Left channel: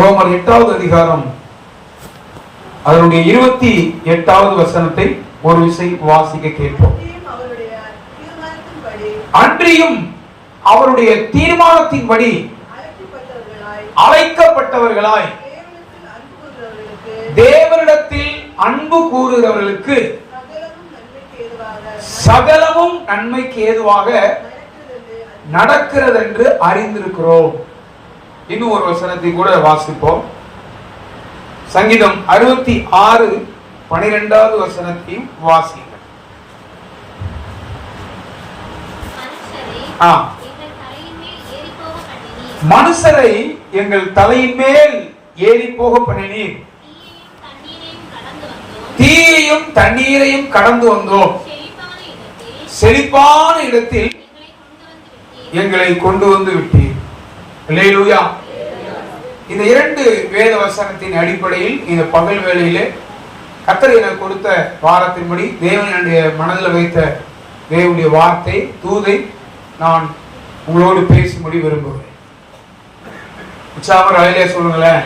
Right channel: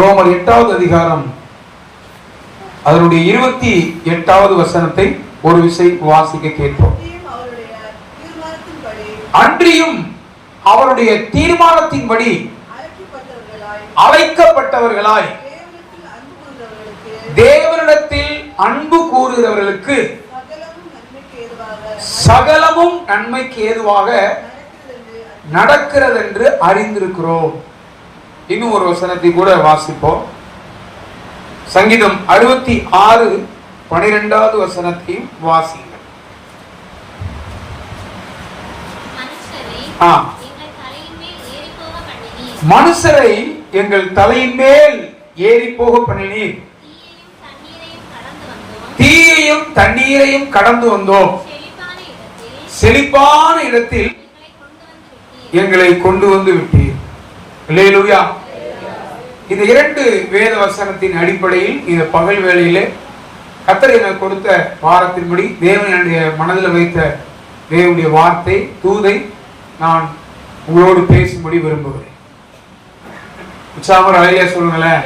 ரோமர் 8வது அதிகாரம் அதனுடைய 28வது வசனத்தை ஒரு விசை வாசிக்க கேட்போம். அன்றியும் அவருடைய தீர்மானத்தின்படி அழைக்கப்பட்டவர்களாய் தேவனிடத்தில் அன்பு கூறுகிறவர்களுக்கு சகலமும் நன்மைக்கு ஏதுவாக நடக்கிறது என்று அறிந்திருக்கிறோம். இன்னும் ஒரு வசனத்தை கூட வாசிப்போம். சங்கீதம் 66:12வது வசனத்தையும் வாசிப்போம். மனுஷரை எங்கள் தலையின் மேல் ஏறி போக பண்ணினீர், தீயையும் தண்ணீரையும் கடந்து வந்தோம், செழிப்பான இடத்தில் எங்களை கொண்டு வந்து விட்டீர். அல்லேலூயா. இந்த 2 வேத வசனத்தின் அடிப்படையில் இந்த பகல் வேளையிலே கர்த்தர் எனக்கு கொடுத்த வாரத்தின்படி தேவனுடைய மனதில் வைத்த தேவனுடைய வார்த்தை தூதை நான் உங்களோடு பேசும்படி விரும்புகிறேன். உற்சாகமா ஐயா சொல்லுங்களேன்.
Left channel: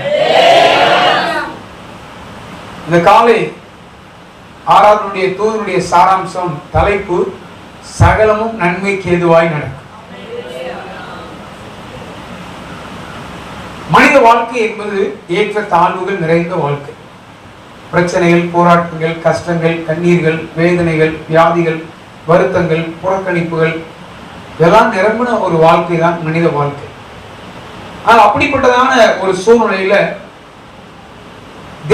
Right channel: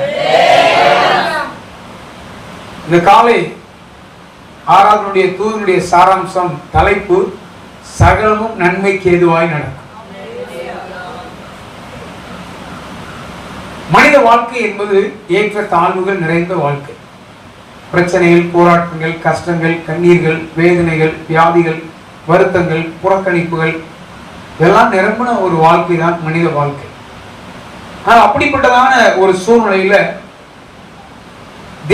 இந்த காலை ஆராதனுடைய தூதனுடைய சாராம்சம், தலைப்பு சகலமும் நன்மைக்கு ஏதுவாய் நடக்கும். மனித வாழ்க்கை என்பது ஏற்ற தாழ்வுகள் நிறைந்த வாழ்க்கை. பிரச்சனைகள், போராட்டங்கள், கஷ்டங்கள், கண்ணீர்கள், வேதனைகள், வியாதிகள், வருத்தங்கள், புறக்கணிப்புகள் இதெல்லாம் நிரம்பின ஒரு வாழ்க்கை தான் மனித வாழ்க்கை. ஆனால் அப்படிப்பட்டதான ஒரு சூழ்நிலையில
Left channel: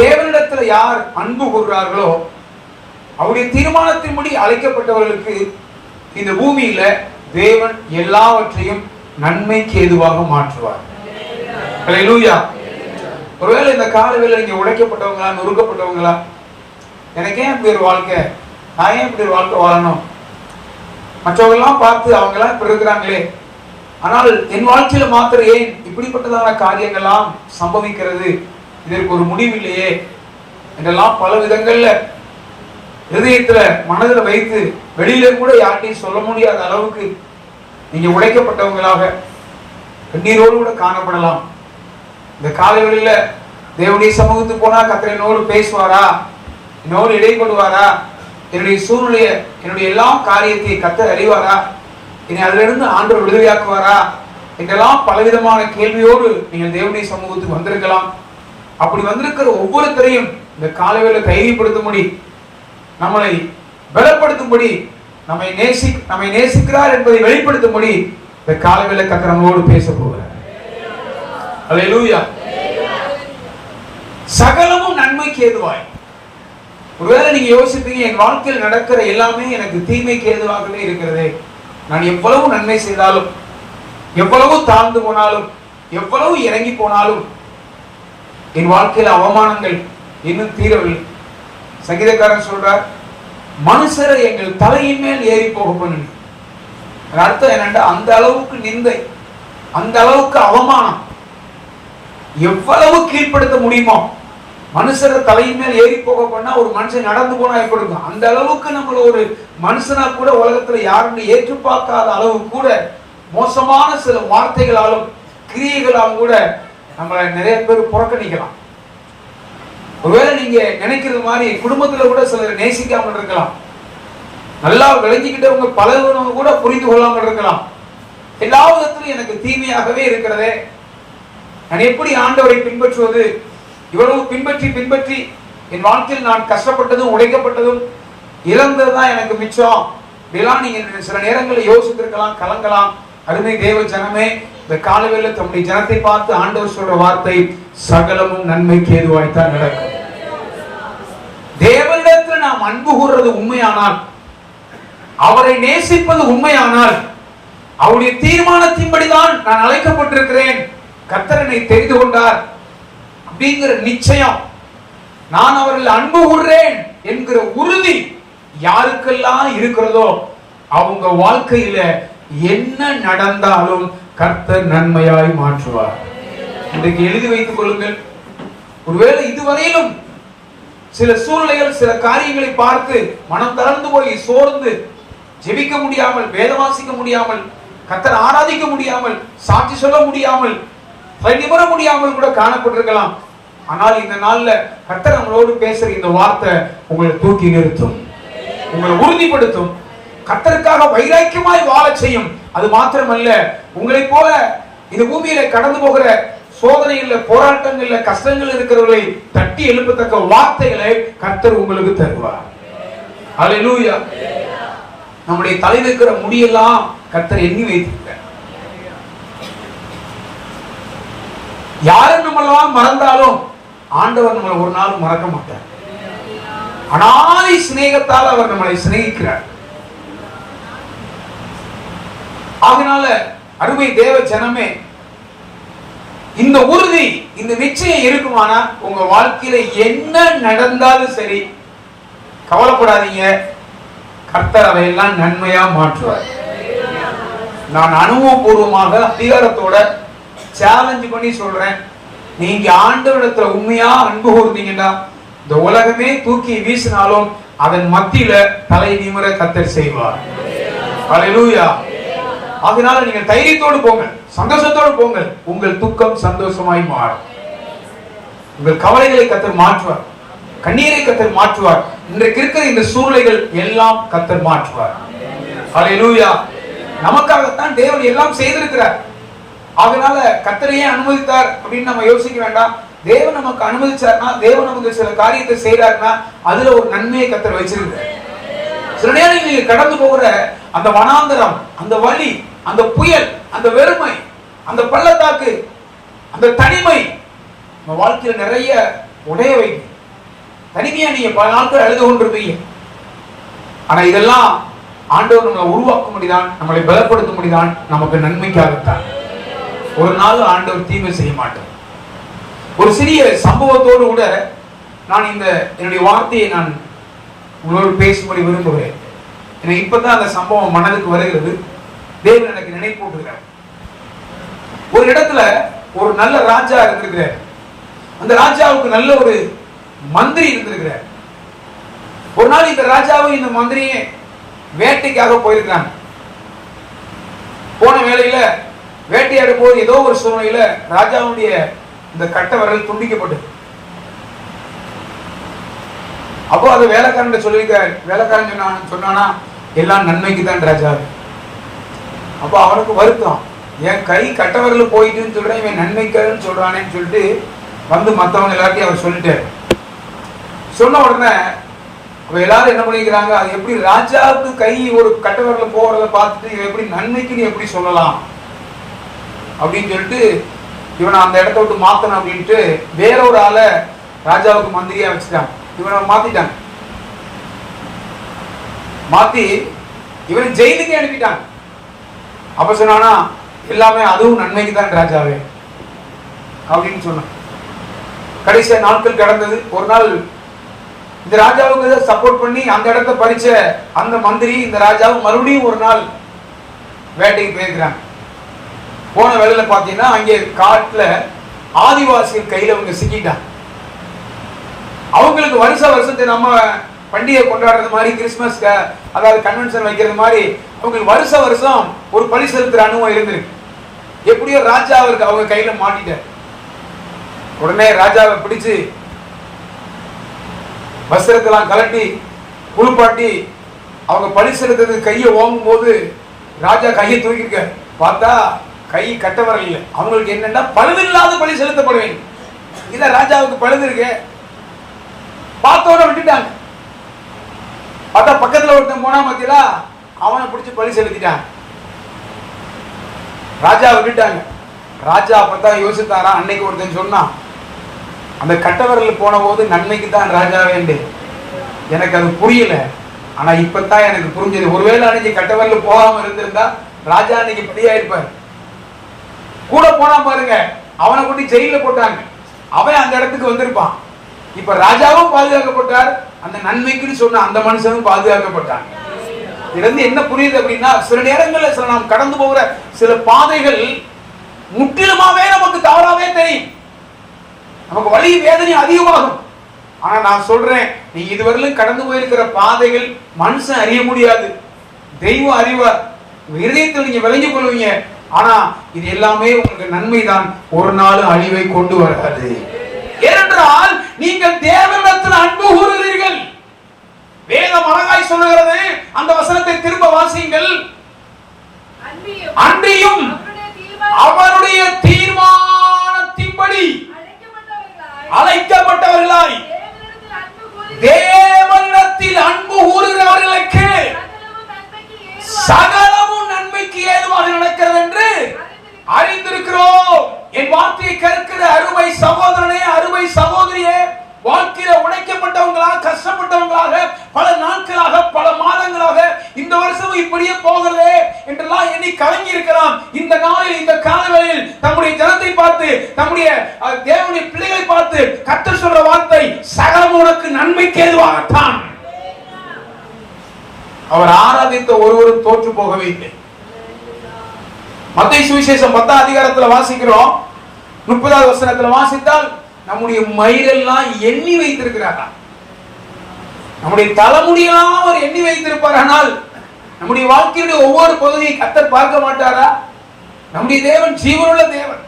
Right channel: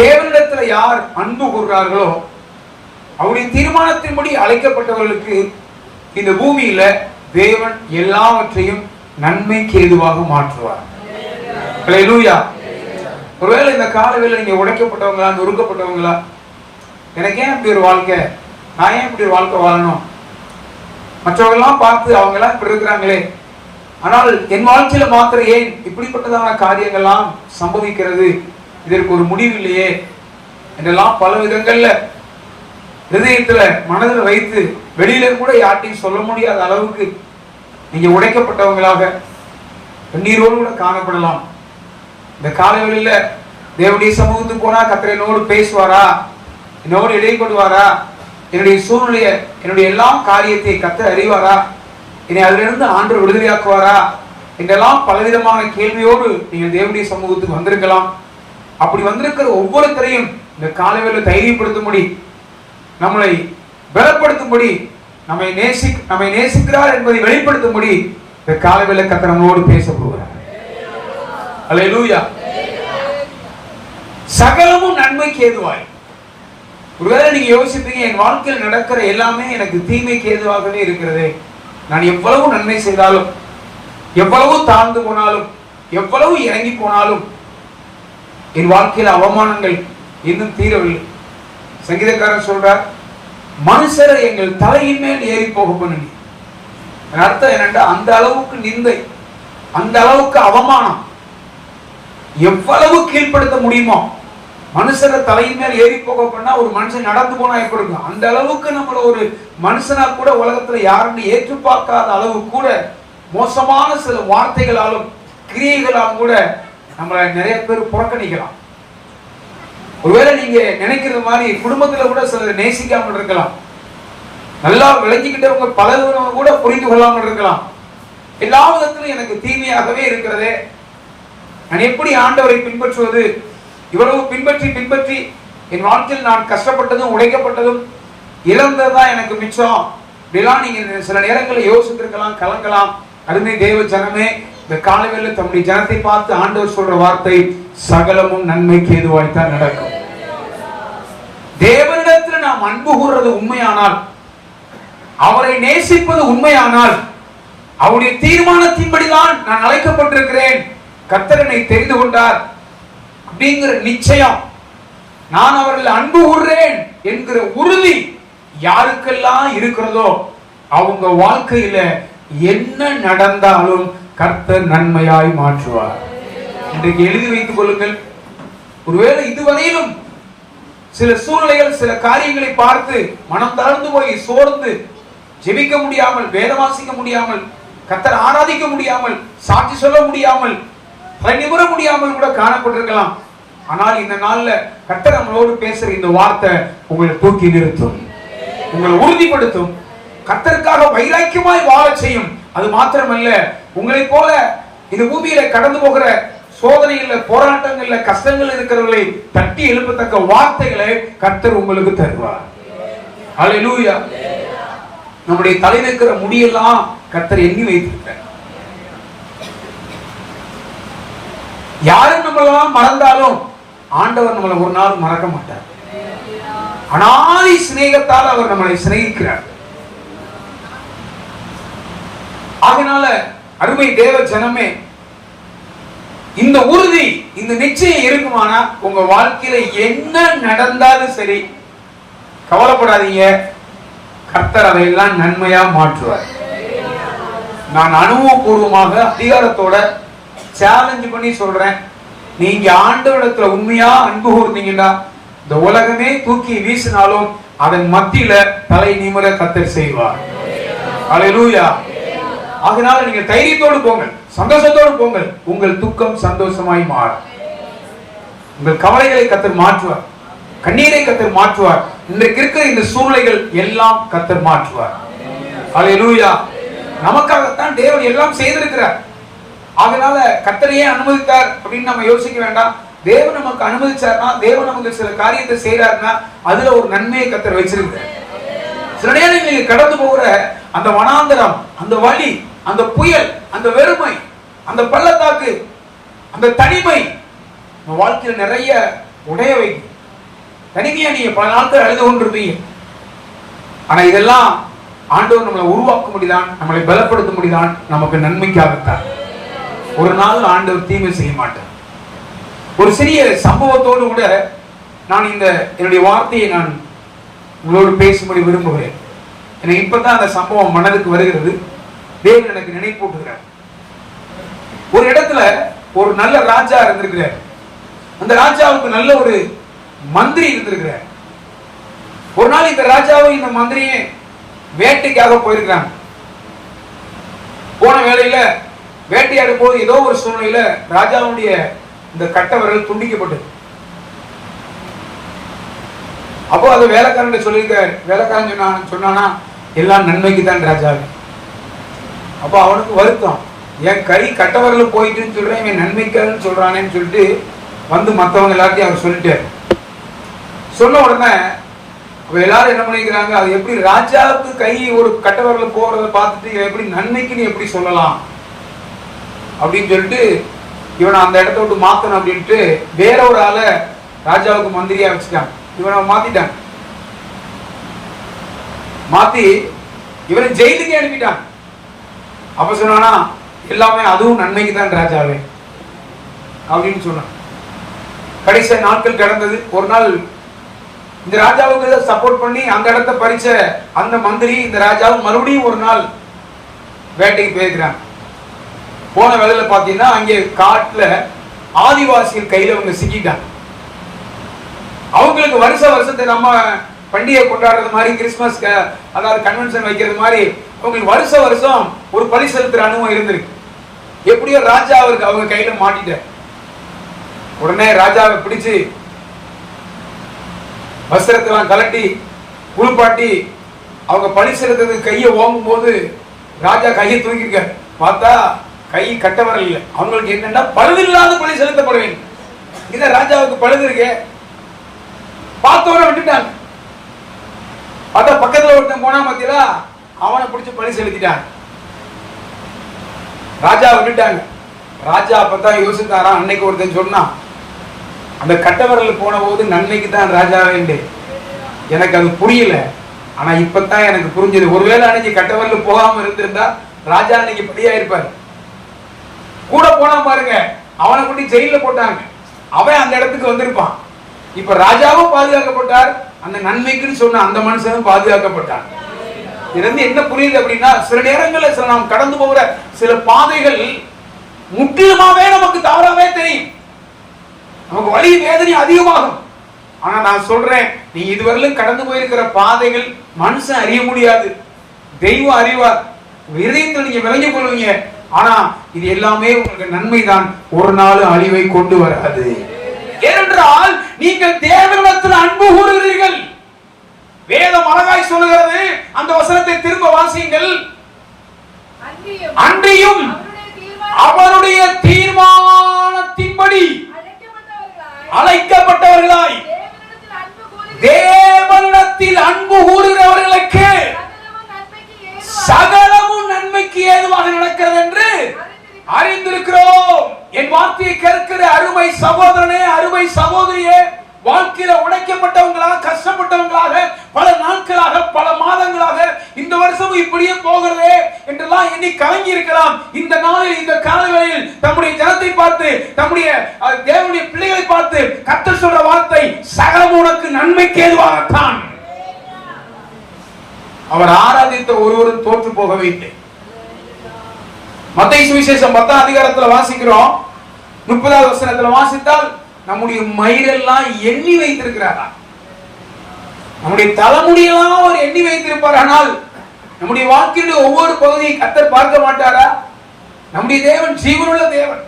தேவனிடத்துல யார் அன்பு கூறுகிறார்களோ அவருடைய தீர்மானத்தின்படி அழைக்கப்பட்டவர்களுக்கு இந்த பூமியில தேவன் எல்லாவற்றையும் நன்மைக்கு ஏதுவாக மாற்றுவார். அல்லேலூயா. ஒருவேளை இந்த காலவேளை நீங்க உடைக்கப்பட்டவங்களா, நொறுக்கப்பட்டவங்களா, எனக்கு ஏன் இப்படி ஒரு வாழ்க்கை, நான் ஏன் இப்படி ஒரு வாழ்க்கை வாழணும், மற்றவர்கள்லாம் பார்த்து அவங்களாம் இப்படி இருக்கிறாங்களே, ஆனால் என் வாழ்க்கையில மாத்திரம் ஏன் இப்படிப்பட்டதான காரியங்கள்லாம் சம்பவிக்கிறது, இதற்கு ஒரு முடிவு இல்லையே என்றெல்லாம் பல விதங்கள்ல ஹிருதயத்துல மனதில் வைத்து வெளியில கூட யார்ட்டையும் சொல்ல முடியாத அளவுக்கு நீங்க உடைக்கப்பட்டவங்களாக கண்ணீரோடு கூட காணப்படலாம். இந்த காலவெளியில தேவனுடைய சமூகத்துக்கு போனா கர்த்தர் என்னோடு பேசுவாரா, என்னோடு இடைப்படுவாரா, என்னுடைய சூழ்நிலைய, என்னுடைய எல்லா காரியத்தை கர்த்தர் அறிவாரா, என்னை அதிலிருந்து ஆண்டவர் விடுதலையாக்குவாரா என்றெல்லாம் பலவிதமான கேள்வியோடு நீங்கள் தேவனுடைய சமூகத்துக்கு வந்திருக்கலாம். அப்படி வந்திருக்கிற ஒவ்வொருத்தரையும் இந்த காலவேளை தைரியப்படுத்தும்படி, நம்மளை பலப்படுத்தும்படி, நம்மை நேசிக்கிறார் என்பதை வெளிப்படுத்தும்படி இந்த காலவேளை கர்த்தர் நம்மோடு பேச போகிறார். அல்லேலூயா. சகலமும் நன்மைக்கு ஏதுவாய். ஒருவேளை நீங்க யோசிப்பீங்க, என் வாழ்க்கையில் நடக்கிற எல்லாமே எனக்கு தீமைக்கு ஏதுவாகவே இருக்கிறது, நான் எவ்வளவு நன்மை செய்தாலும், எவ்வளவு தாழ்ந்து போனாலும், எவ்வளவு இறங்கி போனாலும் என் வாழ்க்கையில் அவமானங்கள் இன்னும் தீரவில்லை. சங்கீதக்காரன் சொல்றார், மனுஷரை எங்கள் தலையின் மேல் ஏறி போக பண்ணினீர். அர்த்தம் என்னன்னா, அந்த அளவுக்கு நிந்தை, அந்த அளவுக்கு அவமானம், எவ்வளவு கீழ்ப்படுத்த முடியுமோ மனுஷரை தலையின் மேல் ஏறி போக பண்ணா ஒரு மனுஷன் நடந்து போனா எப்படி இருக்கும், அந்த அளவுக்கு நம்மள ஒரு மனுஷனா கூட உலகத்துல யாருன்னு ஏற்று பார்க்காத அளவு கூட மோசமான சில வார்த்தைகளாலும் கிரியைகளாலும் கூட நம்மள நிறைய பேர் புறக்கணிக்கலாம். ஒருவேளை நீங்க நினைக்கிறது மாதிரி குடும்பத்துல கூட சிலர் நேசிக்காமல் இருக்கலாம், நல்லா விளங்கிக்கிட்டவங்க பலவங்க கூட புரிந்து கொள்ளாமல் இருக்கலாம். எல்லா விதத்திலும் எனக்கு தீமையாகவே இருக்கிறதே, நான் எப்படி ஆண்டவரை பின்பற்றுவது, இவ்வளவு பின்பற்றி என் வாழ்க்கையில் நான் கஷ்டப்பட்டதும் உழைக்கப்பட்டதும் இழந்ததுதான் எனக்கு மிச்சம். இதெல்லாம் நீங்க சில நேரங்களில் யோசித்திருக்கலாம், கலங்கலாம். அருமை தேவ ஜனமே, இந்த காலவேளை தம்முடைய ஜனத்தை பார்த்து ஆண்டவர் சொல்ற வார்த்தை சகலமும் நன்மைக்கு ஏதுவாய்த்தான் நடக்கும். தேவனிடத்தில் நாம் அன்பு கூறுறது உண்மையானால், அவரை நேசிப்பது உண்மையானால், அவருடைய தீர்மானத்தின்படிதான் நான் அழைக்கப்பட்டிருக்கிறேன், கர்த்தர் என்னை தெரிந்து கொண்டார் அப்படிங்கிற நிச்சயம், நான் அவர்கள் அன்பு கூறுறேன் என்கிற உறுதி யாருக்கெல்லாம் இருக்கிறதோ அவங்க வாழ்க்கையில என்ன நடந்தாலும் கர்த்தர் நன்மையாய் மாற்றுவார். இன்றைக்கு எழுதி வைத்துக் கொள்ளுங்கள். ஒருவேளை இதுவரையிலும் சில சூழ்நிலைகள், சில காரியங்களை பார்த்து மனம் தளர்ந்து போய் சோர்ந்து ஜெபிக்க முடியாமல், வேத வாசிக்க முடியாமல், கர்த்தர் ஆராதிக்க முடியாமல், சாட்சி சொல்ல முடியாமல் நிமிர முடியாமல் கூட காணப்பட்டிருக்கலாம். ஆனால் இந்த நாள்ல கர்த்தர் நம்மளோடு பேசுற இந்த வார்த்தை உங்களை தூக்கி நிறுத்தும், உங்களை உறுதிப்படுத்தும், கர்த்தருக்காக வைராக்கியமாய் வாழ செய்யும். அது மாத்திரமல்ல, உங்களை போல இந்த பூமியில கடந்து போகிற சோதனைகள்ல, போராட்டங்கள்ல, கஷ்டங்கள் இருக்கிறவர்களை தட்டி எழுப்பத்தக்க வார்த்தைகளை கர்த்தர் உங்களுக்கு தருவார். அல்லேலூயா. நம்முடைய தலையில் இருக்கிற முடியெல்லாம் கர்த்தர் எண்ணி வைத்திருக்கிறார். யாரும் நம்மளெல்லாம் மறந்தாலும் ஆண்டவர் நம்மளை ஒரு நாள் மறக்க மாட்டார். அனாதி சிநேகத்தால் அவர் நம்மளை சிநேகிக்கிறார். அதனால அருமை தேவ ஜனமே, இந்த உறுதி, இந்த நிச்சயம் இருக்குமானா உங்க வாழ்க்கையில என்ன நடந்தாலும் சரி, கவலைப்படாதீங்க, கர்த்தர் அவையெல்லாம் நன்மையா மாற்றுவார். நான் அனுபவபூர்வமாக அதிகாரத்தோட சேலஞ்ச் பண்ணி சொல்றேன். நீங்க ஆண்டவரிடத்துல உண்மையா அன்பு கூர்ந்தீங்கன்னா இந்த உலகமே தூக்கி வீசினாலும் அதன் மத்தியில தலை நிமிர கர்த்தர் செய்வார். அல்லேலூயா. அதனால நீங்க தைரியத்தோடு போங்க, சந்தோஷத்தோடு போங்க. உங்கள் துக்கம் சந்தோஷமாய் மாறும். உங்கள் கவலைகளை கர்த்தர் மாற்றுவார், கண்ணீரை கர்த்தர் மாற்றுவார். இன்றைக்கு இருக்கிற இந்த சூழ்நிலைகள் எல்லாம் கர்த்தர் மாற்றுவார். அல்லேலூயா. நமக்காகத்தான் தேவன் எல்லாம் செய்திருக்கிறார். அதனால கர்த்தரையே அனுமதித்தார் அப்படின்னு நம்ம யோசிக்க வேண்டாம். தேவன் நமக்கு அனுமதிச்சார்னா, தேவன் நமக்கு சில காரியத்தை செய்யறாருன்னா அதுல ஒரு நன்மையை கர்த்தர் வச்சிருக்கிறார். சில நேரம் நீங்க கடந்து போகிற அந்த வனாந்தரம், அந்த வலி, அந்த புயல், அந்த வெறுமை, அந்த பள்ளத்தாக்கு, அந்த தனிமை நம்ம வாழ்க்கையில் நிறைய உடைய வைக்கும். தனிமையா நீங்க பல நாட்கள் அழுது கொண்டிருப்பீங்க. ஆனா இதெல்லாம் ஆண்டவர் நம்மளை உருவாக்க முடிதான், நம்மளை பலப்படுத்த முடிதான், நமக்கு நன்மைக்காகத்தான். ஒரு நாள் ஆண்டவர் தீமை செய்ய மாட்டார். ஒரு சிறிய சம்பவத்தோடு கூட நான் என்னுடைய வார்த்தையை நான் உங்களோடு பேசும்படி விரும்புகிறேன். எனக்கு இப்பதான் அந்த சம்பவம் மனதுக்கு வருகிறது. தேவன் எனக்கு நினைப்பூட்டுகிறார். ஒரு இடத்துல ஒரு நல்ல ராஜா இருந்திருக்கிறார். அந்த ராஜாவுக்கு நல்ல ஒரு மந்திரி இருந்திருக்கிறார். ஒரு நாள் இந்த ராஜாவும் இந்த மந்திரியும் வேட்டைக்காக போயிருக்கிறாங்க. போன வேளையில வேட்டையாடும் போது ஏதோ ஒரு சூழ்நிலையில ராஜாவுடைய இந்த கட்ட விரல் துண்டிக்கப்பட்டது. அப்போ அது வேலைக்காரன் சொல்லியிருக்க, வேலைக்காரன் சொன்னானா எல்லாம் நன்மைக்கு தான் ராஜா. அப்போ அவனுக்கு வருத்தம், என் கை கட்ட விரல் போயிட்டுன்னு சொல்றேன், இவன் நன்மைக்காரன்னு சொல்றானேன்னு சொல்லிட்டு வந்து மற்றவங்க எல்லாத்தையும் அவர் சொல்லிட்டாரு. சொன்ன உடனே எல்லாரும் என்ன பண்ணிக்கிறாங்க, அது எப்படி ராஜாவுக்கு கை ஒரு கட்ட விரல் போறதை பார்த்துட்டு எப்படி நன்மைக்குன்னு எப்படி சொல்லலாம் அப்படின்னு சொல்லிட்டு இவனை அந்த இடத்த விட்டு மாத்தணும் அப்படின்ட்டு வேற ஒரு ஆளை ராஜாவுக்கு மந்திரியா வச்சுட்டாங்க. இவனை மாத்திட்டாங்க. மாத்தி இவனை ஜெயிலுக்கு அனுப்பிட்டாங்க. அப்ப சொன்னானா எல்லாமே அதுவும் நன்மைக்கு தான் ராஜாவே அப்படின்னு சொன்னான். கடைசியா நாட்கள் கடந்தது. ஒரு நாள் இந்த ராஜாவுக்கு சப்போர்ட் பண்ணி அந்த இடத்தை பறிச்ச அந்த மந்திரி இந்த ராஜாவும் மறுபடியும் ஒரு நாள் வேட்டைக்கு போயிருக்கிறாங்க. போன வேலையில பாத்தீங்கன்னா அங்கே காட்டுல ஆதிவாசிகள் கையில அவங்க சிக்கிட்டாங்க. அவங்களுக்கு வருஷத்தை நம்ம பண்டிகை கொண்டாடுறது மாதிரி, கிறிஸ்துமஸ் அதாவது கன்வென்ஷன் வைக்கிறது மாதிரி அவங்களுக்கு வருஷம் ஒரு பலி செலுத்துற அனுபவம் இருந்திருக்கு. எப்படியோ ராஜா அவருக்கு அவங்க கையில மாட்டிட்ட உடனே ராஜாவை பிடிச்சு வஸ்திரத்தெல்லாம் கலட்டி குளிப்பாட்டி அவங்க பலி செலுத்துறதுக்கு கையை ஓங்கும் போது ராஜா கையை தூக்கிருக்க பார்த்தா கை கட்ட வரல இல்லை. அவங்களுக்கு என்னன்னா பழுதில்லாத பலி செலுத்தப்பட வேண்டும். இல்ல ராஜாவுக்கு பழுது இருக்கு. பார்த்தோட விட்டுட்டாங்க. பார்த்தா பக்கத்துல ஒருத்தன் போனா மத்தியில அவனை பிடிச்சு பலி செலுத்திட்டாங்க. ராஜா விட்டுட்டாங்க. ராஜா அப்பதான் யோசித்தாராம். அன்னைக்கு ஒருத்தன் சொன்னா, அந்த கட்டவரல் போன போது நன்மைக்கு தான் ராஜா வேண்டு, எனக்கு அது புரியல, ஆனா இப்பதான் எனக்கு புரிஞ்சது. ஒருவேளை அன்னைக்கு கட்டவரல் போகாம இருந்திருந்தா ராஜா அன்னைக்கு பலியா இருப்பார். கூட போனா பாருங்க, அவனை கொண்டு ஜெயில போட்டாங்க, அவன் அந்த இடத்துக்கு வந்திருப்பான். இப்ப ராஜாவும் பாதுகாக்கப்பட்டார், அந்த நன்மைக்குன்னு சொன்ன அந்த மனுஷனும் பாதுகாக்கப்பட்டாங்க. இதுல என்ன புரியுது அப்படின்னா, சில நேரங்கள்ல சில நாம் கடந்து போகிற சில பாதைகள் முற்றிலுமாவே நமக்கு தவறாவே தெரியும். நமக்கு வலி வேதனை அதிகமாகும். ஆனா நான் சொல்றேன், நீ இதுவரையிலும் கடந்து போயிருக்கிற பாதைகள் மனுஷன் அறிய முடியாது, தெய்வம் அறிவார். இதயத்தில் நீங்க விளங்கிக் கொள்வீங்க. ஆனா இது எல்லாமே உங்களுக்கு நன்மைதான், ஒரு நாள் அழிவை கொண்டு வராது. ஏனென்றால் நீங்கள் தேவனிடத்தில் அன்பு கூறுகிறீர்கள். வேதம் அழகாய் சொல்லுகிறது, அந்த வசனத்தை திரும்ப வாசியுங்கள். அன்றியும் அவருடைய தீர்மானத்தின்படி அழைக்கப்பட்டவர்களாய் தேவனிடத்தில் அன்பு கூறுகிறவர்களுக்கு சகலமும் நன்மைக்கு ஏதுவாக நடக்கிறது என்று அறிந்திருக்கிறோம். என் வார்த்தையை கேட்கிற அருமை சகோதரனே, அருமை சகோதரியே, வாழ்க்கையில உடைக்கப்பட்டவங்களாக, கஷ்டப்பட்டவங்களாக, பல நாட்களாக, பல மாதங்களாக, இந்த வருஷம் இப்படியே போகிறதே என்றெல்லாம் எண்ணி கலங்கி இருக்கலாம். இந்த நாளில், இந்த காலங்களில் தம்முடைய ஜனத்தை பார்த்து, தம்முடைய தேவனுடைய பிள்ளைகளை பார்த்து கர்த்தர் சொல்ற வார்த்தை, சகலம் உனக்கு நன்மைக்கு ஏதுவாகத்தான். அவர் ஆராதித்த ஒருவரும் தோற்று போகவே இல்லை. மத்தேயு சுவிசேஷம் 10ஆம் அதிகாரத்தில் வாசிக்கிறோம். 30வது வசனத்தில் வாசித்தால், நம்முடைய மயிரெல்லாம் எண்ணி வைத்திருக்கிறாரா, நம்முடைய தலைமுடியெல்லாம் அவர் எண்ணி வைத்திருப்பார். ஆனால் நம்முடைய வாழ்க்கையுடைய ஒவ்வொரு பகுதியை கர்த்தர் பார்க்க மாட்டாரா? நம்முடைய தேவன் ஜீவனுள்ள தேவன்.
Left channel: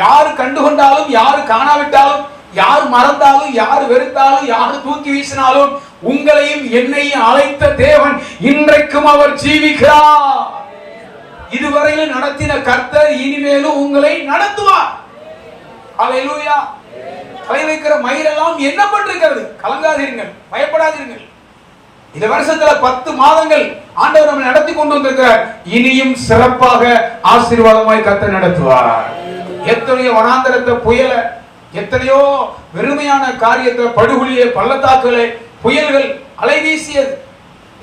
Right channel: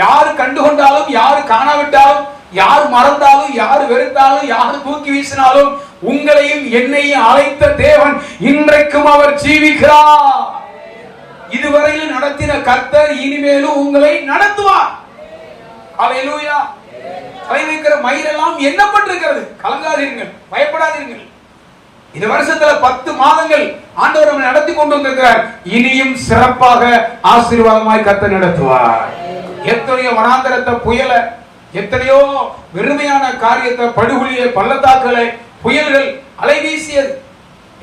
யாரு கண்டுகொண்டாலும், யாரு காணாவிட்டாலும், யார் மறந்தாலும், யார் வெறுத்தாலும், யார் தூக்கி வீசினாலும், உங்களையும் என்னையும் அழைத்த தேவன் இன்றைக்கும் அவர் ஜீவிக்கிறார். இதுவரையில் நடத்தின கர்த்தர் இனிமேலும் உங்களை நடத்துவார். அல்லேலூயா. தலைவிக்கிற மயிரெல்லாம் எண்ணப்பட்டிருக்கிறது. கலங்காதீர்கள், பயப்படாதீர்கள். இந்த வருஷத்துல 10 மாதங்கள் ஆண்டவர் நம்மை நடத்தி கொண்டு வந்திருக்கிறார். இனியும் சிறப்பாக ஆசீர்வாதமாய் கர்த்தர் நடத்துவார். எத்தனையோ வனாந்தரத்தை புயல, எத்தனையோ வெறுமையான காரியத்தை, படுகொலியை, பள்ளத்தாக்களை, புயல்கள், அலைவீசியது,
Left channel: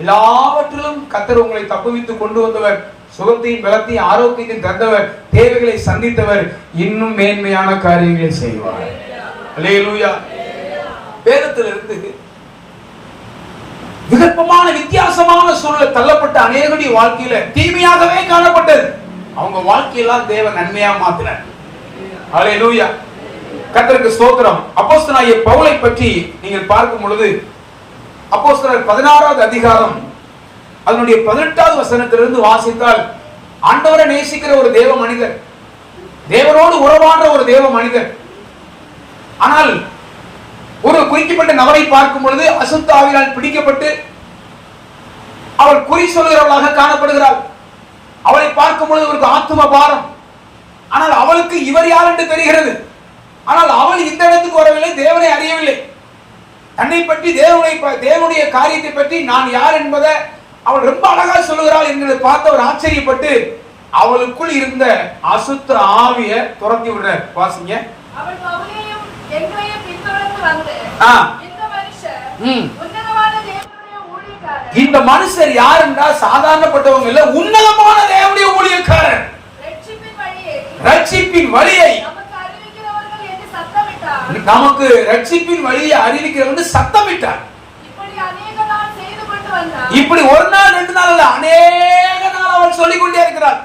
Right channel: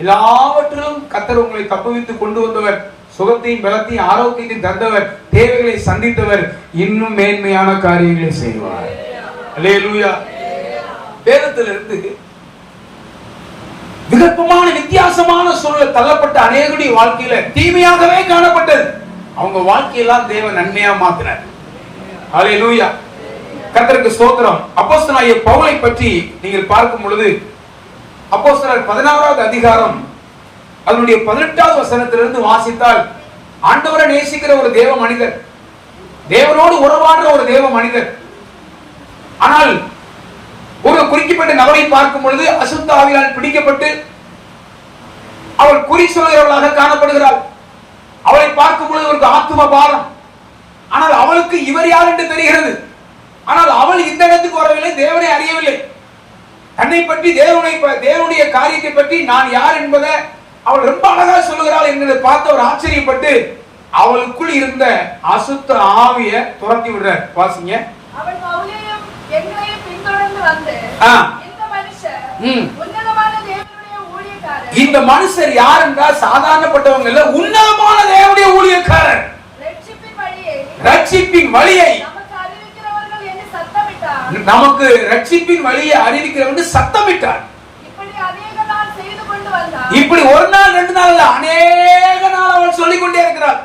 எல்லாவற்றிலும் கர்த்தர் உங்களை தப்புவித்து கொண்டு வந்தவர். சுகத்தையும் பலத்தையும் ஆரோக்கியத்தையும் தந்தவர். தேவைகளை சந்தித்தவர். இன்னும் மேன்மையான காரியங்களை செய்வார். அல்லேலூயா. வேதத்திலிருந்து விகற்பமான வித்தியாசமான சூழல் தள்ளப்பட்ட அநேகருடைய வாழ்க்கையில தீமையாகவே காணப்பட்டது. அவங்க வாழ்க்கையெல்லாம் தேவன் நன்மையா மாத்தினார். அல்லேலூயா. கர்த்தருக்கு ஸ்தோத்திரம். அப்போஸ்தலனாகிய பவுலை பற்றி நீங்கள் பார்க்கும் பொழுது, அப்போஸ்தலர் 16வது அதிகாரம் அதனுடைய 18வது வசனத்திலிருந்து வாசித்தால், ஆண்டவரை நேசிக்கிற ஒரு தேவ மனிதர், தேவனோடு உறவாடுற ஒரு தேவ மனிதர். ஆனால் ஒரு குறிக்கப்பட்ட நபரை பார்க்கும் பொழுது அசுத்த ஆவியால் பிடிக்கப்பட்டு அவள் குறி சொல்கிறவளாக காணப்படுகிறாள். அவளை பார்க்கும் பொழுது ஒரு ஆத்தும பாரம். ஆனால் அவளுக்கு இவர் யார் என்று தெரிகிறது. ஆனால் அவள் இந்த இடத்துக்கு வரவில்லை, தேவனை அறியவில்லை. தன்னை பற்றி, தேவனுடைய காரியத்தை பற்றி நான் யார் என்பதை அவள் ரொம்ப அழகா சொல்லுகிறாள் என்பதை பார்த்து அவர் ஆச்சரியப்பட்டு அவளுக்குள் இருந்த அசுத்த ஆவிய துரத்தி விடுறார். வாசிங்க. இந்த மனுஷர் யார் என்றால் சாதாரணப்பட்டவங்க இல்ல, உன்னதமான தேவனுடைய ஊழியக்காரர். ரட்சிப்பின் வழியை, நமக்கு ரட்சிப்பின் வழியை அறிவிக்கிறவங்க சத்தமிட்டார். இப்படி ஒரு நாள் 2 நாள் இல்ல, அநேக நாள் அவள் சொல்லிக் கொண்டே இருக்கிறார்.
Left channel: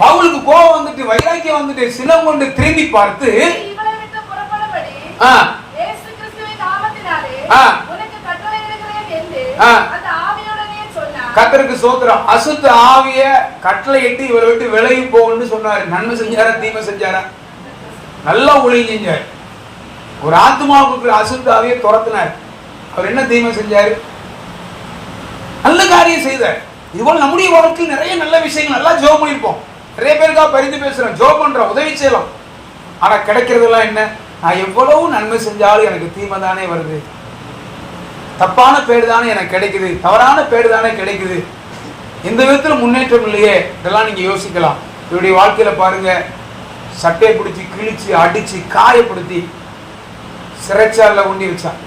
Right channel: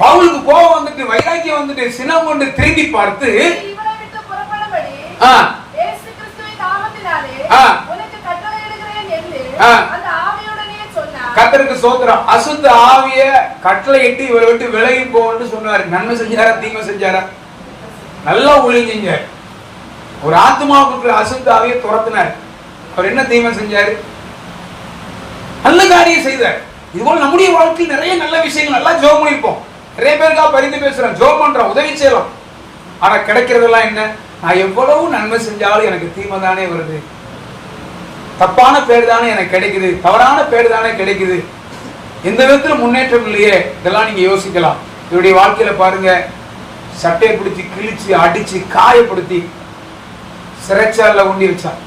பவுலுக்கு கோபம் வந்துட்டு, வைராக்கியம் வந்துட்டு, சினம் கொண்டு திரும்பி பார்த்து, கர்த்தருக்கு ஸ்தோத்திரம், அசுத்த ஆவிய கட்டளையிட்டு இவரை விட்டு விலகி போன்னு சொன்னாரு. நன்மை செஞ்சாரா தீமை செஞ்சாரா? நல்லா ஒளிங்க. ஒரு ஆத்மாவுக்கு அசுத்த ஆவியை துரத்தினார். அவர் என்ன தீமை செஞ்சாரு? நல்ல காரியம் செய்தார். இதுபோல நம்முடைய வாழ்க்கையில் நிறைய நல்ல விஷயங்கள் நல்லா ஜெபம் பண்ணிருப்போம். நிறைய பேருக்காக பரிந்து பேசுறோம், ஜெபம் பண்றோம், உதவி செய்யலாம். ஆனா கிடைக்கிறதெல்லாம் என்ன? நான் எவ்வளவு நன்மை செஞ்சாலும் எனக்கு தீமை தானே வருது, தப்பான பேர் தானே எனக்கு கிடைக்குது, தவறான பேர் தானே கிடைக்குது, எந்த விதத்துல முன்னேற்றம் இல்லையே. இதெல்லாம் நீங்க யோசிக்கலாம். இவருடைய வாழ்க்கையில பாருங்க, சட்டையை பிடிச்சி கிழிச்சு அடிச்சு காயப்படுத்தி சிறைச்சாலையில கொண்டு வச்சான்.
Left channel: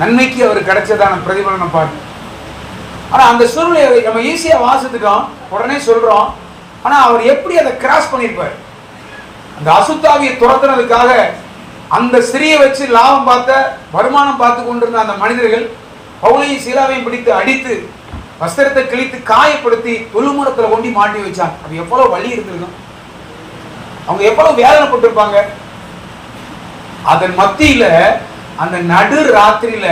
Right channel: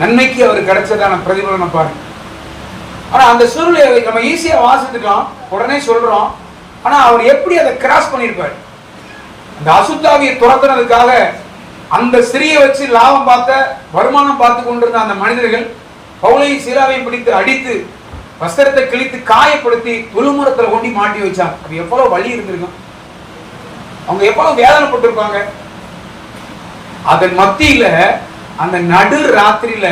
நன்மைக்கு அவர் கிடைச்சதான பிரதிபலனம் பாருங்க. ஆனா அந்த சூழ்நிலையை நம்ம ஈஸியா வாசித்துட்டோம், உடனே சொல்றோம். ஆனா அவர் எப்படி அதை கிராஸ் பண்ணிருப்பார்? அந்த அசுத்தாவியை துரத்துறதுக்காக அந்த ஸ்திரியை வச்சு லாபம் பார்த்த, வருமானம் பார்த்து கொண்டிருந்த அந்த மனிதர்கள் பவுலையும் சீலாவையும் பிடித்து அடித்து வஸ்திரத்தை கிழித்து காயப்படுத்தி தொழுமரத்துல கொண்டு மாட்டி வச்சாங்க. அது எவ்வளவு வலி இருந்திருக்கும், அவங்க எவ்வளவு வேதனைப்பட்டிருப்பாங்க. அதன் மத்தியில அந்த நடு ராத்திரியில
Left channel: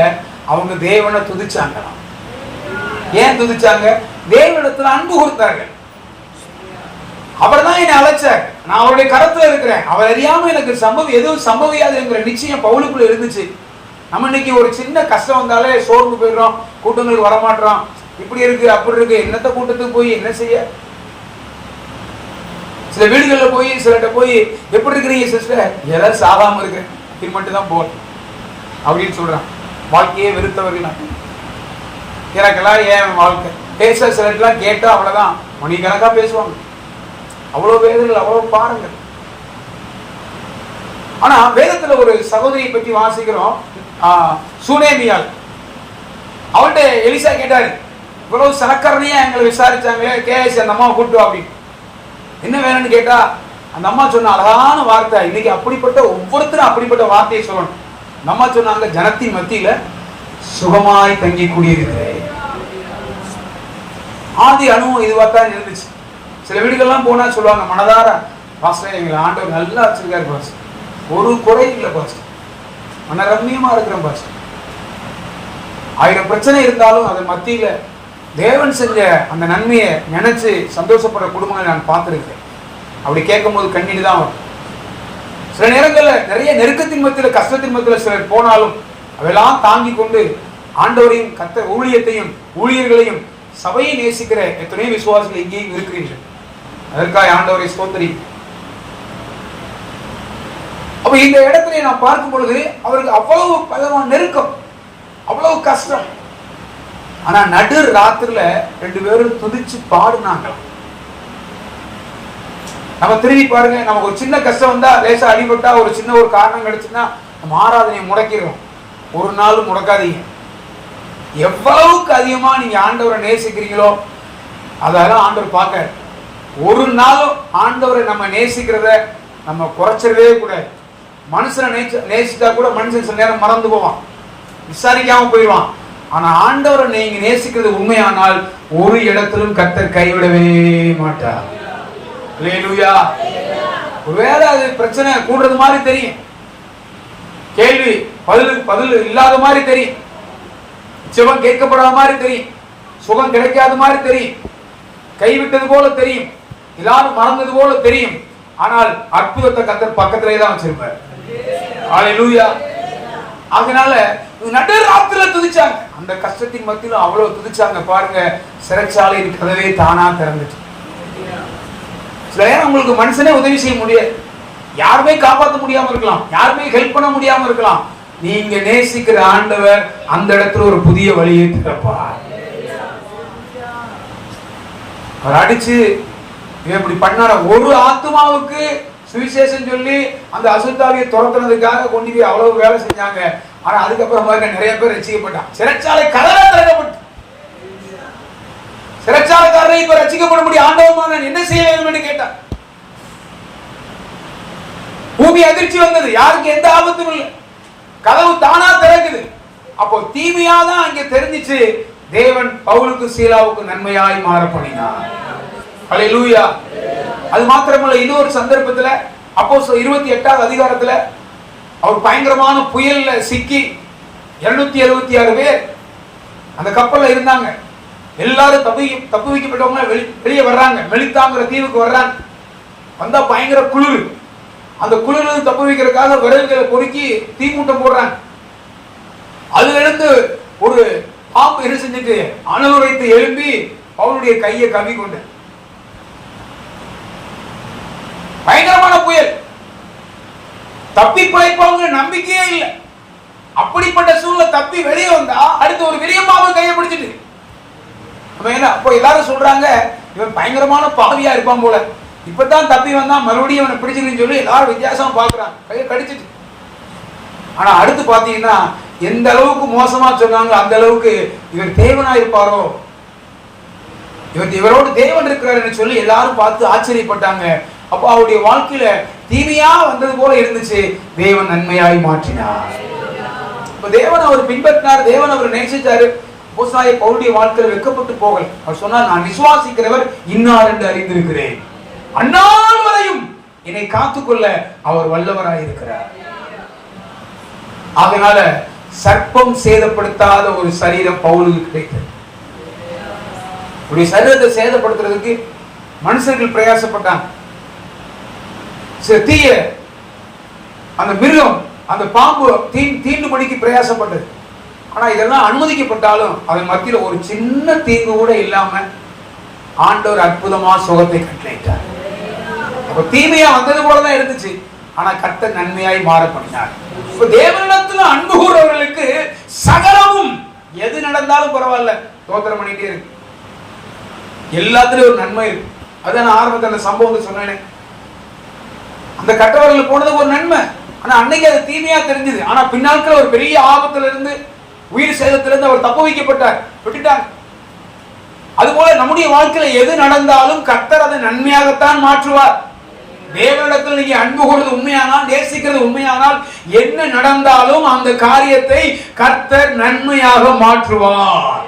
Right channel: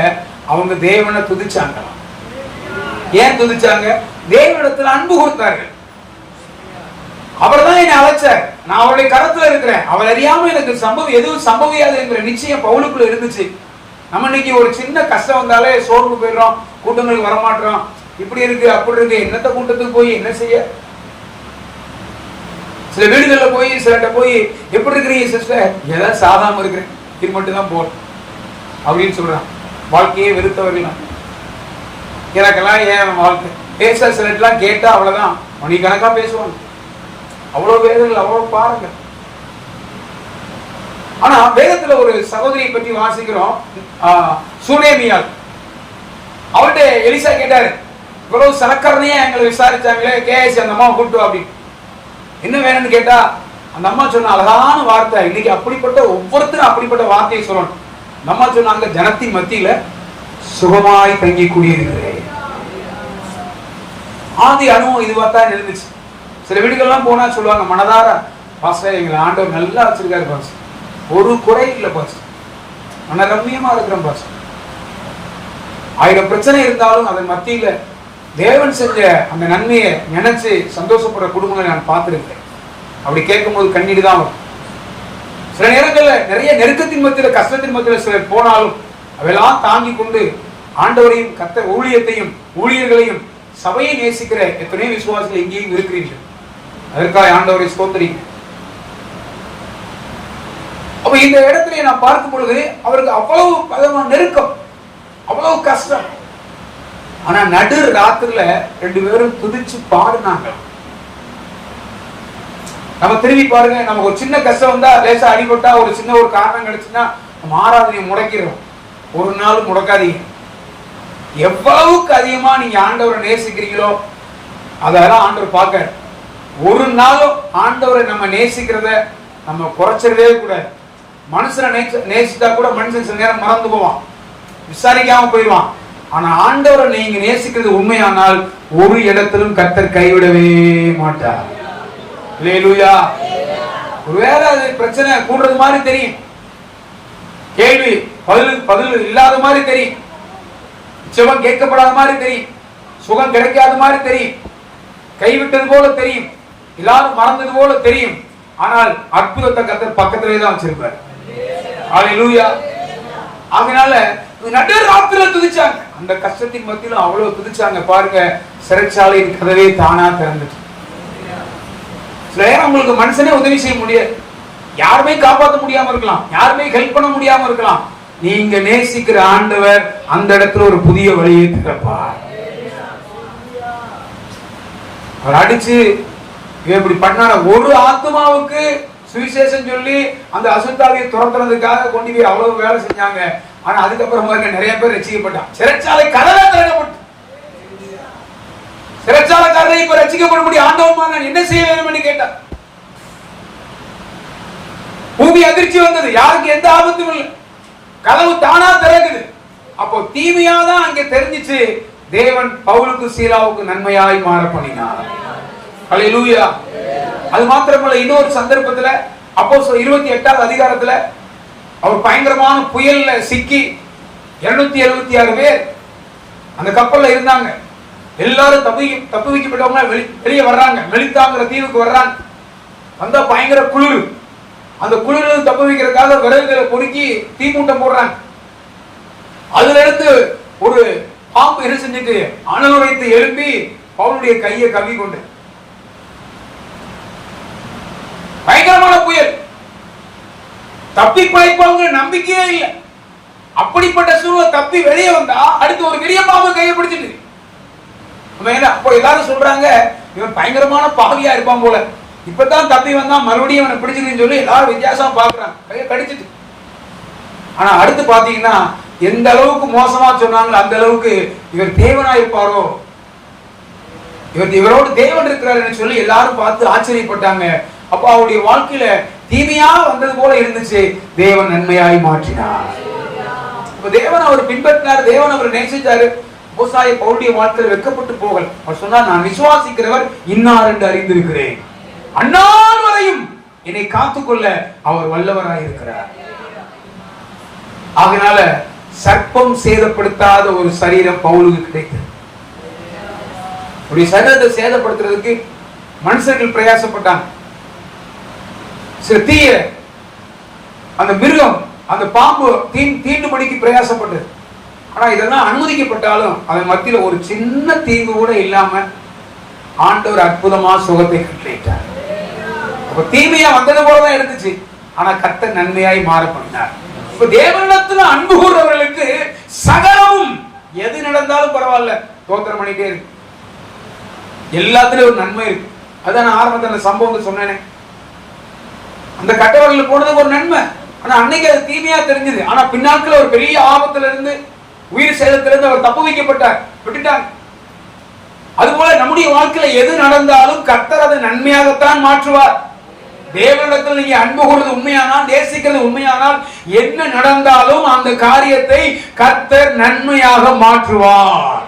அவங்க தேவனை துதிச்சாங்க. ஏன் துதிச்சாங்க? தேவனிடத்துல அன்பு கொடுத்தார்கள். அவர் தான் என்னை அழைச்சார், நான் அவருடைய கரத்துல இருக்கிறேன், அவர் அறியாம எனக்கு எதுவும் சம்பவியாது என்கிற நிச்சயம் பவுலுக்குள்ள இருந்துச்சு. நம்ம இன்னைக்கு ஒரு சின்ன கஷ்டம் வந்தாலே சோர்ந்து போயிடுறோம், கூட்டங்களுக்கு வரமாட்டோம், இப்படி இருக்கு அப்படி இருக்கு, என்னத்த கூட்டத்துக்கு போய் என்ன செய்ய? சில வீடுகள்ல போய் சிலட்ட போய் எப்படி இருக்கிறீங்க சிஸ்டர்? ஏதாவது சாதாம இருக்கிறேன், இது மட்டும் தான் போகணும் அப்படின்னு சொல்றான். வாழ்க்கையே வெறுத்தவர்கள் எனக்கெல்லாம் ஏன் வாழ்க்கை பேச சிலட்டெல்லாம் கேட்டா அவ்வளவுதான் மணிக்கணக்கா பேசுவாங்க. அவ்வளவு வேதங்கள், அவ்வளவு பாருங்கள். ஆனா வேதத்துல ஒரு சகோதரியை பற்றி வாசிக்கிறோம், சுனேமியால். அவர்கிட்ட எலிசா கேட்டாரு, இவ்வளவு சரக்கரணையா எங்களை விசாரிச்சாங்களே, கேஎஸ் அந்த அம்மா கூப்பிட்டு அப்படின்னு என்ன வேணும்னு கேட்டா அந்த அம்மா சொன்ன அழகான வார்த்தை. இன்னைக்கு அப்படிப்பட்ட ஒவ்வொருத்தரும் அப்படிப்பட்ட வார்த்தையை சொல்லணும். அந்த அம்மா சொன்னாங்க, ஜனத்தின் மத்தியில சுகமாய் தங்கி கூடியிருக்கிறேன். ஆதி அனுபவம் இதுவாத்தான் இருந்துச்சு. சில வீடுகள்லாம் போனா சொல்லுவாங்க, மனதார பாஸ்டர் எங்களை ஆண்டவர் நல்லா வச்சிருக்காரு பாஸ்டர், ஒரு குறை இல்லை பாஸ்டர், மனரம்யமா இருக்கிற பாஸ்டர். 1000 பிரச்சனை இருந்தாலும் அதன் மத்தியில தேவன் செஞ்ச அந்த நன்மையை நினைச்சு சந்தோஷப்படுற குடும்பங்களை நான் பார்த்திருக்கேன். அப்படி கேட்கும் போது கண்ணீர் தான் வரும். சில நேரங்கள்ல நிறைய நெருக்கத்தின் மத்தியில, கஷ்டத்தின் மத்தியில சிலர் போனாலும் அவையெல்லாம் தாங்கி கொண்டு ஆண்டவரையும் கர்த்தர் ஊழியத்தையும் ஊழியர்களையும் சபையை நேசிக்கிற எத்தனை விசுவாசிகள் இங்கேயும் இருக்கிறீர்கள். அதற்காக ஆண்டவரை ஸ்தோத்திரி. அப்ப இந்த இடத்துல நான் பார்க்கும் பொழுது அவருக்கு அவ்வளவு பலமான நெருக்கம், அவ்வளவு கஷ்டம். ஆனா நடு ராத்திரில 2 பேரும் துதிச்சு பாடுனாங்க. நம்ம திரும்பி பாருங்க, நமக்கு ஒரு சின்ன கஷ்டம் வந்தா, லேசா அடிபட்டா, ஒரு சின்ன ஒரு காரணம் கிடைச்சுன்னா நம்ம ஆராதனையை முடக்கிறோம். ஒரு நாளும் முடக்காதீங்க. எவ்வளவுக்கு அதிகமா நீங்க ஆண்டவரை நேசிக்கிறீங்களோ அதெல்லாம் ஆண்டவர் பார்க்க. ஒரு நாளும் ஆண்டவரை நம்ம நேசிக்கிறத நம்ம குறைச்சிடவே கூடாது. மனுஷனை நேசித்தா கூட மனுஷன் சில நேரம் மறந்து போவான், விசாரிக்காம போயிடுவான். ஆனா ஆண்டவரை நீங்க நேசிக்கிறது உண்மையானால் ஒரு இடத்திலும் கர்த்தர் கைவிடவே மாட்டார். அல்லேலூயா. ஒருவேளை அது பிரச்சனை கூடுறது மாதிரி தெரியும், கேள்வி பதில் இல்லாத மாதிரி தெரியும், நிச்சயம் கேட்கப்படாத மாதிரி தெரியும், சுகம் கிடைக்காத மாதிரி தெரியும், கைவிட்டது போல தெரியும், எல்லாரும் மறந்தது போல தெரியும். ஆனால் அற்புதத்தை கர்த்தர் பக்கத்திலே தான் வச்சிருப்பார். அல்லேலூயா. அதனால நடுராத்திரில துதிச்சாங்க. அந்த கஷ்டத்தின் மத்தியில அவ்வளவு துதிச்சாங்க பாருங்க. சிறைச்சாலையின் கதவே தானா திறந்துச்சு. சில நேரம் உங்களுக்கு மனுஷனே உதவி செய்ய முடியாது, யாருமே காப்பாற்ற முடியாம இருக்கலாம், யாருமே ஹெல்ப் பண்ண முடியாம இருக்கலாம். நீங்க நேசிக்கிற ஆண்டவர் அந்த இடத்துல ஒரு புதிய வழியை திறப்பார். அவர் அடிச்சு இப்படி பண்ண ஒரு ஆத்மாவுக்கு சுவிசேஷம் சொல்லி அந்த அசுத்தாவியை துரத்துறதுக்காக கொண்டு போய் அவ்வளவு வேலை செஞ்சாங்க. ஆனா அதுக்கப்புறமா நிறைய பேர் ரட்சிக்கப்பட்டான். சிறைச்சாலை கதவை திறக்கப்பட்டு சிறைச்சாலைக்காரரை இப்ப ரட்சிக்கப்பட முடியும். ஆண்டவமா நான் என்ன செய்ய வேண்டும் என்று கேட்டார். பூமி அதிர்ச்சி வந்தது, யாருக்கு எந்த ஆபத்தும் இல்லை, கதவு தானா திறக்குது. அப்போ தீமையாதான் அங்கே தெரிஞ்சிச்சு. தேவன் பவுலுக்கு சீலாவுக்கு நன்மையாய் மாற பண்ணினார். அல்லேலூயா. அது மாத்திரமல்ல, இன்னொரு சந்தர்ப்பத்துல அப்போஸ்தலர் 28வது அதிகாரத்துல அவர் பயங்கரமான புயல்ல சிக்கி 276 பேர் அந்த கப்பல்ல இருந்தாங்க. எல்லாரும் தப்பு வைக்கப்பட்டவங்க வெளியே வர்றாங்க, மெலித்தாங்கிற தீவுக்கு வர்றாங்க. வந்தா பயங்கர குளிர். அந்த குளிர் தப்பு வைக்கிறதுக்காக விறகுகளை பொறுக்கி தீமூட்டம் போடுறாங்க. அதுல இருந்து ஒரு பாம்பு என்ன செஞ்சுட்டு அனல் வைத்து எழுப்பி பவுலுடைய கையை கவி கொண்டு, பயங்கரமான புயல், தப்பி பிழைப்பாங்க நம்பிக்கையே இல்லை. அப்படிப்பட்ட சூழ்நிலை தப்பி வெளியே வந்தா அடுத்து ஒரு பெரிய பாம்பு கையை பிடிச்சிட்டு, அப்போ எல்லாரும் சொல்றாங்க இவன் பயங்கரமான பாவியா இருப்பான் போல, இப்பதான் தப்பி வந்தா மறுபடியும் அவனை பிடிச்சிருக்குன்னு சொல்லி எல்லாரும் வித்தியாசமா பாக்குறாங்க, கையை கடிச்சிட்டு. ஆனா அடுத்து பாத்தீங்கன்னா எந்த அளவுக்கு மோசமா சொன்னாங்க, அந்த அளவுக்கு இவர் தேவனா இருப்பாரோ, இவரோடு தேவன் இருக்கிறார் சொல்லி எல்லாரும் பார்த்து ஆச்சரியப்பட்டாங்க. அப்போ அவருடைய வாழ்க்கையில தீமையா வந்தது போல இருந்துச்சு, தேவன் நன்மையாய் மாற்றினார். தேவன் அவர் பின்பற்றினார், தேவன் அவர் நேசித்தாரு. அப்போஸ்தலனாகிய பவுலுடைய வாழ்க்கையில் வெட்கப்பட்டு போகல. அவர் சொன்னார், நான் விசுவாசிக்கிறவர் இன்னார் என்று அறிந்திருக்கிறேன், அந்நாள் வரையும் என்னை காத்துக்கொள்ள அவர் வல்லவராய் இருக்கிறார். அதனால சர்ப்பம் சேதப்படுத்தாத ஒரு சரீரம் பவுலுக்கு கிடைத்தது. இப்படி சரீரத்தை சேதப்படுத்துறதுக்கு மனுஷர்கள் பிரயாசப்பட்டாங்க. சில தீய அந்த மிருகம் அந்த பாம்பு தீண்டுபடிக்கு பிரயாசப்பட்டது. ஆனா இதெல்லாம் அனுமதிக்கப்பட்டாலும் அதன் மத்தியில ஒரு சின்ன தீங்கு கூட இல்லாம ஆண்டவர் அற்புதமா சுகத்தை கட்டளையிட்டார். அப்ப தீமையா வந்தது போலதான் இருந்துச்சு, ஆனா கர்த்தர் நன்மையாய் மாற பண்ணினார். தேவனிடத்துல அன்பு கூறவர்களுக்கு சகலமும் எது நடந்தாலும் பரவாயில்ல, தோத்திரம் பண்ணிட்டே இருக்கு. எல்லாத்துலயும் ஒரு நன்மை இருக்கு. அதான் நான் ஆரம்பத்தில் அந்த சம்பவம் சொன்னேனே, அந்த கட்டவர்கள் போனது ஒரு நன்மை. ஆனா அன்னைக்கு அது தீமையா தெரிஞ்சது. ஆனா பின்னாட்கள் ஒரு பெரிய ஆபத்துல இருந்து, உயிர் சேதத்திலிருந்து அவர் தப்பு வைக்கப்பட்டார், விட்டுட்டாங்க. அதுபோல நம்முடைய வாழ்க்கையில எது நடந்தாலும் கர்த்தர் அதை நன்மையாகத்தான் மாற்றுவார். தேவனிடத்தில் நீங்க அன்பு கூறுவது உண்மையானால், நேசிக்கிறது உண்மையானால், என்ன நடந்தாலும் அந்த காரியத்தை கர்த்தர் நன்மையாக மாற்றுவார்.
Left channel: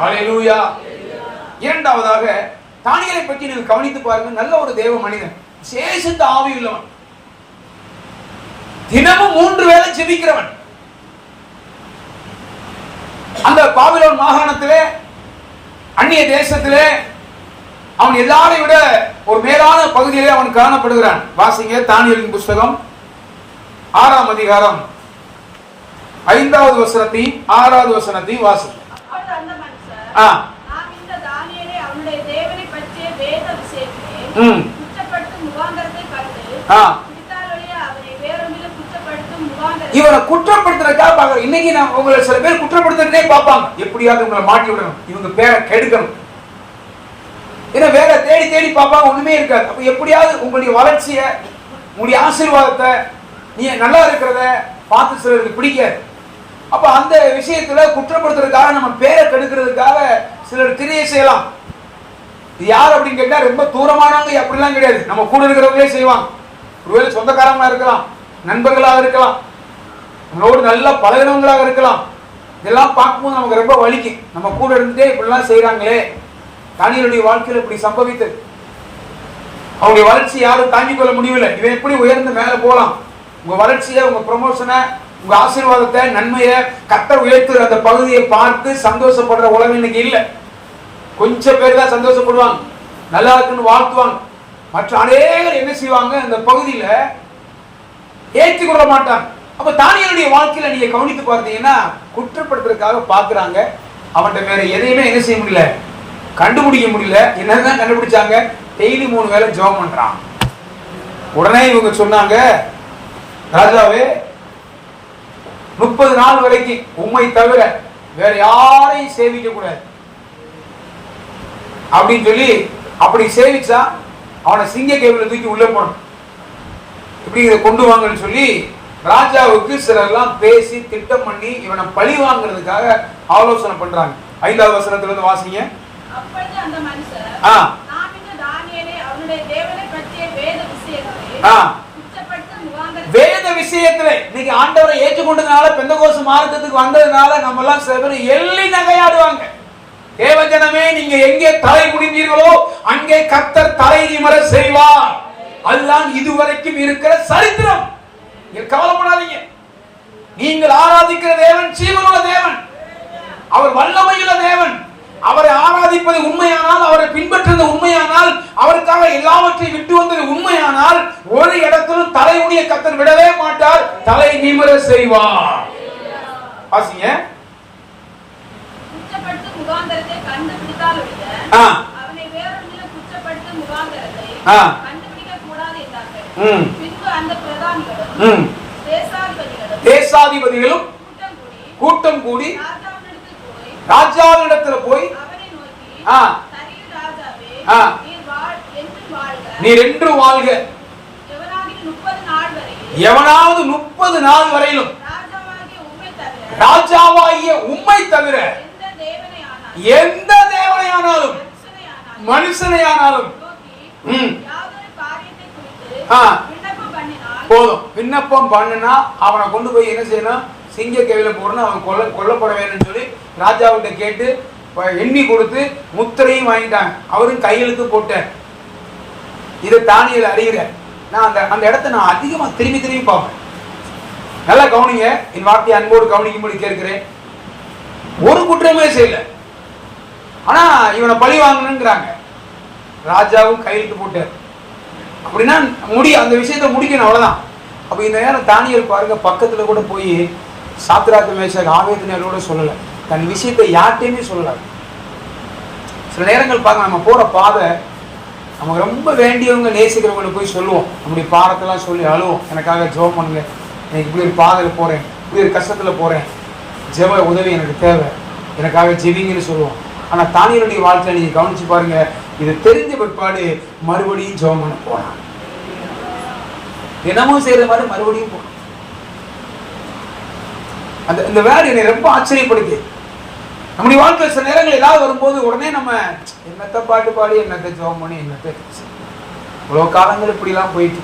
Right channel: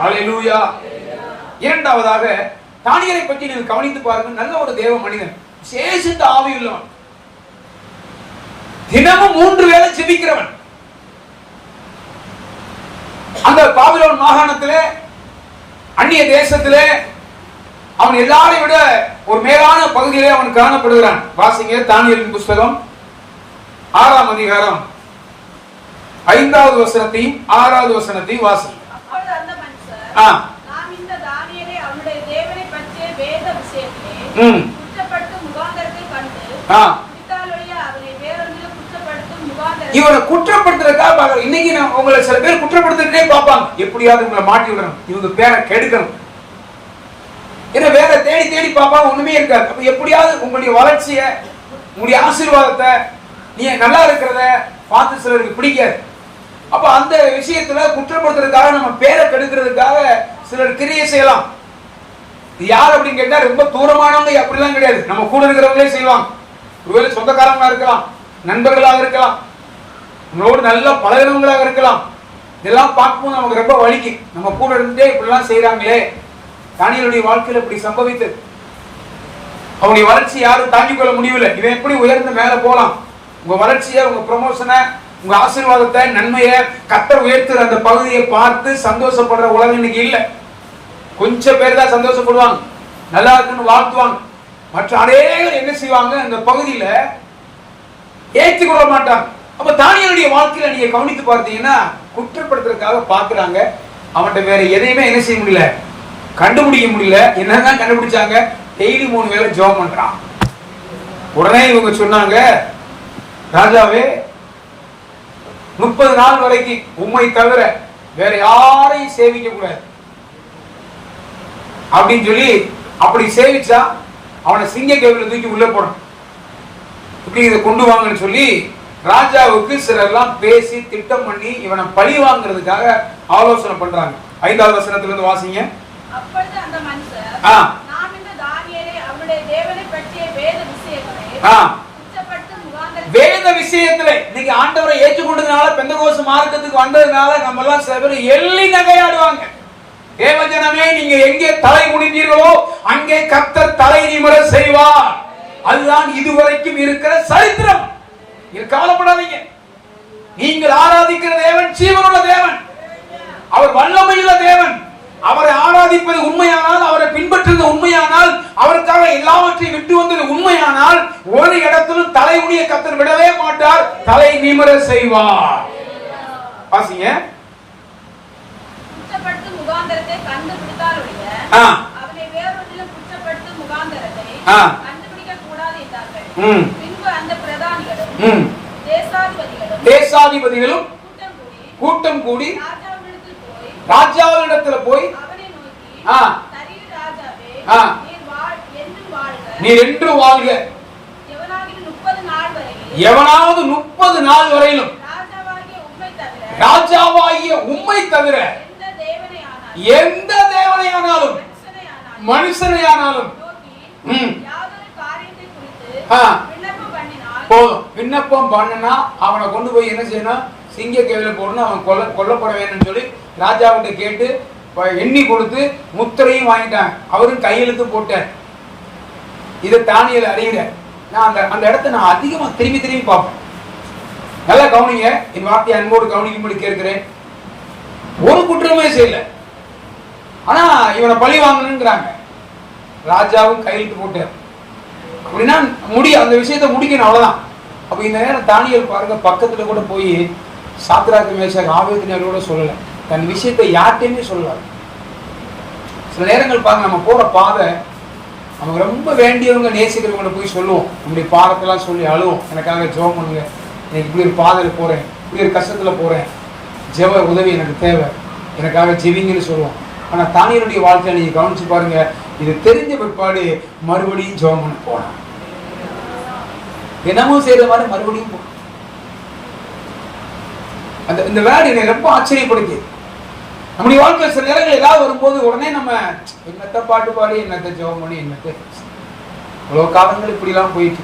ஹல்லேலூயா. இரண்டாவதாக தானியேலை பற்றி நீங்கள் கவனித்து பாருங்க. நல்ல ஒரு தேவ மனிதன், விசேஷித்த ஆவி உள்ளவன், தினமும் 3 வேளை ஜெபிக்கிறவன். அந்த பாபிலோன் மாகாணத்திலே, அந்நிய தேசத்திலே அவன் எல்லாரையும் விட ஒரு மேலான பகுதியிலே அவன் காணப்படுகிறான். வாசிங்க தானியேலின் புஸ்தகம் 6ஆம் அதிகாரம் 5வது வசனத்தையும் 6வது வசனத்தையும் வாசிங்க. இவனை குற்றப்படுத்துறதுக்காக இன்னைக்கு நான் உங்களை சில பேர் குற்றப்படுத்துறதே பார்ப்பாங்க. எப்படியாவது உங்களை மாட்டி விடணும், இவங்க பேரை கெடுக்கணும், ஏன்னா வேற தேடி தேடி பார்ப்பாங்க, ஒண்ணுமே இருக்காது. அப்ப எப்படியாவது உங்களுடைய வளர்ச்சிய, உங்களுடைய ஆசீர்வாதத்தை, நீங்க நல்லா இருக்கிறத பார்த்து சிலருக்கு பிடிக்காது. அப்ப அந்த விஷயத்துல குற்றப்படுத்துறதுக்காக, நம்ம பேரை கெடுக்கிறதுக்காக சிலர் கிரியை செய்யலாம். இது யார் அப்படின்னு கேட்டா ரொம்ப தூரமானவங்க அப்படிலாம் கிடையாது, நம்ம கூட இருக்கிறவங்களே செய்வாங்க. ஒருவேளை சொந்தக்காரங்களா இருக்கலாம், நண்பர்களாக இருக்கலாம், உங்களோடு நல்ல பழகினவங்களாக இருக்கலாம். இதெல்லாம் பார்க்கும்போது நமக்கு ரொம்ப வலிக்கும். நம்ம கூட இருந்துட்டே இப்படிலாம் செய்யறாங்களே. தானியேலுடைய வாழ்க்கையில் இப்படி சம்பவித்தது. அவங்களுடைய வளர்ச்சி யாரும் தாங்கிக் கொள்ள முடியவில்லை. இவன் எப்படி உயர்ந்து மேல போலாம்? உங்க வளர்ச்சியை, உங்க ப்ரமோஷனை, உங்க ஆசீர்வாதத்தை, நன்மையை கர்த்தர் உயர்த்துற அந்த பகுதியை பார்த்து சந்தோஷப்படுற உலகம் இன்னைக்கு இல்லை. கொஞ்சம் பேர் தான் சந்தோஷப்படுவாங்க, நல்லா இருக்குன்னு வாழ்த்துவாங்க. மற்ற அநேகர் என்ன செய்வாங்க, அந்த பகுதியில ஏற்றுக்கொள்ள மாட்டாங்க. அப்ப தானியேலுடைய வாழ்க்கையில நீங்க கவனித்து பார்த்தீங்கன்னா, குற்றப்படுத்துறதுக்காக பாக்குறாங்க. அவன்கிட்ட வேற எதையுமே என்ன செய்ய முடியல, கண்டுபிடிக்க முடியல. என்னதான் கண்டுபிடிச்சாங்க, டெய்லி 3 வேளை ஜெபம் பண்றான். உடனே இவங்க சொன்னாங்க, ராஜாவே 30 நாள் வரைக்கும் உம்மை தவிர வேற யாரையும் சேவிக்க கூடாது அப்படின்னு சொல்லி, அப்படி சேவிச்சா அவனை சிங்க கேபில தூக்கி உள்ள போடணும், இப்படி இதை கொண்டு வாங்கன்னு சொல்லி ராஜாவுக்கு சிலர்லாம் பேசி திட்டம் பண்ணி இவனை பழி வாங்குறதுக்காக ஆலோசனை பண்றாங்க. 5வது வசனத்துல இருந்து வாசிங்க. வேத விஷயத்துல நீங்க ஆண்டவரை ஏற்றுக்கொண்டதுனால, பெந்தகோஸ்து மார்க்கத்துக்கு வந்ததுனால நம்ம எல்லாம் சில பேர் எள்ளி நகையாடுவாங்க. தேவஜனமே, நீங்க எங்கே தலை குனிந்தீர்களோ அங்கே கர்த்தர் தலை நிமிர செய்வார். அதுதான் இதுவரைக்கும் இருக்கிற சரித்திரம். கவலைப்படாதீங்க. நீங்கள் ஆராதிக்கிற தேவன் ஜீவனுள்ள தேவன், அவர் வல்லமையுள்ள தேவன். அவரை ஆராதிப்பது உண்மையானால், அவரை பின்பற்றுவது உண்மையானால், அவருக்காக எல்லாவற்றையும் விட்டு வந்தது உண்மையானால், ஒரு இடத்திலும் தலையுடைய கர்த்தர் விடவே மாட்டார், தலை நிமிர செய்வார். வாசிங்க. தேசாதிபதிகளும் கூட்டம் கூடி ராஜாவினிடத்தில் போய், நீர் என்று வாழ்க, எவனாவது 30 நாள் வரையிலும் ராஜாவாகிய உம்மை தவிர எந்த தேவனையானாலும் மனுஷனையானாலும் போதும் விண்ணப்பம் பண்ணினா அவனை கொண்டு போய் என்ன செய்யணும், சிங்க கேவில போடணும், அவன் கொல்லப்பட வேணும்னு சொல்லி ராஜாவிட்ட கேட்டு எண்ணி கொடுத்து முத்திரையும் வாங்கிட்டான். அவரும் கையெழுத்து போட்டார். இதை தானியேல் அறிகிற நான் அந்த இடத்தை நான் அதிகமா திரும்பி திரும்பி பார்ப்பேன். நல்லா கவனிங்க, என் வார்த்தையை அன்போடு கவனிக்கும்படி கேட்கிறேன். ஒரு குற்றமே செய்யல, ஆனா இவனை பழி வாங்கணுங்கிறாங்க. ராஜாவும் கையெழுத்து போட்டார். அப்படின்னா அந்த விஷயத்தை முடிக்கணும், அவ்வளவுதான். அப்ப இந்த நேரம் தானியேல் பாருங்க, பக்கத்துல கூட போய் சாத்ராக் மேஷாக் ஆபேத்நேகோட சொல்லல, தன் விஷயத்தை யார்ட்டையுமே சொல்லல. சில நேரங்கள் பாருங்க, நம்ம போற பாதை நமக்கு ரொம்ப வேண்டியவங்க நேசிக்கிறவங்களை போய் சொல்லுவோம், நம்முடைய பாடத்தெல்லாம் சொல்லி அழுவோம், எனக்காக ஜெபம் பண்ணுங்க, எனக்கு இப்படி ஒரு பாதையில போறேன், இப்படி ஒரு கஷ்டத்துல போறேன், ஜெப உதவி எனக்கு தேவை, எனக்காக ஜெபிங்கன்னு சொல்லுவோம். ஆனா தானியேலுடைய வாழ்க்கையில நீங்க கவனிச்சு பாருங்க, இது தெரிஞ்ச பிற்பாடு மறுபடியும் ஜெபம் பண்ண போனான். தினமும் செய்யற மாதிரி மறுபடியும் போனான். இந்த வேர்டு என்னை ரொம்ப ஆச்சரியப்படுது. நம்முடைய வாழ்க்கை சில நேரங்கள் ஏதாவது வரும்போது உடனே நம்ம என்னத்த பாட்டு பாடி, என்னத்தை ஜெபம் பண்ணி, என்னத்தை இவ்வளவு காலங்கள் இப்படிலாம் போயிட்டு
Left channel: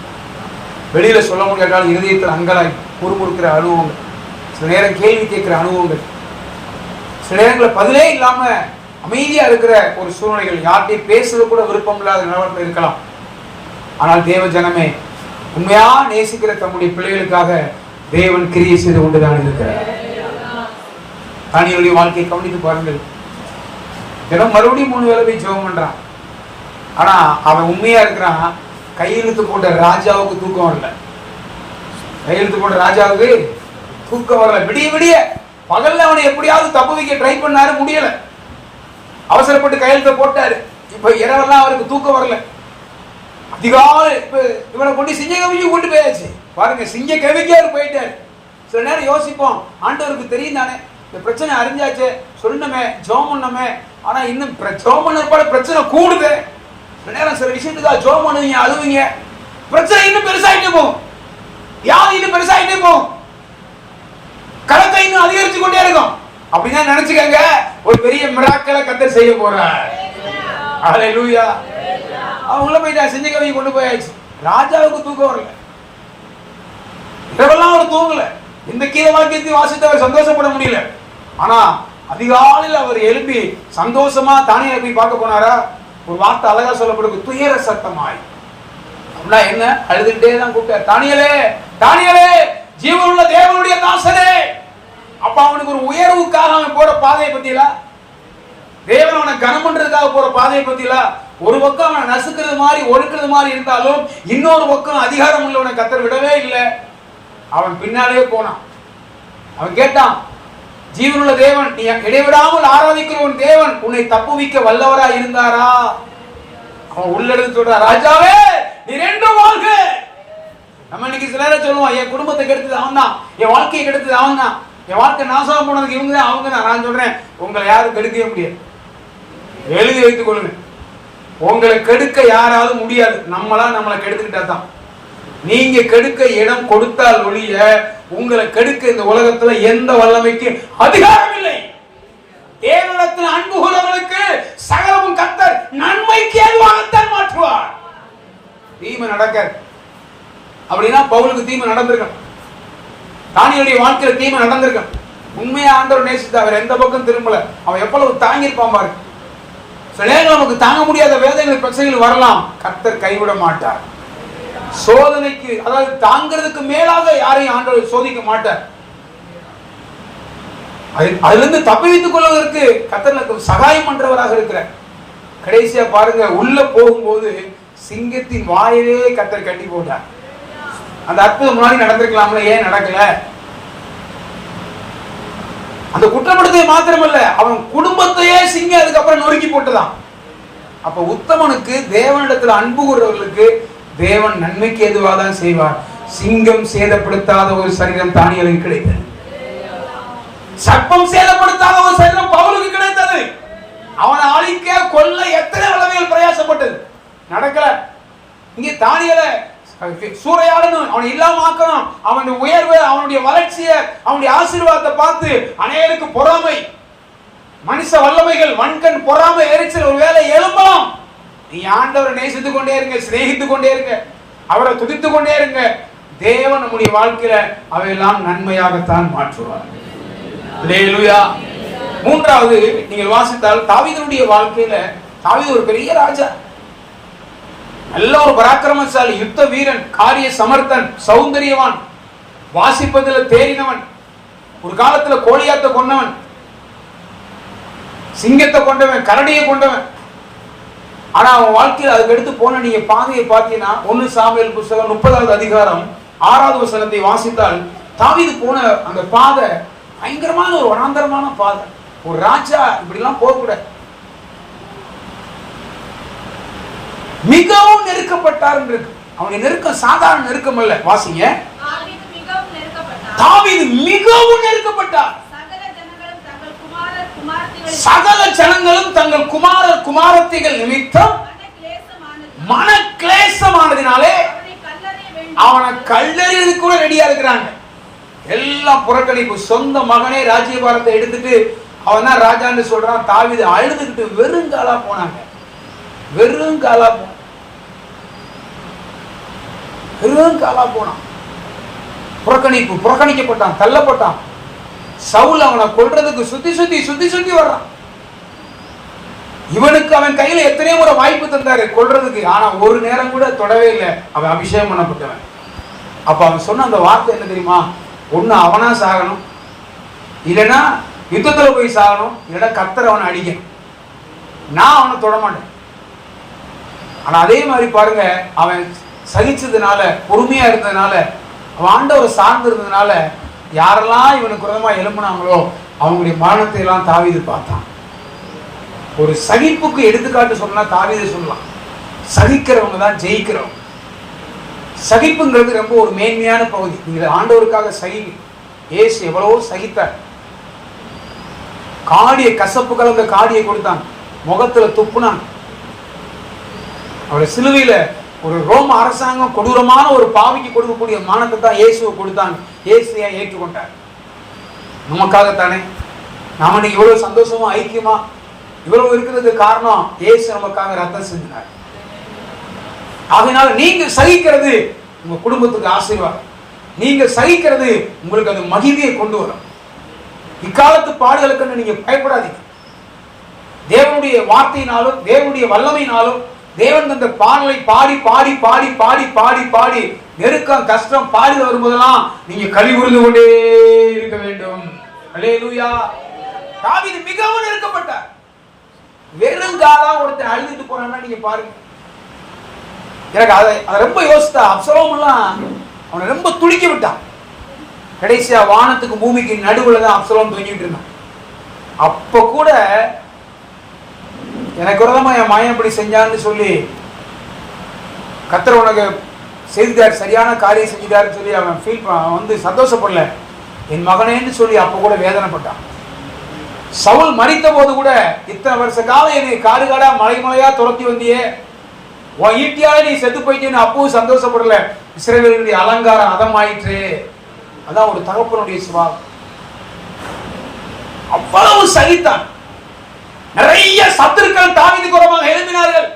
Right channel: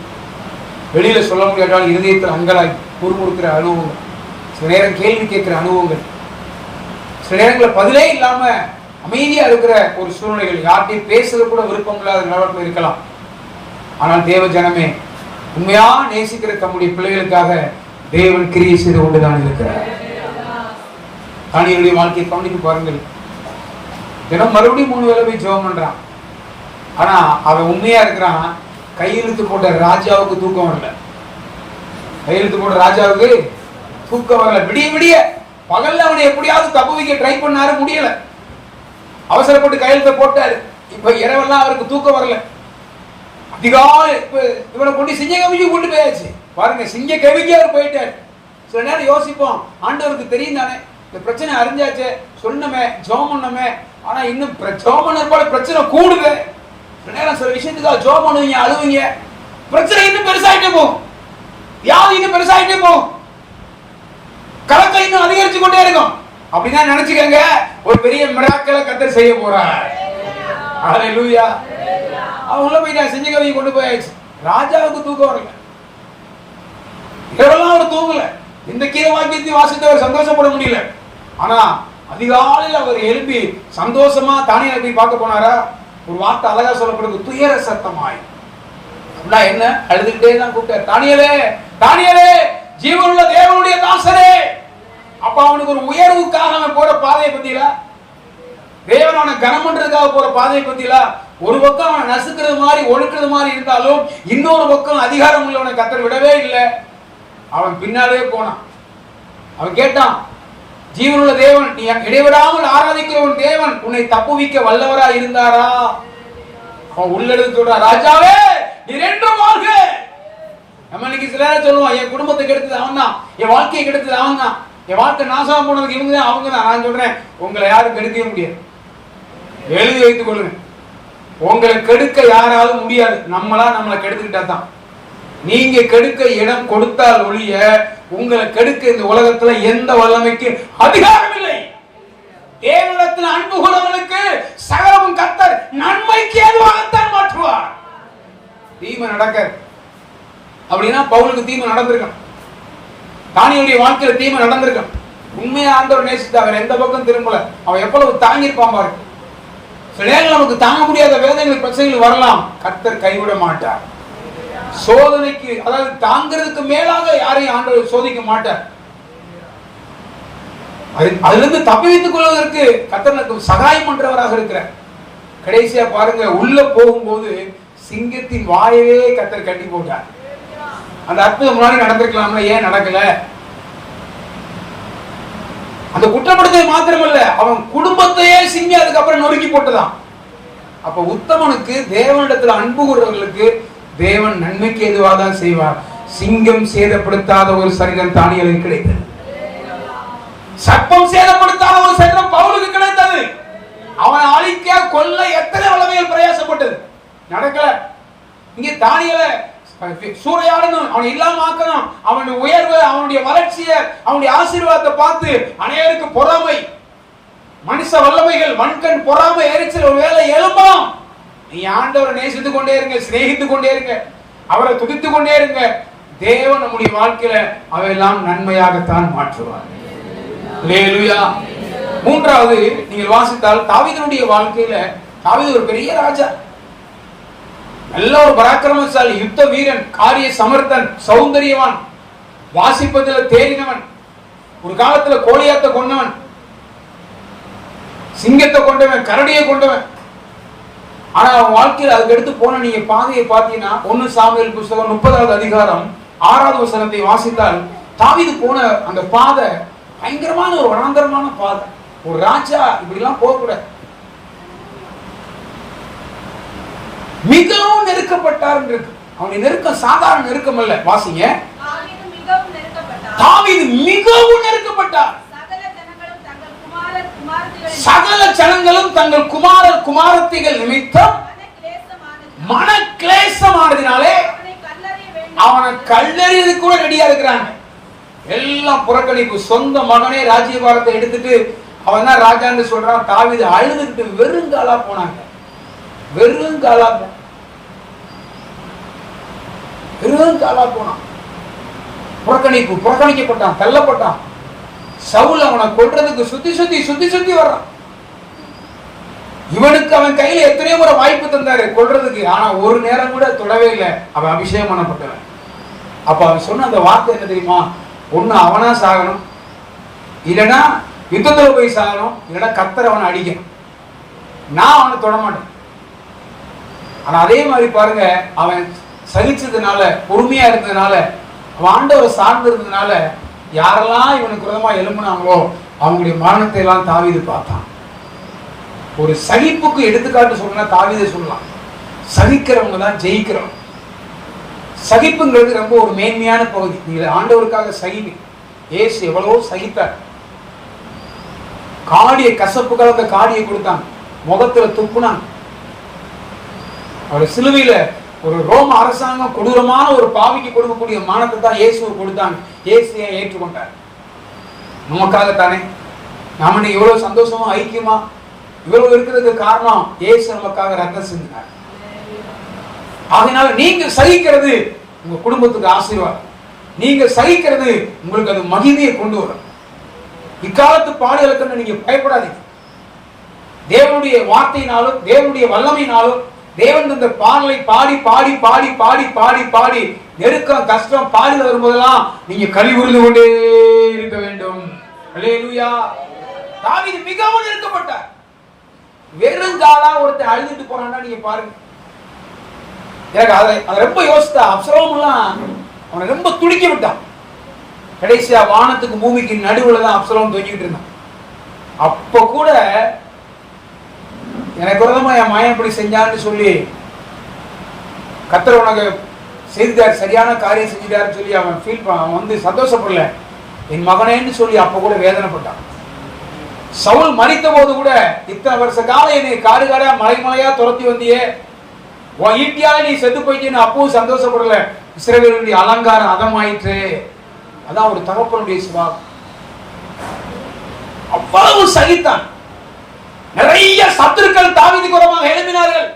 வெளியில சொல்ல முடியாட்டாலும் இருதயத்தில் அங்கலாய் முறுமுறுக்கிற அனுபவங்கள், சில நேரம் கேள்வி கேட்கிற அனுபவங்கள், சில நேரங்களில் பதிலே இல்லாம அமைதியா இருக்கிற ஒரு சூழ்நிலைகள், யார்கிட்டையும் பேசுறது கூட விருப்பம் இல்லாத நிலவரத்தில் இருக்கலாம். ஆனால் தேவ ஜனமே, உண்மையா நேசிக்கிற தம்முடைய பிள்ளைகளுக்காக தேவன் கிரியை செய்து கொண்டுதான் இருக்கிறார். தானியேலுடைய வாழ்க்கையை கவனித்து பாருங்கள். தினம் மறுபடியும் 3 வேளை போய் ஜெபம் பண்றான். ஆனா அவன் உண்மையா இருக்கிறான். கையெழுத்து போட்ட ராஜாவுக்கு தூக்கம் வரல. கையெழுத்து போட்ட ராஜாவுக்கு தூக்கம் வரல. விடிய விடிய பகல்ல அவனை எப்படியாவது தப்பு வைக்க ட்ரை பண்ணாரு, முடியல. அவசரப்பட்டு கையெழுத்தை போட்டாரு. இப்ப இரவெல்லாம் அவருக்கு தூக்கம் வரல. அதிகாலை இவனை கொண்டு சிங்க கவிக்கு கொண்டு போயாச்சு. பாருங்க, சிங்க கவிக்கு அவர் போயிட்டாரு. சில நேரம் யோசிப்போம், ஆண்டவருக்கு தெரியும் தானே, இந்த பிரச்சனை அறிஞ்சாச்சு, சொன்னமே, ஜெபம் பண்ணமே, ஆனா இன்னும் ஜெபம் பண்ண பிரச்சனை கூடுது. சில நேரம் சில விஷயத்துக்காக ஜெபம் பண்ணுவீங்க, அழுவீங்க, பிரச்சனை இன்னும் பெருசாயிட்டே போகும், யாரு இன்னும் பெருசாயிட்டே போகும், கலத்தை இன்னும் அதிகரிச்சு கொண்டே இருக்கும். அப்படின்னா நினைச்சுக்கங்க, ஒரு பெரிய மிராக்கிளை கர்த்தர் செய்ய போறார். ஹல்லேலூயா. அவன் உள்ள போயிட்டா, செஞ்ச கவியை கொண்டு போயாச்சு. ராஜாவுக்கு தூக்கம் வரல. இரவெல்லாம் அவர் தூங்கல. இந்த கீழ வாக்கியத்தை வாசித்து அவர் சந்தோஷப்பட முடியல. ஆனா அதிகாலையில் அவர் எழுப்பி சந்தோஷமா தானியேலை போய் பார்க்க போனாரா? ஒரு வார்த்தை அழகா சொல்லப்படுது, துயர சத்தமாய். அப்படின்னா என்ன? அழுதுகிட்டே தான் கூப்பிட்டார், தானியேலே, தானியேலே, ஜீவனுள்ள தேவனுடைய தாசனே. அப்ப அவனுக்கு ஒரு உயர்வுக்காக அவன் போற பாதையை பத்தியில, தேவன் அவனை கனம் பண்றதுக்காக போற பாதையை பத்தியில, ஒரு பக்கம் அவனை நசுக்கிறது மாதிரி ஒழுக்கிறது மாதிரி இருந்தாலும் இன்னொரு பக்கம் அதிகாரம் உள்ளவனை கர்த்தர் விடவே இல்லை. அவன் பின்னாலே போனான். அவன் கேட்டான், ஜீவனுள்ள தேவன், நீ இடைவிடாமல் ஆராதிக்கிற உன் தேவன் உன்னை தப்புவிக்க வல்லவரா இருந்தாரா? அவன் உள்ளெடுத்து சொல்றான், ராஜாவே நீ ரெண்டும் வாழ்க. நம்ம இன்னைக்கு சில நேரம் சொல்லுவோம், என் குடும்பத்தை கெடுத்தது அவன் தான், என் வாழ்க்கையை கெடுத்தது அவன் தான், என் வாழ்க்கை நாசமா போனதுக்கு இவங்க தான், அவங்க தான். நான் சொல்றேன், உங்களை யாரும் கெடுக்கவே முடியாது. எழுதி வைத்துக் கொள்ளுங்க, உங்களை கெடுக்க யாராவது முடியாது. நம்மளை கெடுத்துக்கிட்டா தான். நீங்க கெடுக்க இடம் கொடுத்தால் ஒழிய உங்களை கெடுக்க இந்த உலகத்துல எந்த வல்லமைக்கு அதிகாரம் இல்லை. தேவனிடத்தில் அன்பு கூறவர்களுக்கு சகலமும் கர்த்தர் நன்மைக்கு ஏதுவாகத்தான் மாற்றுவார். தீமை நடக்க அப்படின்னா பவுலுக்கு தீமை நடந்திருக்கும், தானியேலுடைய வாழ்க்கையில தீமை நடந்திருக்கும். உண்மையா ஆண்டவர் நேசித்து அவர் எந்த பக்கம் திரும்பல. அவன் எவ்வளவு தாங்கியிருப்பான் பாரு. சில நேரங்கள் நமக்கு தாங்க முடியாத வேதனைகள், பிரச்சனைகள் வரலாம், கர்த்தர் கைவிட மாட்டார். சோதனைக்கு, அதாவது தாங்கிறதுக்கு மேலாக யாரையும் ஆண்டவர் சோதிக்க மாட்டார். அதுல இருந்து தப்பித்துக் கொள்வதற்கு கர்த்தர் சகாயம் பண்றவராக இருக்கிறார். கடைசியா பாருங்க, உள்ள போகும்போது சிங்கத்தின் வாயவே கர்த்தர் கட்டி போட்டார். அந்த அற்புதம் முன்னாடி நடந்திருக்கலாம்ல, ஏன் நடக்கல? அந்த குற்றப்படுத்தலை மாத்திரமல்ல, அவன் குடும்பத்தையே சிங்கம் அதுக்கப்புறம் நொறுக்கி போட்டுதான். அப்ப உத்தமனுக்கு, தேவனிடத்தில் அன்பு கூறுவர்களுக்கு தேவன் நன்மைக்கு எதுவாக தான் செய்வார். சிங்கம் சேதப்படுத்தாத ஒரு சரீரம் தானியேலுக்கு கிடைத்தது. சர்ப்பம் சேதப்படுத்தாத ஒரு சரீரம் பவுலுக்கு கிடைத்தது. அவனை அழிக்க கொல்ல எத்தனை வல்லமைகள் பிரயாசப்பட்டது, நடக்கல. இங்கே தானியேலை சூறையாடணும், அவனை இல்லாம ஆக்கணும், அவனுடைய உயர்வு, அவனுடைய வளர்ச்சியை, அவனுடைய ஆசீர்வாதத்தை பார்த்து அநேகருக்கு பொறாமை, மனுஷ வல்லமைகள், வன்கண் பொறாமை, எரிச்சல் ஒரு வேளை எழும்பலாம். நீ ஆண்டவரை நேசித்துக் கொண்டே இருங்க, சிநேகித்துக் கொண்டே இருங்க, அவரை துதித்துக் கொண்டே இருங்க. தேவன் நம்முடைய வாழ்க்கையில அவையெல்லாம் நன்மையாகத்தான் மாற்றுவார். அல்லேலூயா. மூன்றாவது, நீங்கள் வாசித்தால் தாவீதுடைய வாழ்க்கையில, தாவீது ஒரு பெரிய ராஜா, நல்ல ஒரு பராக்கிரமசாலி, யுத்த வீரன், காரிய சமர்த்தன், சௌந்தரியவான், வாசிப்பதில் தேறினவன், ஒரு காலத்துல கோலியாத்தை கொன்னவன், சிங்கத்தை கொண்டவன், கரடியை கொண்டவன். ஆனா அவன் வாழ்க்கையில் அதுக்கு எடுத்து போன நீங்க பாதையை பார்த்தீங்கன்னா 1 சாமுவேல் புத்தகம் 30வது அதிகாரம் 6வது வசனத்தை வாசித்தால் தாவீது போன அந்த பாதை பயங்கரமான ஒரு வனாந்தரமான பாதை. ஒரு ராஜா இப்படி எல்லாம் போகக்கூடாது. மிகவும் நெருக்கப்பட்டார் இருக்கு. அவனுடைய நெருக்கம் சாதாரண நெருக்கம் அல்ல. வாசிங்க. தாவீது மிகவும் நெருக்கப்பட்டார். சகல ஜனங்களும் தங்கள் குமாரத்திகள் நிமித்தம் மன கிளேசமானதினாலே அவனை கல்லெறியது கூட ரெடியா இருக்கிறாங்க. எல்லாம் புறக்கணிப்பு. சொந்த மகனே ராஜ்யபாரத்தை எடுத்துட்டு அவன் தான் ராஜான்னு சொல்றான். தாவீது அழுதுகிட்டு வெறுங்காலா போனாங்க. வெறுங்காலா போனான். புறக்கணிப்பு. புறக்கணிக்கப்பட்டான், தள்ளப்பட்டான். சவுல் அவனை கொல்றதுக்கு சுத்தி வர்றான். இவனுக்கு அவன் கையில எத்தனையோ முறை வாய்ப்பு தந்தாரு கொல்றதுக்கு. ஆனா ஒரு நேரம் கூட தொடவே இல்லை. அவன் அபிஷேகம் பண்ணப்பட்டவன். அப்ப அவன் சொன்ன அந்த வார்த்தை என்ன தெரியுமா? ஒண்ணு அவனா சாகணும், இல்லைன்னா யுத்தத்துல போய் சாகணும், இல்லைன்னா கர்த்தர் அவனை அடிக்கணும். நான் அவனை தொடமாட்டேன். ஆனா அதே மாதிரி பாருங்க, அவன் சகிச்சதுனால, பொறுமையா இருந்ததுனால, அவன் ஆண்டவரை சார்ந்து இருந்ததுனால யாரெல்லாம் இவனுக்கு விரோதமா எழும்பினாங்களோ அவங்களுடைய மரணத்தை எல்லாம் தாவீது பார்த்தான். ஒரு சகிப்புக்கு எடுத்துக்காட்டு சொன்னா தாவீதை சொல்லலாம். சகிக்கிறவங்க தான் ஜெயிக்கிறவங்க. சகிப்புங்கிறது ரொம்ப ஒரு மேன்மையான பகுதி. நீங்க ஆண்டவருக்காக சகிங்க. இயேசு எவ்வளவோ சகித்தார். காடியை, கசப்பு கலந்த காடியை கொடுத்தான், முகத்துல துப்புனான். அவருடைய சிலுவையில ஒரு ரோம அரசாங்கம் கொடூரமான ஒரு பாவிக்கு கொடுக்கக்கூடிய மானத்தை தான் இயேசுவை கொடுத்தான். இயேசுவை ஏற்றுக்கொண்டார். நமக்காகத்தானே. நாம இன்னைக்கு இவ்வளவு சந்தோஷமா ஐக்கியமா இவ்வளவு இருக்கிறதுக்கு காரணம் இயேசு நமக்காக ரத்தம் சிந்தினார். ஆகையினால நீங்க சகிக்கிறது உங்க குடும்பத்துக்கு ஆசீர்வாதம். நீங்க சகிக்கிறது உங்களுக்கு அது மகிமையை கொண்டு வரும். இக்காலத்து பாடுகளுக்கு நீங்க பயப்படாதீங்க. தேவனுடைய வார்த்தையினாலும் தேவனுடைய வல்லமையினாலும் தேவன் இந்த பாடலை பாடி பாடி பாடி பாடி பாடி பாடி நெருக்கம், கஷ்டம், பாடில வரும்போதெல்லாம் நீங்க களி உருந்து கொண்டே இருக்க வேண்டும். அல்லேலூயா. தாவீது மிகவும் நெருக்கப்பட்டார். வெறுங்காலா ஒருத்தர் அழுதுட்டு போறான்னா நீங்க பாருங்க. எனக்கு அதை ரொம்ப யோசித்தா. அப்சலோம் எல்லாம் அவனை ரொம்ப துடிக்க விட்டான். கடைசியா வானத்துக்கு பூமிக்கு நடுவுல தான் அப்சலோம் தொங்கிட்டு இருந்தான். அப்ப கூட எனக்கு விரோதமா என் மகன் இப்படி செஞ்சான்னு சொல்லி கர்த்தர் உனக்கு செய்தார், சரியான காரியம் செஞ்சுட்டாருன்னு சொல்லி அவன் வந்து சந்தோஷப்படல. என் மகனேன்னு சொல்லி அப்ப கூட வேதனைப்பட்டான். சவுல் மரித்த போது கூட இத்தனை வருஷ காலம் என்னை காடு காடா மலை மலையா துரத்தி வந்தியே, உன் ஈட்டியால நீ செத்து போயிட்டேன்னு அப்பவும் சந்தோஷப்படல. இஸ்ரவேலுடைய அலங்காரம் அதமாயிற்று. அதான் ஒரு தகப்பனுடைய சுபாவம். அவ்வளவு சகித்தான். நிறைய சத்துருக்கள் தாவீதுக்கு விரோதமாக எழும்பினார்கள்.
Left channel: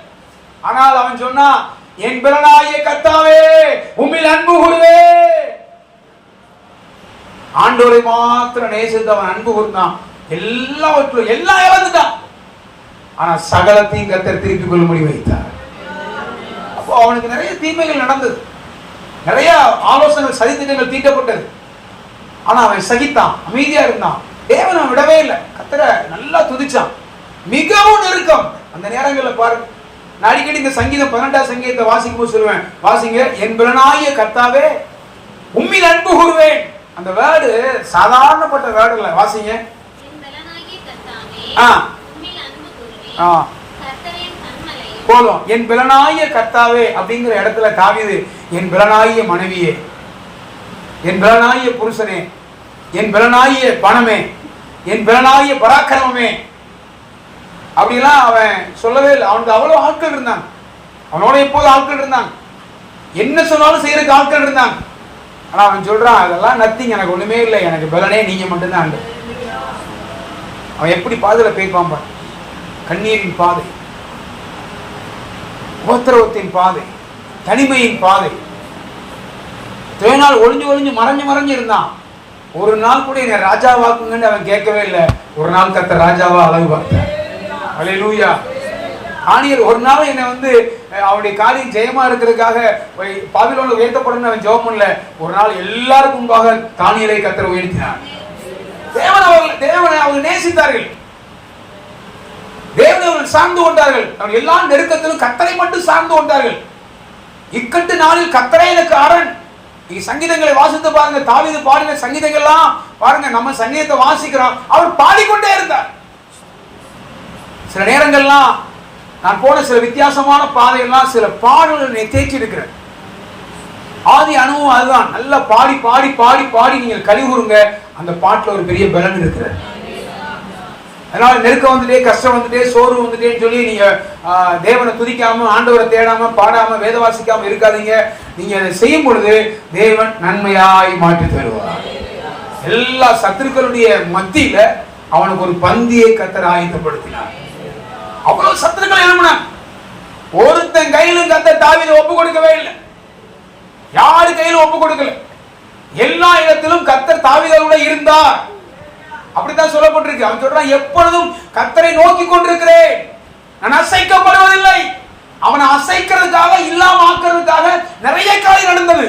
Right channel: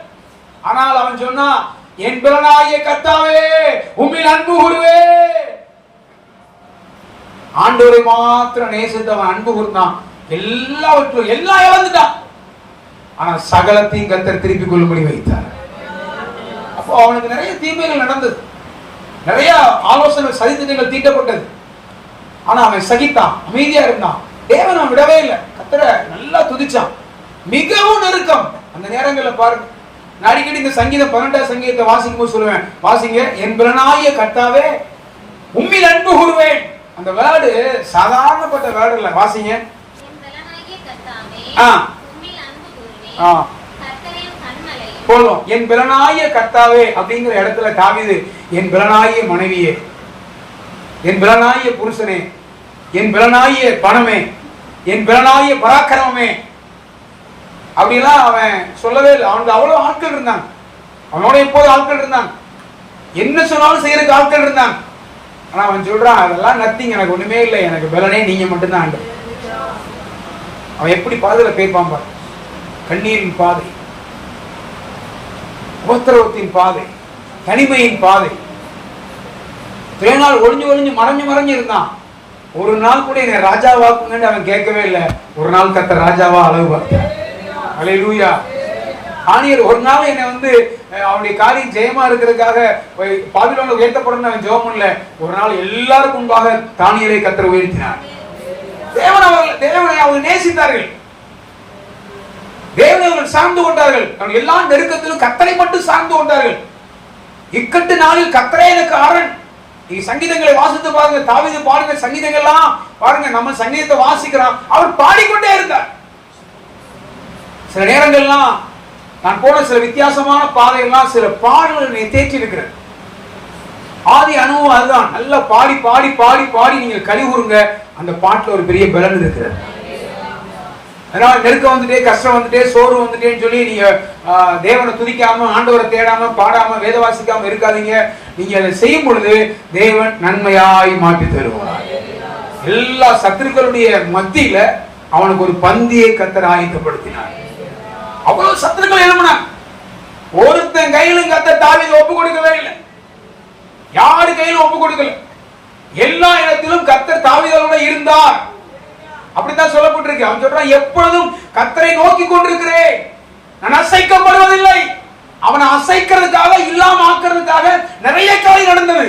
ஆனால் அவன் சொன்னா, என் பலனாகிய கர்த்தாவே உம்மில் அன்பு கூறுவேன். ஆண்டவரை மாத்திரம் நேசித்து அவன் அன்பு கூர்ந்தான். எல்லாவற்றும் எல்லாம் இழந்துட்டான். ஆனா சகலத்தையும் கர்த்தர் திருப்பிக் கொள்ளும்படி வைத்தார். அப்போ அவனுக்கு நிறைய தீமைகள் நடந்தது, நிறைய ஆலோசனைகள், சதித்திட்டங்கள் தீட்டப்பட்டது. ஆனா அவன் சகித்தான், அமைதியா இருந்தான். தேவன் அவன் விடவே இல்லை. கர்த்தரை நல்லா துதிச்சான். மிகவும் நெருக்கம். அந்த நேரங்களில் பாருங்க, நான் அடிக்கடி இந்த சங்கீதம் 12ஆம் சங்கீதத்தை வாசிக்கும் போது சொல்லுவேன், வாசிங்க. என் பலனாகிய கர்த்தாவே உம்மில் அன்பு கூறுவேன். அந்த வேர்டு சாதாரணப்பட்ட வேர்டு இல்ல. வாசிங்க. போதும். என் பலனாகிய கர்த்தாவே அப்படிங்கிற இடத்துல தாவீது என் பலனாகிய மனைவியே, என் பலனாகிய புருஷனே, என் பலனாகிய பணமே, என் பலனாகிய பராக்கிரமமே அப்படிலாம் அவன் சொல்லவே இல்லை. அவனுக்கு அவ்வளவு ஆட்கள் இருந்தாங்க. அவனோட எப்போது ஆட்கள் இருந்தாங்க. என்ன சொன்னாலும் செய்யறதுக்கு ஆட்கள் இருந்தாங்க. ஆனா அவன் சொல்றான், அதெல்லாம் நத்திங், எனக்கு ஒண்ணுமே இல்லை, எனக்கு பலனே நீங்க மட்டும்தான். அவன் எப்படி பாதையில பேய்ப்பான் பாரு. கண்ணீரின் பாதை, உபத்திரவத்தின் பாதை, தனிமையின் பாதை. இத்தனை நாள் ஒளிஞ்சு ஒளிஞ்சு மறைஞ்சு மறைஞ்சு இருந்தான். ஒரு நாள் கூட என்னை ராஜாவாக்குங்கன்னு அவன் கேட்கவே இல்லை. ஒரு நாள் கர்த்தர் ராஜாவா அளவு பார்த்தார். அல்லேலூயா. ஆணியர் ஒரு நாள் என்னை வந்து அவருடைய காரியம் ஜெயமா இருக்கிறதுக்காக பாபிலோன்ல உயர்த்தப்படும் அவன் ஜெபம் பண்ணல. ஒரு நாள் எல்லாருக்கும் முன்பாக தானியேலை கர்த்தர் உயர்த்தினார். தேவனை அவர்கள் நேசித்தார்கள். தேவனை அவர்கள் சார்ந்து கொண்டார்கள். எல்லா நெருக்கத்திலும் கர்த்தரை மட்டும் சார்ந்து கொண்டார்கள். இக்கட்டு நாளில் கர்த்தரே எனக்கு அரண். நீங்க சங்கீதங்களை வாசித்து பாருங்க. தாவீது பாடின சங்கீதங்கள்லாம் பாருங்க. நம்ம சங்கீதத்தை வாசிக்கிறோம், அவர் பாடிக்கொண்டே இருந்தார். சில நேரங்கள்லாம் நான் போன சில வித்தியாசமான பாதைகள்லாம் சில பாடல்களை தேற்றி இருக்கிறேன். ஆதி அனுபவம் அதுதான். நல்லா பாடி பாடி பாடி பாடி நீங்கள் கழிவுறுங்க. அந்த பாட்டுல ஒரு பெரிய பலன் இருக்கிறது. அதனால நெருக்கம் வந்துட்டே, கஷ்டம் வந்துட்டே, சோர்வு வந்துட்டேன்னு சொல்லி நீங்க தேவனை துதிக்காம, ஆண்டவரை தேடாம, பாடாம, வேத வாசிக்காம இருக்காதீங்க. நீங்க அதை செய்யும் பொழுது தேவன் நன்மையாய் மாற்றி தருவார். எல்லா சத்துருக்களுடைய மத்தியில அவனுக்கு ஒரு பந்தியை கர்த்தர் ஆயத்தப்படுத்தினார். அவ்வளவு சத்துருக்கள் எழுப்பினார். ஒருத்தன் கையிலும் கர்த்தர் தாவீதை ஒப்பு கொடுக்கவே இல்லை. யாரு கையிலும் ஒப்பு கொடுக்கல. எல்லா இடத்திலும் கர்த்தர் தாவீதோட இருந்தார். அப்படித்தான் சொல்லப்பட்டிருக்கு. அவன் சொல்றான், எப்பொழுதும் கர்த்தரை நோக்கி கொண்டிருக்கிறேன், நான் அசைக்கப்படுவதில்லை. அவனை அசைக்கிறதுக்காக, இல்லாம ஆக்குறதுக்காக நிறைய காரியம் நடந்தது.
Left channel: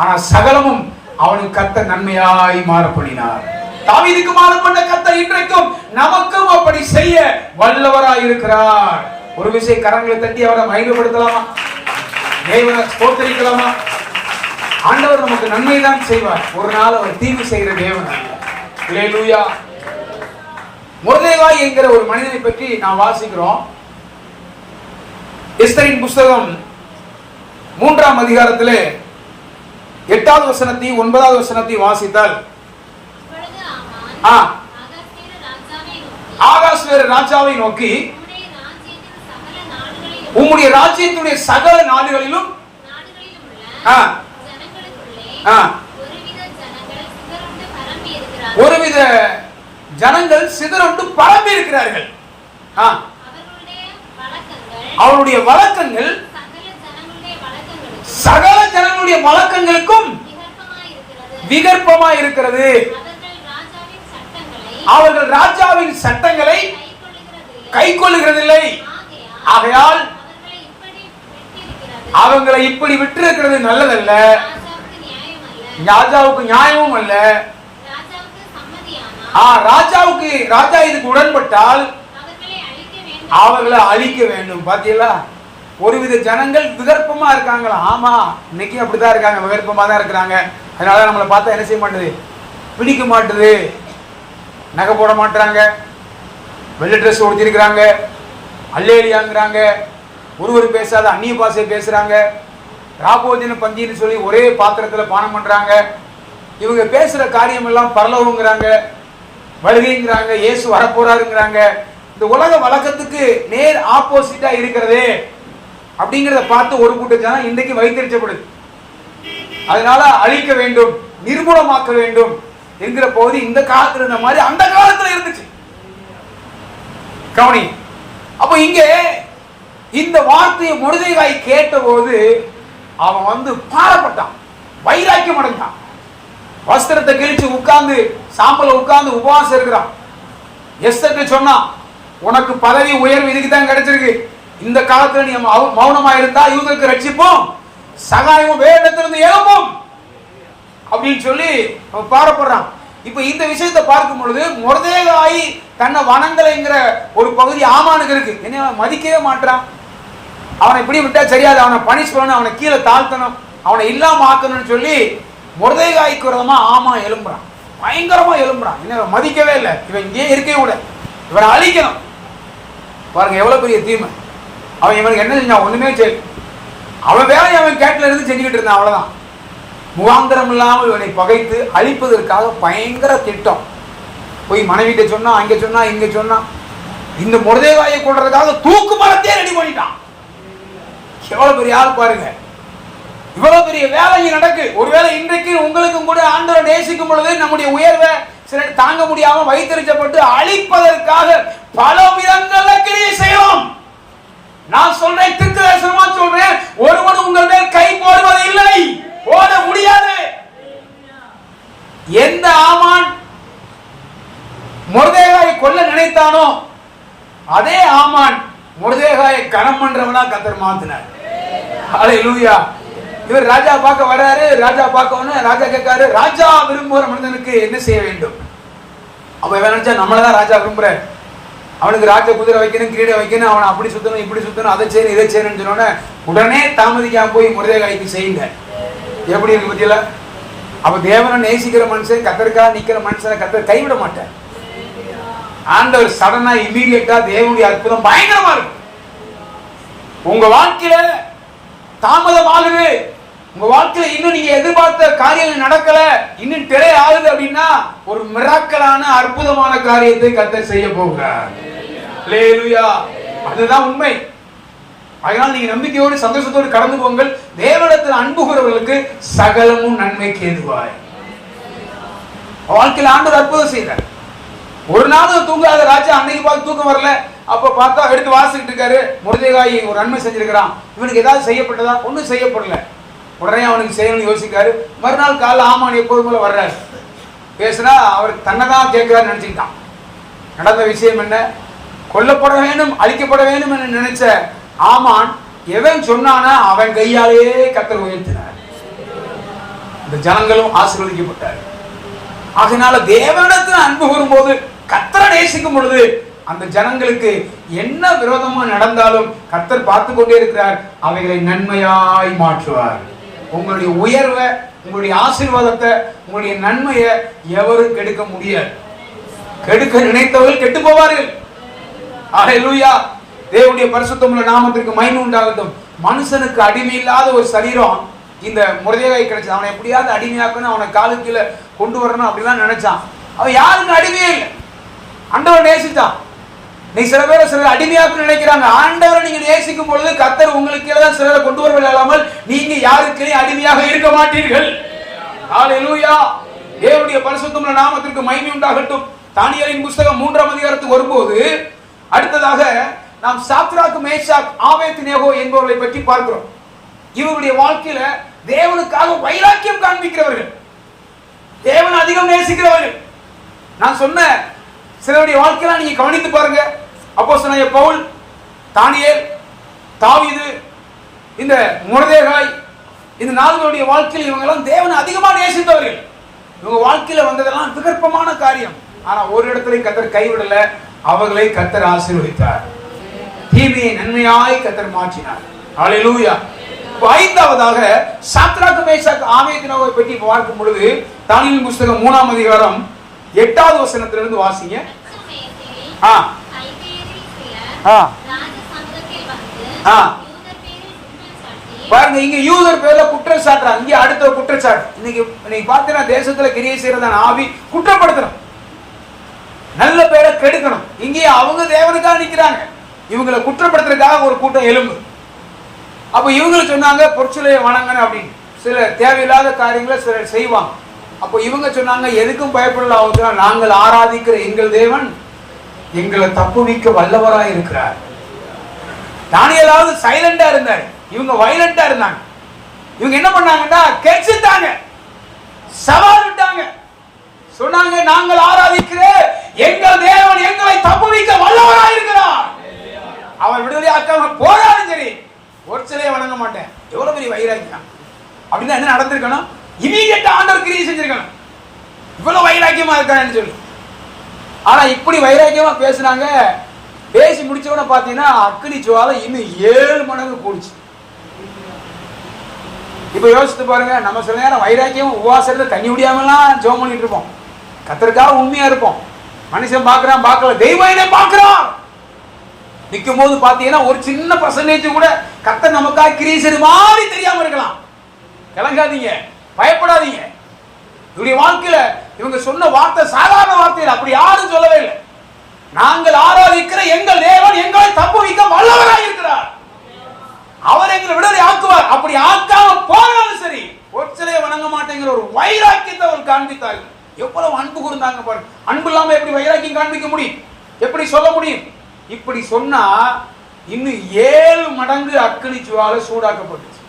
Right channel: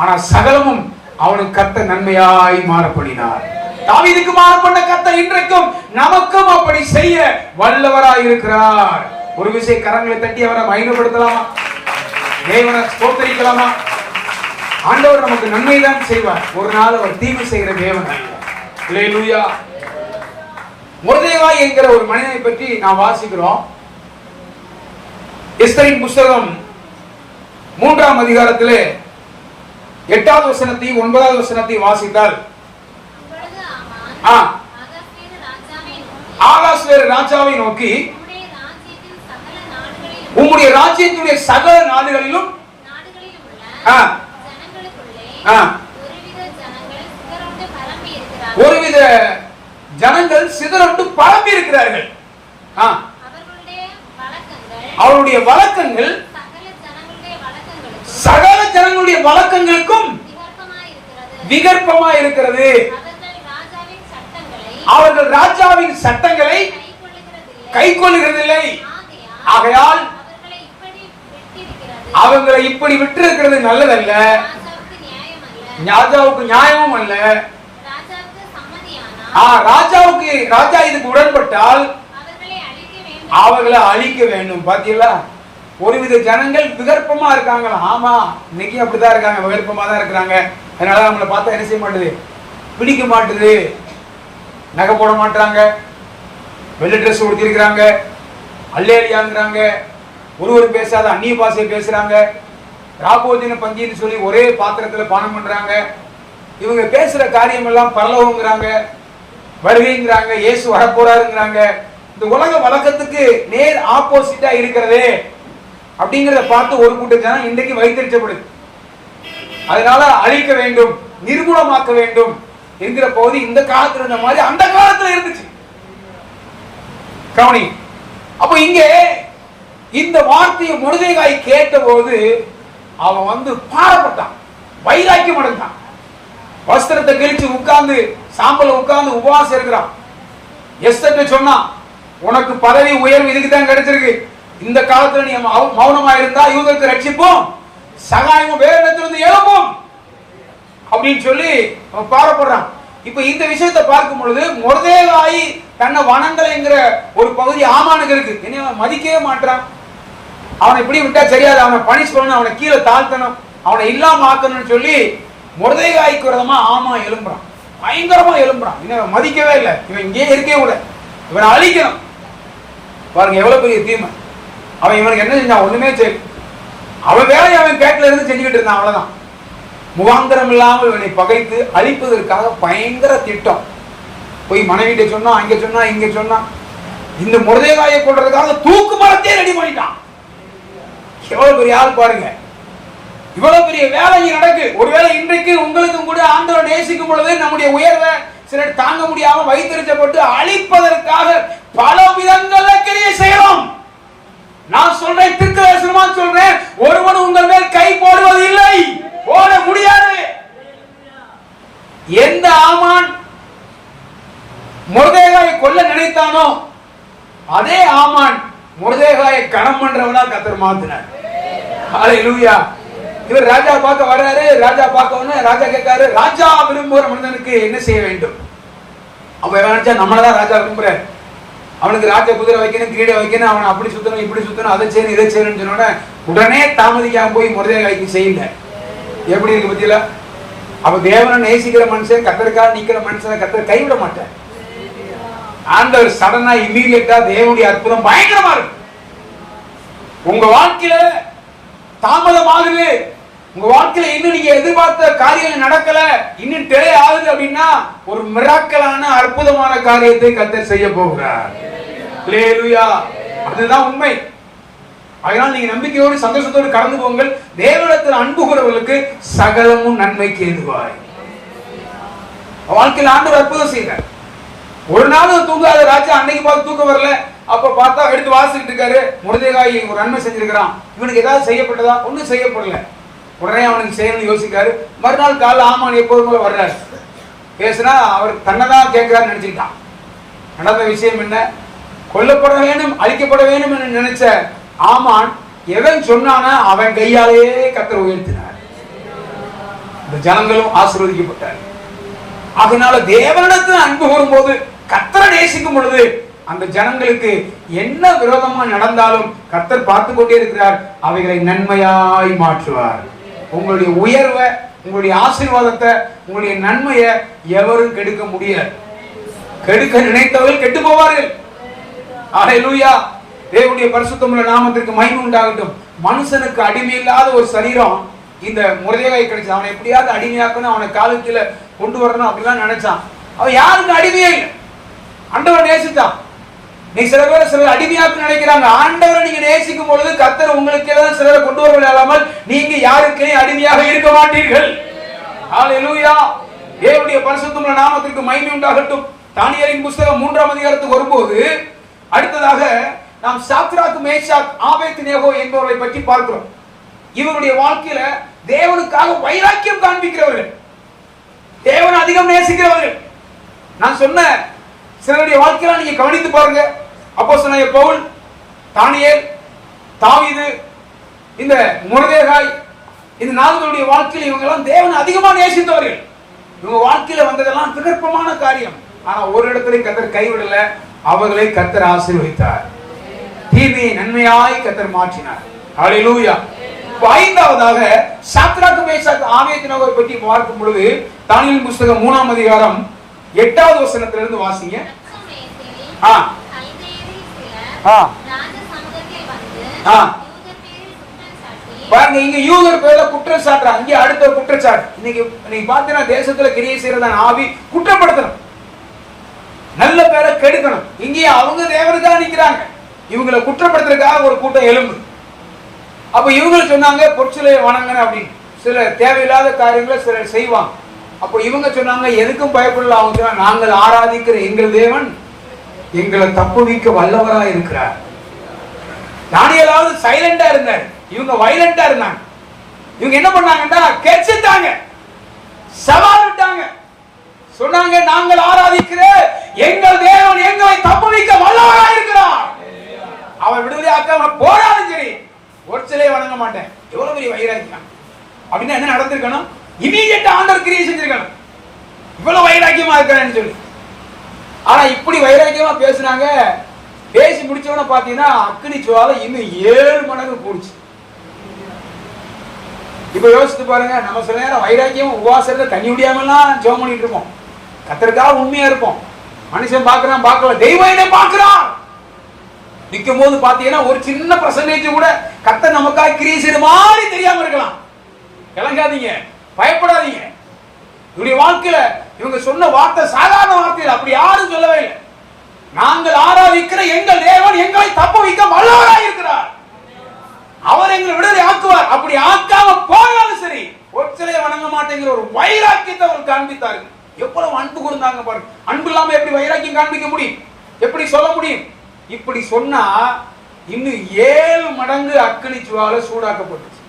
ஆனா சகலமும் அவனுக்கு கர்த்தர் நன்மையாய் மாறப்படினார். தாவீதுக்கு மாறப்பட்ட கர்த்தர் இன்றைக்கும் நமக்கும் அப்படி செய்ய வல்லவராய் இருக்கிறார். ஒரு விஷயம் கரங்களை தட்டி அவரை மகிமைப்படுத்தலாமா? தேவனை ஸ்தோத்திரிக்கலாமா? ஆண்டவர் நமக்கு நன்மைதான் செய்வார். ஒரு நாள் அவர் தீமை செய்கிற தேவன் அல்ல. அல்லேலூயா. மொர்தெகாய் என்கிற ஒரு மனிதனை பற்றி நாம் வாசிக்கிறோம். எஸ்தரின் புஸ்தகம் 3ஆம் அதிகாரத்திலே 8வது வசனத்தை 9வது வசனத்தை வாசித்தால், ஆகாஸ்வேரு ராஜாவை நோக்கி, உம்முடைய ராஜ்யத்துடைய சகல நாடுகளிலும் ஒருவித ஜனங்கள் சிதறண்டு பரம்பி இருக்கிறார்கள். அவருடைய வழக்கங்கள் சகல ஜனங்களுடைய வழக்கங்களுக்கும் விகற்பமா இருக்கிறது. அவர்கள் ராஜாவின் சட்டங்களை கைக்கொள்ளுகிறதில்லை. ஆகையால் அவங்களை இப்படி விட்டிருக்கிறது நல்லதல்ல, ராஜாவுக்கு நியாயமும் அல்ல. ராஜா இதுக்கு உடன்பட்டால் அவர்களை அழிக்க வேண்டும். பாத்தீங்களா? ஒருவித ஜனங்கள் விகற்பமா இருக்காங்களா? ஆமா, இன்னைக்கு அப்படிதான் இருக்காங்க, விகற்பமா தான் இருக்கிறாங்க. அதனால நம்மளை பார்த்தா என்ன செய்ய மாட்டுது, பிடிக்க மாட்டுது. நகை போட மாட்டாங்க, வெள்ளை ட்ரெஸ் உடுத்திருக்கிறாங்க, அல்லேலியாங்கிறாங்க, ஒருவர் பேசாத அந்நிய பாஷை பேசுறாங்க, ராபோஜன பந்தின்னு சொல்லி ஒரே பாத்திரத்துல பானம் பண்றாங்க. இவங்க பேசுற காரியம் எல்லாம் பரலோகங்கிறாங்க, வருகைங்கிறாங்க, இயேசு வரப்போறாருங்கிறாங்க. இந்த உலக வழக்கத்துக்கு நேர் ஆப்போசிட்டா இருக்கிறதே அப்படிங்கறத பார்த்து ஒரு கூட்ட ஜனம் இன்றைக்கு வைத்தறிச்சப்படுது. அதனால அழிக்க வேண்டும், நிர்மூலமாக்க வேண்டும் என்கிற பகுதி இந்த காலத்துல இருந்த மாதிரி அந்த காலத்துல இருந்துச்சு. கவனி. அப்ப இங்கே இந்த வார்த்தையை மொர்தெகாய் கேட்ட போது அவன் பாரப்பட்டான், வைராக்கியம் அடைந்தான். வஸ்திரத்தை கிழிச்சு உட்கார்ந்து, சாம்பல உட்கார்ந்து உபவாசம் இருக்கிறான். எஸ்தருக்கு சொன்னான், உனக்கு பதவி உயர்வு இதுக்கு தான் கிடைச்சிருக்கு. இந்த காலத்துல நீ மௌனமா இருந்தா இவங்களுக்கு ரட்சிப்போம், சகாயமும் வேதத்திலிருந்து எழுப்பும் அப்படின்னு சொல்லி அவன் பாரப்படுறான். இப்ப இந்த விஷயத்தை பார்க்கும் பொழுது மொர்தெகாய் தன்னை வணங்கலைங்கிற ஒரு பகுதி ஆமானுக்கு இருக்கு. என்ன, மதிக்கவே மாட்டான். அவனை இப்படி விட்டா சரியாது, அவனை பனிஷ் பண்ணணும், அவனை கீழே தாழ்த்தணும், அவனை இல்லாம ஆக்கணும்னு சொல்லி மொர்தெகாய்க்கு விரதமா ஆமா எழும்புறான், பயங்கரமா எழும்புறான். இன்னும் மதிக்கவே இல்லை, இவன் இங்கே இருக்கவே கூட, இவனை அழிக்கணும். பாருங்க எவ்வளவு பெரிய தீமை. அவன் இவனுக்கு என்ன செஞ்சான்? ஒண்ணுமே சரி, அவன் வேலையை அவன் கேட்கல இருந்து செஞ்சுக்கிட்டு இருந்தான். அவ்வளவுதான். முகாந்திரம் இல்லாமல் இவனை பகைத்து அழிப்பதற்காக பயங்கர திட்டம். போய் மனைவிட்ட சொன்னா, அங்க சொன்னா, இங்க சொன்னா, இந்த மொர்தெகாயை கொள்றதுக்காக தூக்கு மரத்தையே ரெடி பண்ணிட்டான். எவ்வளவு பெரிய ஆள் பாருங்க. இவ்வளவு பெரிய வேலை நடக்கு. ஒருவேளை இன்றைக்கு உங்களுக்கும் கூட ஆண்டவரை நேசிக்கும் பொழுது நம்முடைய உயர்வை சிலர் தாங்க முடியாம வைத்தறிச்சப்பட்டு அழிப்பதற்காக பல விதங்கள்ல கிரியை செய்யும். நான் சொல்றேன், திருத்தரசமா சொல்றேன், ஒருவன் உங்கள் மேல் கை போடுவது இல்லை, போட முடியாது. எந்த ஆமான் மொர்தெகாயை கொல்ல நினைத்தானோ அதே ஆமான் மொர்தெகாயை கணம் பண்றவனா கர்த்தர் மாத்தினார். ஹல்லேலூயா. இவர் ராஜா பார்க்க வர்றாரு. ராஜா பார்க்க ராஜா கேட்காரு, ராஜா விரும்புகிற மனிதனுக்கு என்ன செய்ய வேண்டும்? அவன் நினைச்சா நம்மளதான் ராஜா விரும்புற, அவனுக்கு ராஜ குதிரை வைக்கணும், கிரீடை வைக்கணும், அவனை அப்படி சுத்தணும், இப்படி சுத்தணும், அதை செய்யணும், இதை செய்யணும்னு சொன்னோட உடனே தாமதிக்காம போய் முருதேகாய்க்கு செய்யல. எப்படி இருக்கு பத்தியில? அப்ப தேவனை நேசிக்கிற மனுஷன், கத்தருக்காக நிக்கிற மனுஷனை கத்தர் கைவிட மாட்டார். ஆண்டவர் சடனா இம்மீடியட்டா தேவனுடைய அற்புதம் பயங்கரமா இருக்கு. உங்க வாழ்க்கையில தாமதமாகுது, உங்க வாழ்க்கையில இன்னும் நீங்க எதிர்பார்த்த காரியங்கள் நடக்கல, இன்னும் டிலே ஆகுது அப்படின்னா ஒரு மிராக்கலான அற்புதமான காரியத்தை கர்த்தர் செய்ய போகிறார். ஹல்லேலூயா. அதுதான் உண்மை. அதனால் நீங்க நம்பிக்கையோடு சந்தோஷத்தோடு கடந்து போங்கள். தேவனிடத்தில் அன்பு கூறவர்களுக்கு சகலமும் நன்மைக்கு ஏதுவாய். வாழ்க்கையில் ஆண்டவர் அற்புதம் செய்தார். ஒரு நாள் தூங்காத ராஜா அன்னைக்கு பார்த்து தூக்கம் வரல. அப்ப பார்த்தா எடுத்து வாசிக்கிட்டு இருக்காரு. முருதேகாய் ஒரு நன்மை செஞ்சிருக்கிறான், இவனுக்கு ஏதாவது செய்யப்பட்டதா? ஒன்னும் செய்யப்படல. உடனே அவனுக்கு செய்யணும்னு யோசிக்காரு. மறுநாள் காலைல ஆமான் எப்போதும் போல வர்றாரு. பேசினா அவர் தன்னைதான் கேட்கிறாரு நினைச்சுக்கிட்டான். நடந்த விஷயம் என்ன? கொல்லப்பட வேண்டும், அழிக்கப்பட வேண்டும் என்று நினைச்ச ஆமான் எவன் சொன்னானா அவன் கையாலேயே கர்த்தர் உயர்த்தினார். இந்த ஜனங்களும் ஆசீர்வதிக்கப்பட்டார். அதனால தேவனிடத்தில் அன்பு கூறும்போது, கர்த்தரை நேசிக்கும் பொழுது அந்த ஜனங்களுக்கு என்ன விரோதமா நடந்தாலும் கர்த்தர் பார்த்து கொண்டே இருக்கிறார். அவைகளை நன்மையாய் மாற்றுவார். உங்களுடைய உயர்வை, உங்களுடைய ஆசீர்வாதத்தை, உங்களுடைய நன்மையை எவரும் கெடுக்க முடியாது. கெடுக்க நினைத்தவர்கள் கெட்டு போவார்கள். அல்லேலூயா. தேவனுடைய பரிசுத்தமுள்ள நாமத்திற்கு மகிமை உண்டாகட்டும். மனுஷனுக்கு அடிமை இல்லாத ஒரு சரீரம் இந்த முருதேகாய் கிடைச்சது. அவனை எப்படியாவது அடிமையாக்கணும், அவனை காலு கீழே கொண்டு வரணும் அப்படிலாம் நினைச்சான். அவன் யாருக்கும் அடிமையே இல்லை. ஆண்டவரை நேசித்தான். நீ சில அடிமையாக்கு நினைக்கிறாங்க. ஆண்டவரை நீங்க நேசிக்கும் பொழுது கர்த்தர் உங்களுக்கு ஏதாவது சிலரை கொண்டு வரவில்லை இல்லாமல் நீங்க யாருக்கே அடிமையாக இருக்க மாட்டீர்கள். அல்லேலூயா. தேவனுடைய பரிசுத்தமுள்ள நாமத்திற்கு மகிமை உண்டாகட்டும். தானியேலின் புத்தகம் 3ஆம் அதிகாரத்துக்கு வரும்போது அடுத்ததாக நாம் சாத்ராக், மேஷாக், ஆபேத்நேகோ என்பவர்களை பற்றி பார்க்கிறோம். இவருடைய வாழ்க்கையில தேவனுக்காக வைராக்கியம் காண்பிக்கிறவர்கள், தேவனை அதிகம் நேசிக்கிறவர்கள். நான் சொன்ன சிலருடைய வாழ்க்கையில நீங்க கவனித்து பாருங்க. அப்போஸ்தலனாகிய பவுல், தானியேல், தாவீது, இந்த முருதேகாய், இந்த நால்வருடைய வாழ்க்கையில் இவங்க எல்லாம் தேவனை அதிகமாக நேசித்தவர்கள். இவங்க வாழ்க்கையில வந்ததெல்லாம் விகற்பமான காரியம். ஆனா ஒரு இடத்துல கர்த்தர் கைவிடல. அவர்களை கர்த்தர் ஆசீர்வதித்தார். தீமையை நன்மையாய் கர்த்தர் மாற்றினார். அல்லேலூயா. ஐந்தாவதாக சாத்ராக், மேஷாக், ஆபேத்நேகோவை பற்றி பார்க்கும் பொழுது தானியேலின் புத்தகம் 3ஆம் அதிகாரம் 8வது வசனத்திலிருந்து வாசிங்க. பாருங்க, இங்க யூதர் பேர்ல குற்றம் சாட்டுறாங்க. இங்க அடுத்த குற்றச்சாட்டு. இன்னைக்கு பார்த்தீங்கன்னா தேசத்துல கிரியை செய்யறதான ஆவி குற்றப்படுத்தணும், நல்ல பேரை கெடுக்கணும். இங்கே அவங்க தேவனுக்காக நிக்கிறாங்க, இவங்களை குற்றப்படுத்துறதுக்காக ஒரு கூட்டம் எலும்பு. அப்ப இவங்க சொன்னாங்க பொற்சிலையை வணங்கணும் அப்படின்னு. சில தேவையில்லாத காரியங்களை சிலர் செய்வாங்க. அப்ப இவங்க சொன்னாங்க எதுக்கும் பயப்படல, அவங்க நாங்கள் ஆராதிக்கிற எங்கள் தேவன் எங்களை தப்புவிக்க வல்லவராய் இருக்கிறார். தானியேலாவது சைலண்டா இருந்தாரு, இவங்க வைலண்டா இருந்தாங்க. இவங்க என்ன பண்ணாங்கன்னா கெச்சிட்டாங்க, சவால் விட்டாங்க. சொன்னாங்க நாங்கள் ஆராதிக்கிற எங்கள் தேவன் எங்களை தப்புவிக்க வல்லவராய் இருக்கிறார். அவன் விடுதலை ஆக்காம போராடும் சரி, ஒரு சிலையை வணங்க மாட்டேன். எவ்வளவு பெரிய வைராக்கியம் அப்படின்னா என்ன நடந்திருக்கணும்? இமீடியட்டா ஆண்டவர் கிரியை செஞ்சிருக்கணும். இவ்வளவு வைராக்கியமா இருக்கிறேன்னு சொல்லி. ஆனா இப்படி வைராக்கியமா பேசுனாங்க. பேசி முடிச்சவன பாத்தீங்கன்னா அக்னி ஜுவாலை இன்னும் 7 மடங்கு போடுச்சு. இப்ப யோசித்து பாருங்க, நம்ம சில நேரம் வைராக்கியம் உபவாசத்துல தண்ணி முடியாமலாம் ஜெபம் பண்ணிட்டு இருப்போம். கர்த்தருக்காக உண்மையா இருப்போம். மனுஷன் பாக்குறான் பார்க்கல, தெய்வம் பாக்குறான். நிற்கும் போது பாத்தீங்கன்னா ஒரு சின்ன பர்சன்டேஜ் கூட கர்த்தர் நமக்காக கிரியை செய்ற மாதிரி தெரியாம இருக்கலாம். கலங்காதீங்க, பயப்படாதீங்க. இவருடைய வாழ்க்கையில இவங்க சொன்ன வார்த்தை சாதாரண வார்த்தை, அப்படி யாரும் சொல்லவே இல்லை. நாங்கள் ஆராதிக்கிற எங்கள் தேவன் எங்களை தப்புவிக்க வல்லவராய் இருக்கிறார். அவர் எங்களை விடுதலை ஆக்குவார். அப்படி ஆக்காம போனாலும் சரி, ஒரு சிலையை வணங்க மாட்டேங்கிற ஒரு வைராக்கியத்தை அவர் காண்பித்தார்கள். எவ்வளவு அன்பு கூர்ந்தாங்க பாருங்க. அன்பு இல்லாம எப்படி வைராக்கியம் காண்பிக்க முடியும்? எப்படி சொல்ல முடியும்? இப்படி சொன்னா இன்னும் 7 மடங்கு அக்னி ஜுவாலை சூடாக்கப்பட்டுச்சு.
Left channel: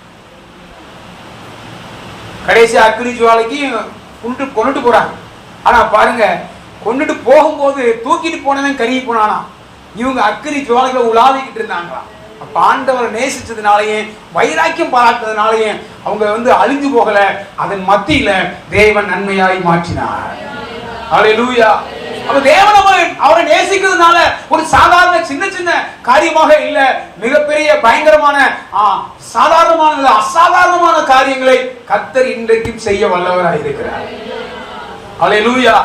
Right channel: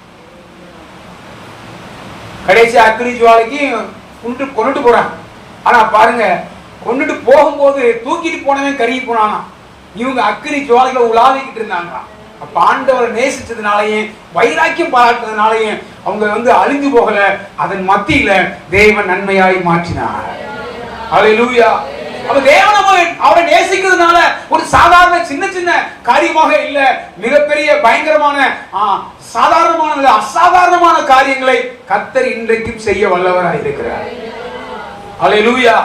கடைசி அக்னி ஜுவாலைக்கு கொண்டுட்டு போறாங்க. ஆனா பாருங்க, கொண்டுட்டு போகும்போது தூக்கிட்டு போனவன் கருகி போனானா. இவங்க அக்னி ஜுவாலைகளை உலாவிக்கிட்டு இருந்தாங்க. அப்ப ஆண்டவரை நேசிச்சதுனாலயும் வைராக்கியம் பாராட்டுறதுனாலயும் அவங்க அழிஞ்சு போகல. அதன் மத்தியில தேவன் நன்மையாய் மாற்றினார். அல்லேலூயா. அப்ப தேவன் அவரை நேசிக்கிறதுனால ஒரு சாதாரண சின்ன சின்ன காரியமாக இல்ல, மிகப்பெரிய பயங்கரமான சாதாரணமான அசாதாரணமான காரியங்களை கர்த்தர் இன்றைக்கும் செய்ய வல்லவராய் இருக்கிறார். ஹல்லேலூயா.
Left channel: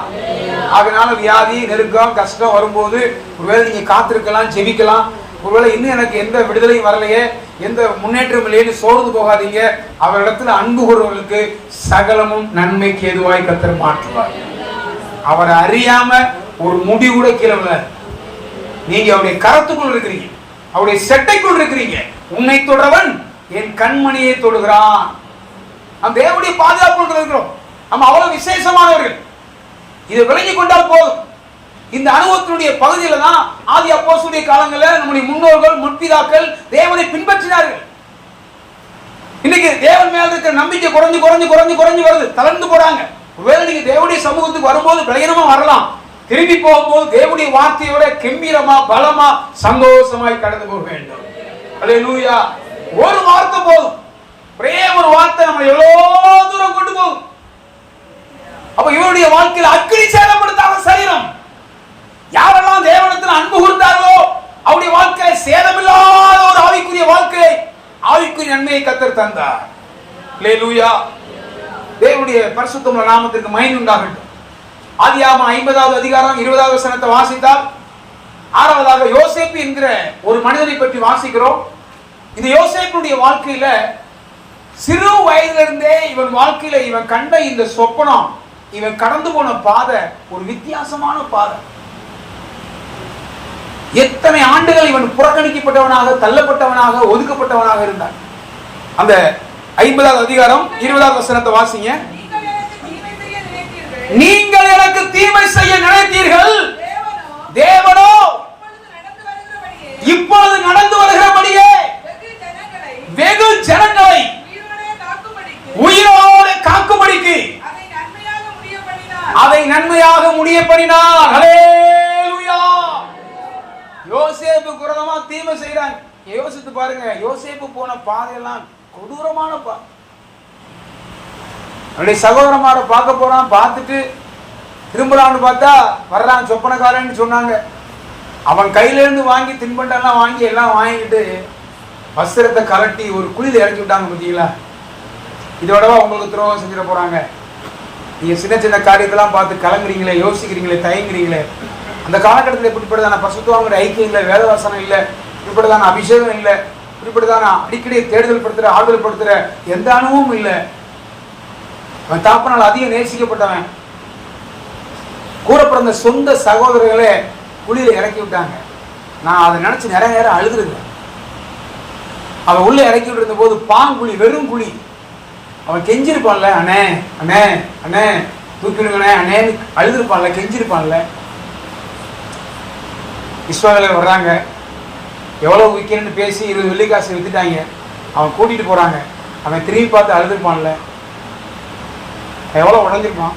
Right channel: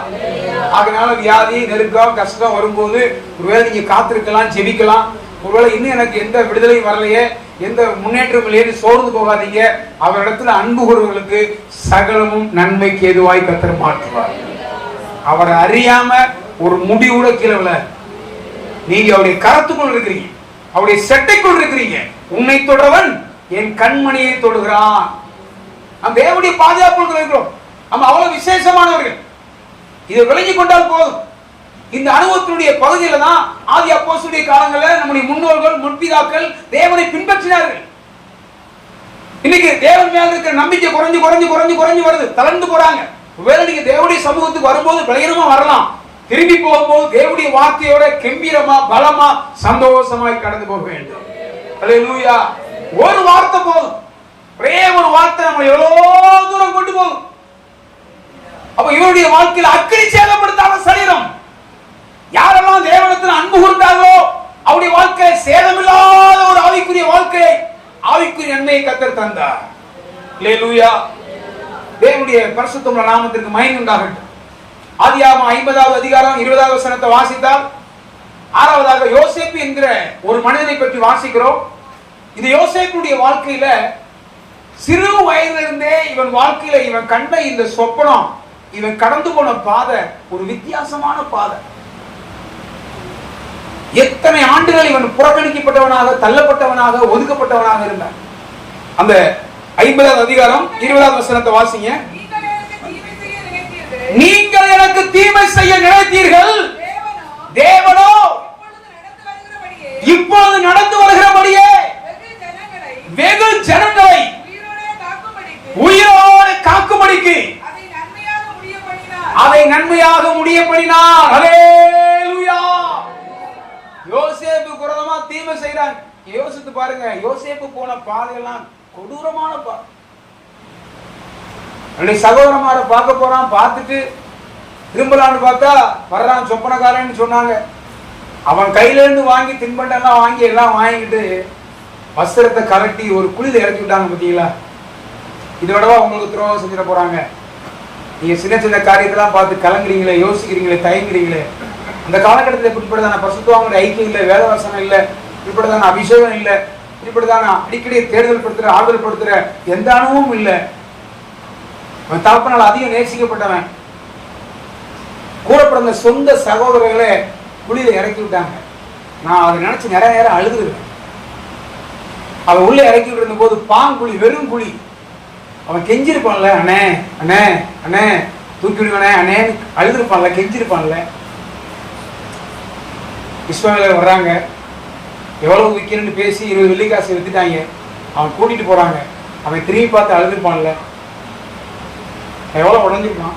அதனால வியாதி, நெருக்கம், கஷ்டம் வரும்போது ஒருவேளை நீங்க காத்திருக்கலாம், ஜெபிக்கலாம். ஒருவேளை இன்னும் எனக்கு எந்த விடுதலையும் வரலையே, எந்த முன்னேற்றம் இல்லையே சோர்ந்து போகாதீங்க. அவரிடத்துல அன்பு கூறுவர்களுக்கு சகலமும் நன்மைக்கு ஏதுவாய் கர்த்தர் மாற்றுவார். அவரை அறியாம ஒரு முடி கூட கீழே விழ, நீங்க அவருடைய கரத்துக்குள் இருக்கிறீங்க, அவருடைய செட்டைக்குள் இருக்கிறீங்க. உன்னை தொடரவன் என் கண்மணியை தொடுகிறான். நம்ம தேவனுடைய பாதுகாப்பு இருக்கிறோம். நம்ம அவ்வளவு விசேஷமானவர்கள். இதை விளங்கி கொண்டால் போதும். இந்த அனுபவத்தினுடைய பகுதியில தான் ஆதி அப்போஸ்தலருடைய காலங்களில் நம்முடைய முன்னோர்கள், முற்பிதாக்கள் தேவனை பின்பற்றினார்கள். இன்னைக்கு தேவன் மேல இருக்கிற நம்பிக்கை குறைஞ்சு குறைஞ்சு குறைஞ்சு குறைஞ்சு வருது, தளர்ந்து போறாங்க. ஒருவேளை நீங்க தேவனுடைய சமூகத்துக்கு வரும்போது பலகீனமா வரலாம், திரும்பி போகும்போது தேவனுடைய வார்த்தையோட கம்பீரமா, பலமா, சந்தோஷமாய் கடந்து போக வேண்டும். அல்லேலூயா. ஒரு வார்த்தை போதும், ஒரே ஒரு வார்த்தை நம்ம எவ்வளவு தூரம் கொண்டு போகும். அப்ப இவருடைய வாழ்க்கையில் அக்கினி சேதப்படுத்தாத சரீரம். யாரெல்லாம் தேவனிடத்தில் அன்பு கூர்ந்தார்களோ அவருடைய வாழ்க்கை சேதமில்லாத ஒரு ஆவிக்குரிய வாழ்க்கையை, ஆவிக்குரிய நன்மையை கர்த்தர் தந்தார். அல்லேலூயா. தேவனுடைய பரிசுத்த நாமத்திற்கு மகிமை உண்டாகட்டும். ஆதியாகமம் 50வது அதிகாரம் 20வது வசனத்தை வாசித்தால், 6வதாக யோசேப்பு என்கிற ஒரு மனிதனை பற்றி வாசிக்கிறோம். இந்த யோசேப்புடைய வாழ்க்கையில சிறு வயதிலிருந்தே இவன் வாழ்க்கையில இவன் கண்ட இந்த சொப்பனம், இவன் கடந்து போன பாதை ஒரு வித்தியாசமான பாதை. எத்தனை ஆண்டுகள் இவன் புறக்கணிக்கப்பட்டவனாக, தள்ளப்பட்டவனாக, ஒதுக்கப்பட்டவனாக இருந்தான். அந்த 50வது அதிகாரம் 20வது வசனத்தை வாசிங்க. நீங்கள் எனக்கு தீமை செய்ய நினைத்தீர்கள், தேவனோ இப்பொழுது நடந்து வருகிறபடியே வெகு ஜனங்களை உயிரோடு காக்கும்படிக்கு அதை நன்மையாக முடிய பண்ணினார். ஹல்லேலூயா. யோசேப்பு குரதமா தீமை செய்றான். யோசித்து பாருங்க, யோசேப்பு போன பாதையெல்லாம் கொடூரமான பாதை. அவனுடைய சகோதரமார பார்க்க போறான், பார்த்துட்டு திரும்பலான்னு பார்த்தா வரலாம் சொப்பனக்காரன்னு சொன்னாங்க. அவன் கையில இருந்து வாங்கி தின்பண்டெல்லாம் வாங்கி எல்லாம் வாங்கிட்டு வஸ்திரத்தை கலட்டி ஒரு குழியில இறக்கி விட்டாங்க. பார்த்தீங்களா? இதோடவா உங்களுக்கு துரோகம் செஞ்சிட போறாங்க? நீங்க சின்ன சின்ன காரியத்தெல்லாம் பார்த்து கலங்குறீங்களே, யோசிக்கிறீங்களே, தயங்குறீங்களே. அந்த காலகட்டத்தில் இப்படிப்பட்டதான பரிசுத்தவான்களுடைய ஐக்கியம் இல்லை, வேதவசனம் இல்லை, இப்படிப்பட்டதான அபிஷேகம் இல்லை, இப்படிப்பட்டதான அடிக்கடி தேர்தல் படுத்துற, ஆறுதல் படுத்துற எந்த அனுபவமும் இல்லை. அவன் தாப்பனால் அதிகம் நேசிக்கப்பட்டவன். கூட பிறந்த சொந்த சகோதரர்களை குழியில இறக்கி விட்டாங்க. நான் அதை நினைச்சு நிறைய நேரம் அழுதுருக்கேன். அவன் உள்ள இறக்கி விட்டு இருந்த போது பாங்குழி, வெறும் குழி. அவன் கெஞ்சிருப்பான்ல, அண்ணே அண்ணே அண்ணே தூக்கிடுங்கண்ணே அண்ணேன்னு அழுதுருப்பான்ல, கெஞ்சிருப்பான்ல. இஸ்ரவேலர் வர்றாங்க, எவ்வளவு விற்கிறேன்னு பேசி 20 வெள்ளிக்காசை வித்துட்டாங்க. அவன் கூட்டிட்டு போறாங்க. அவன் திரும்பி பார்த்து அழுதுருப்பான்ல, எவ்வளவு உடஞ்சிருப்பான்.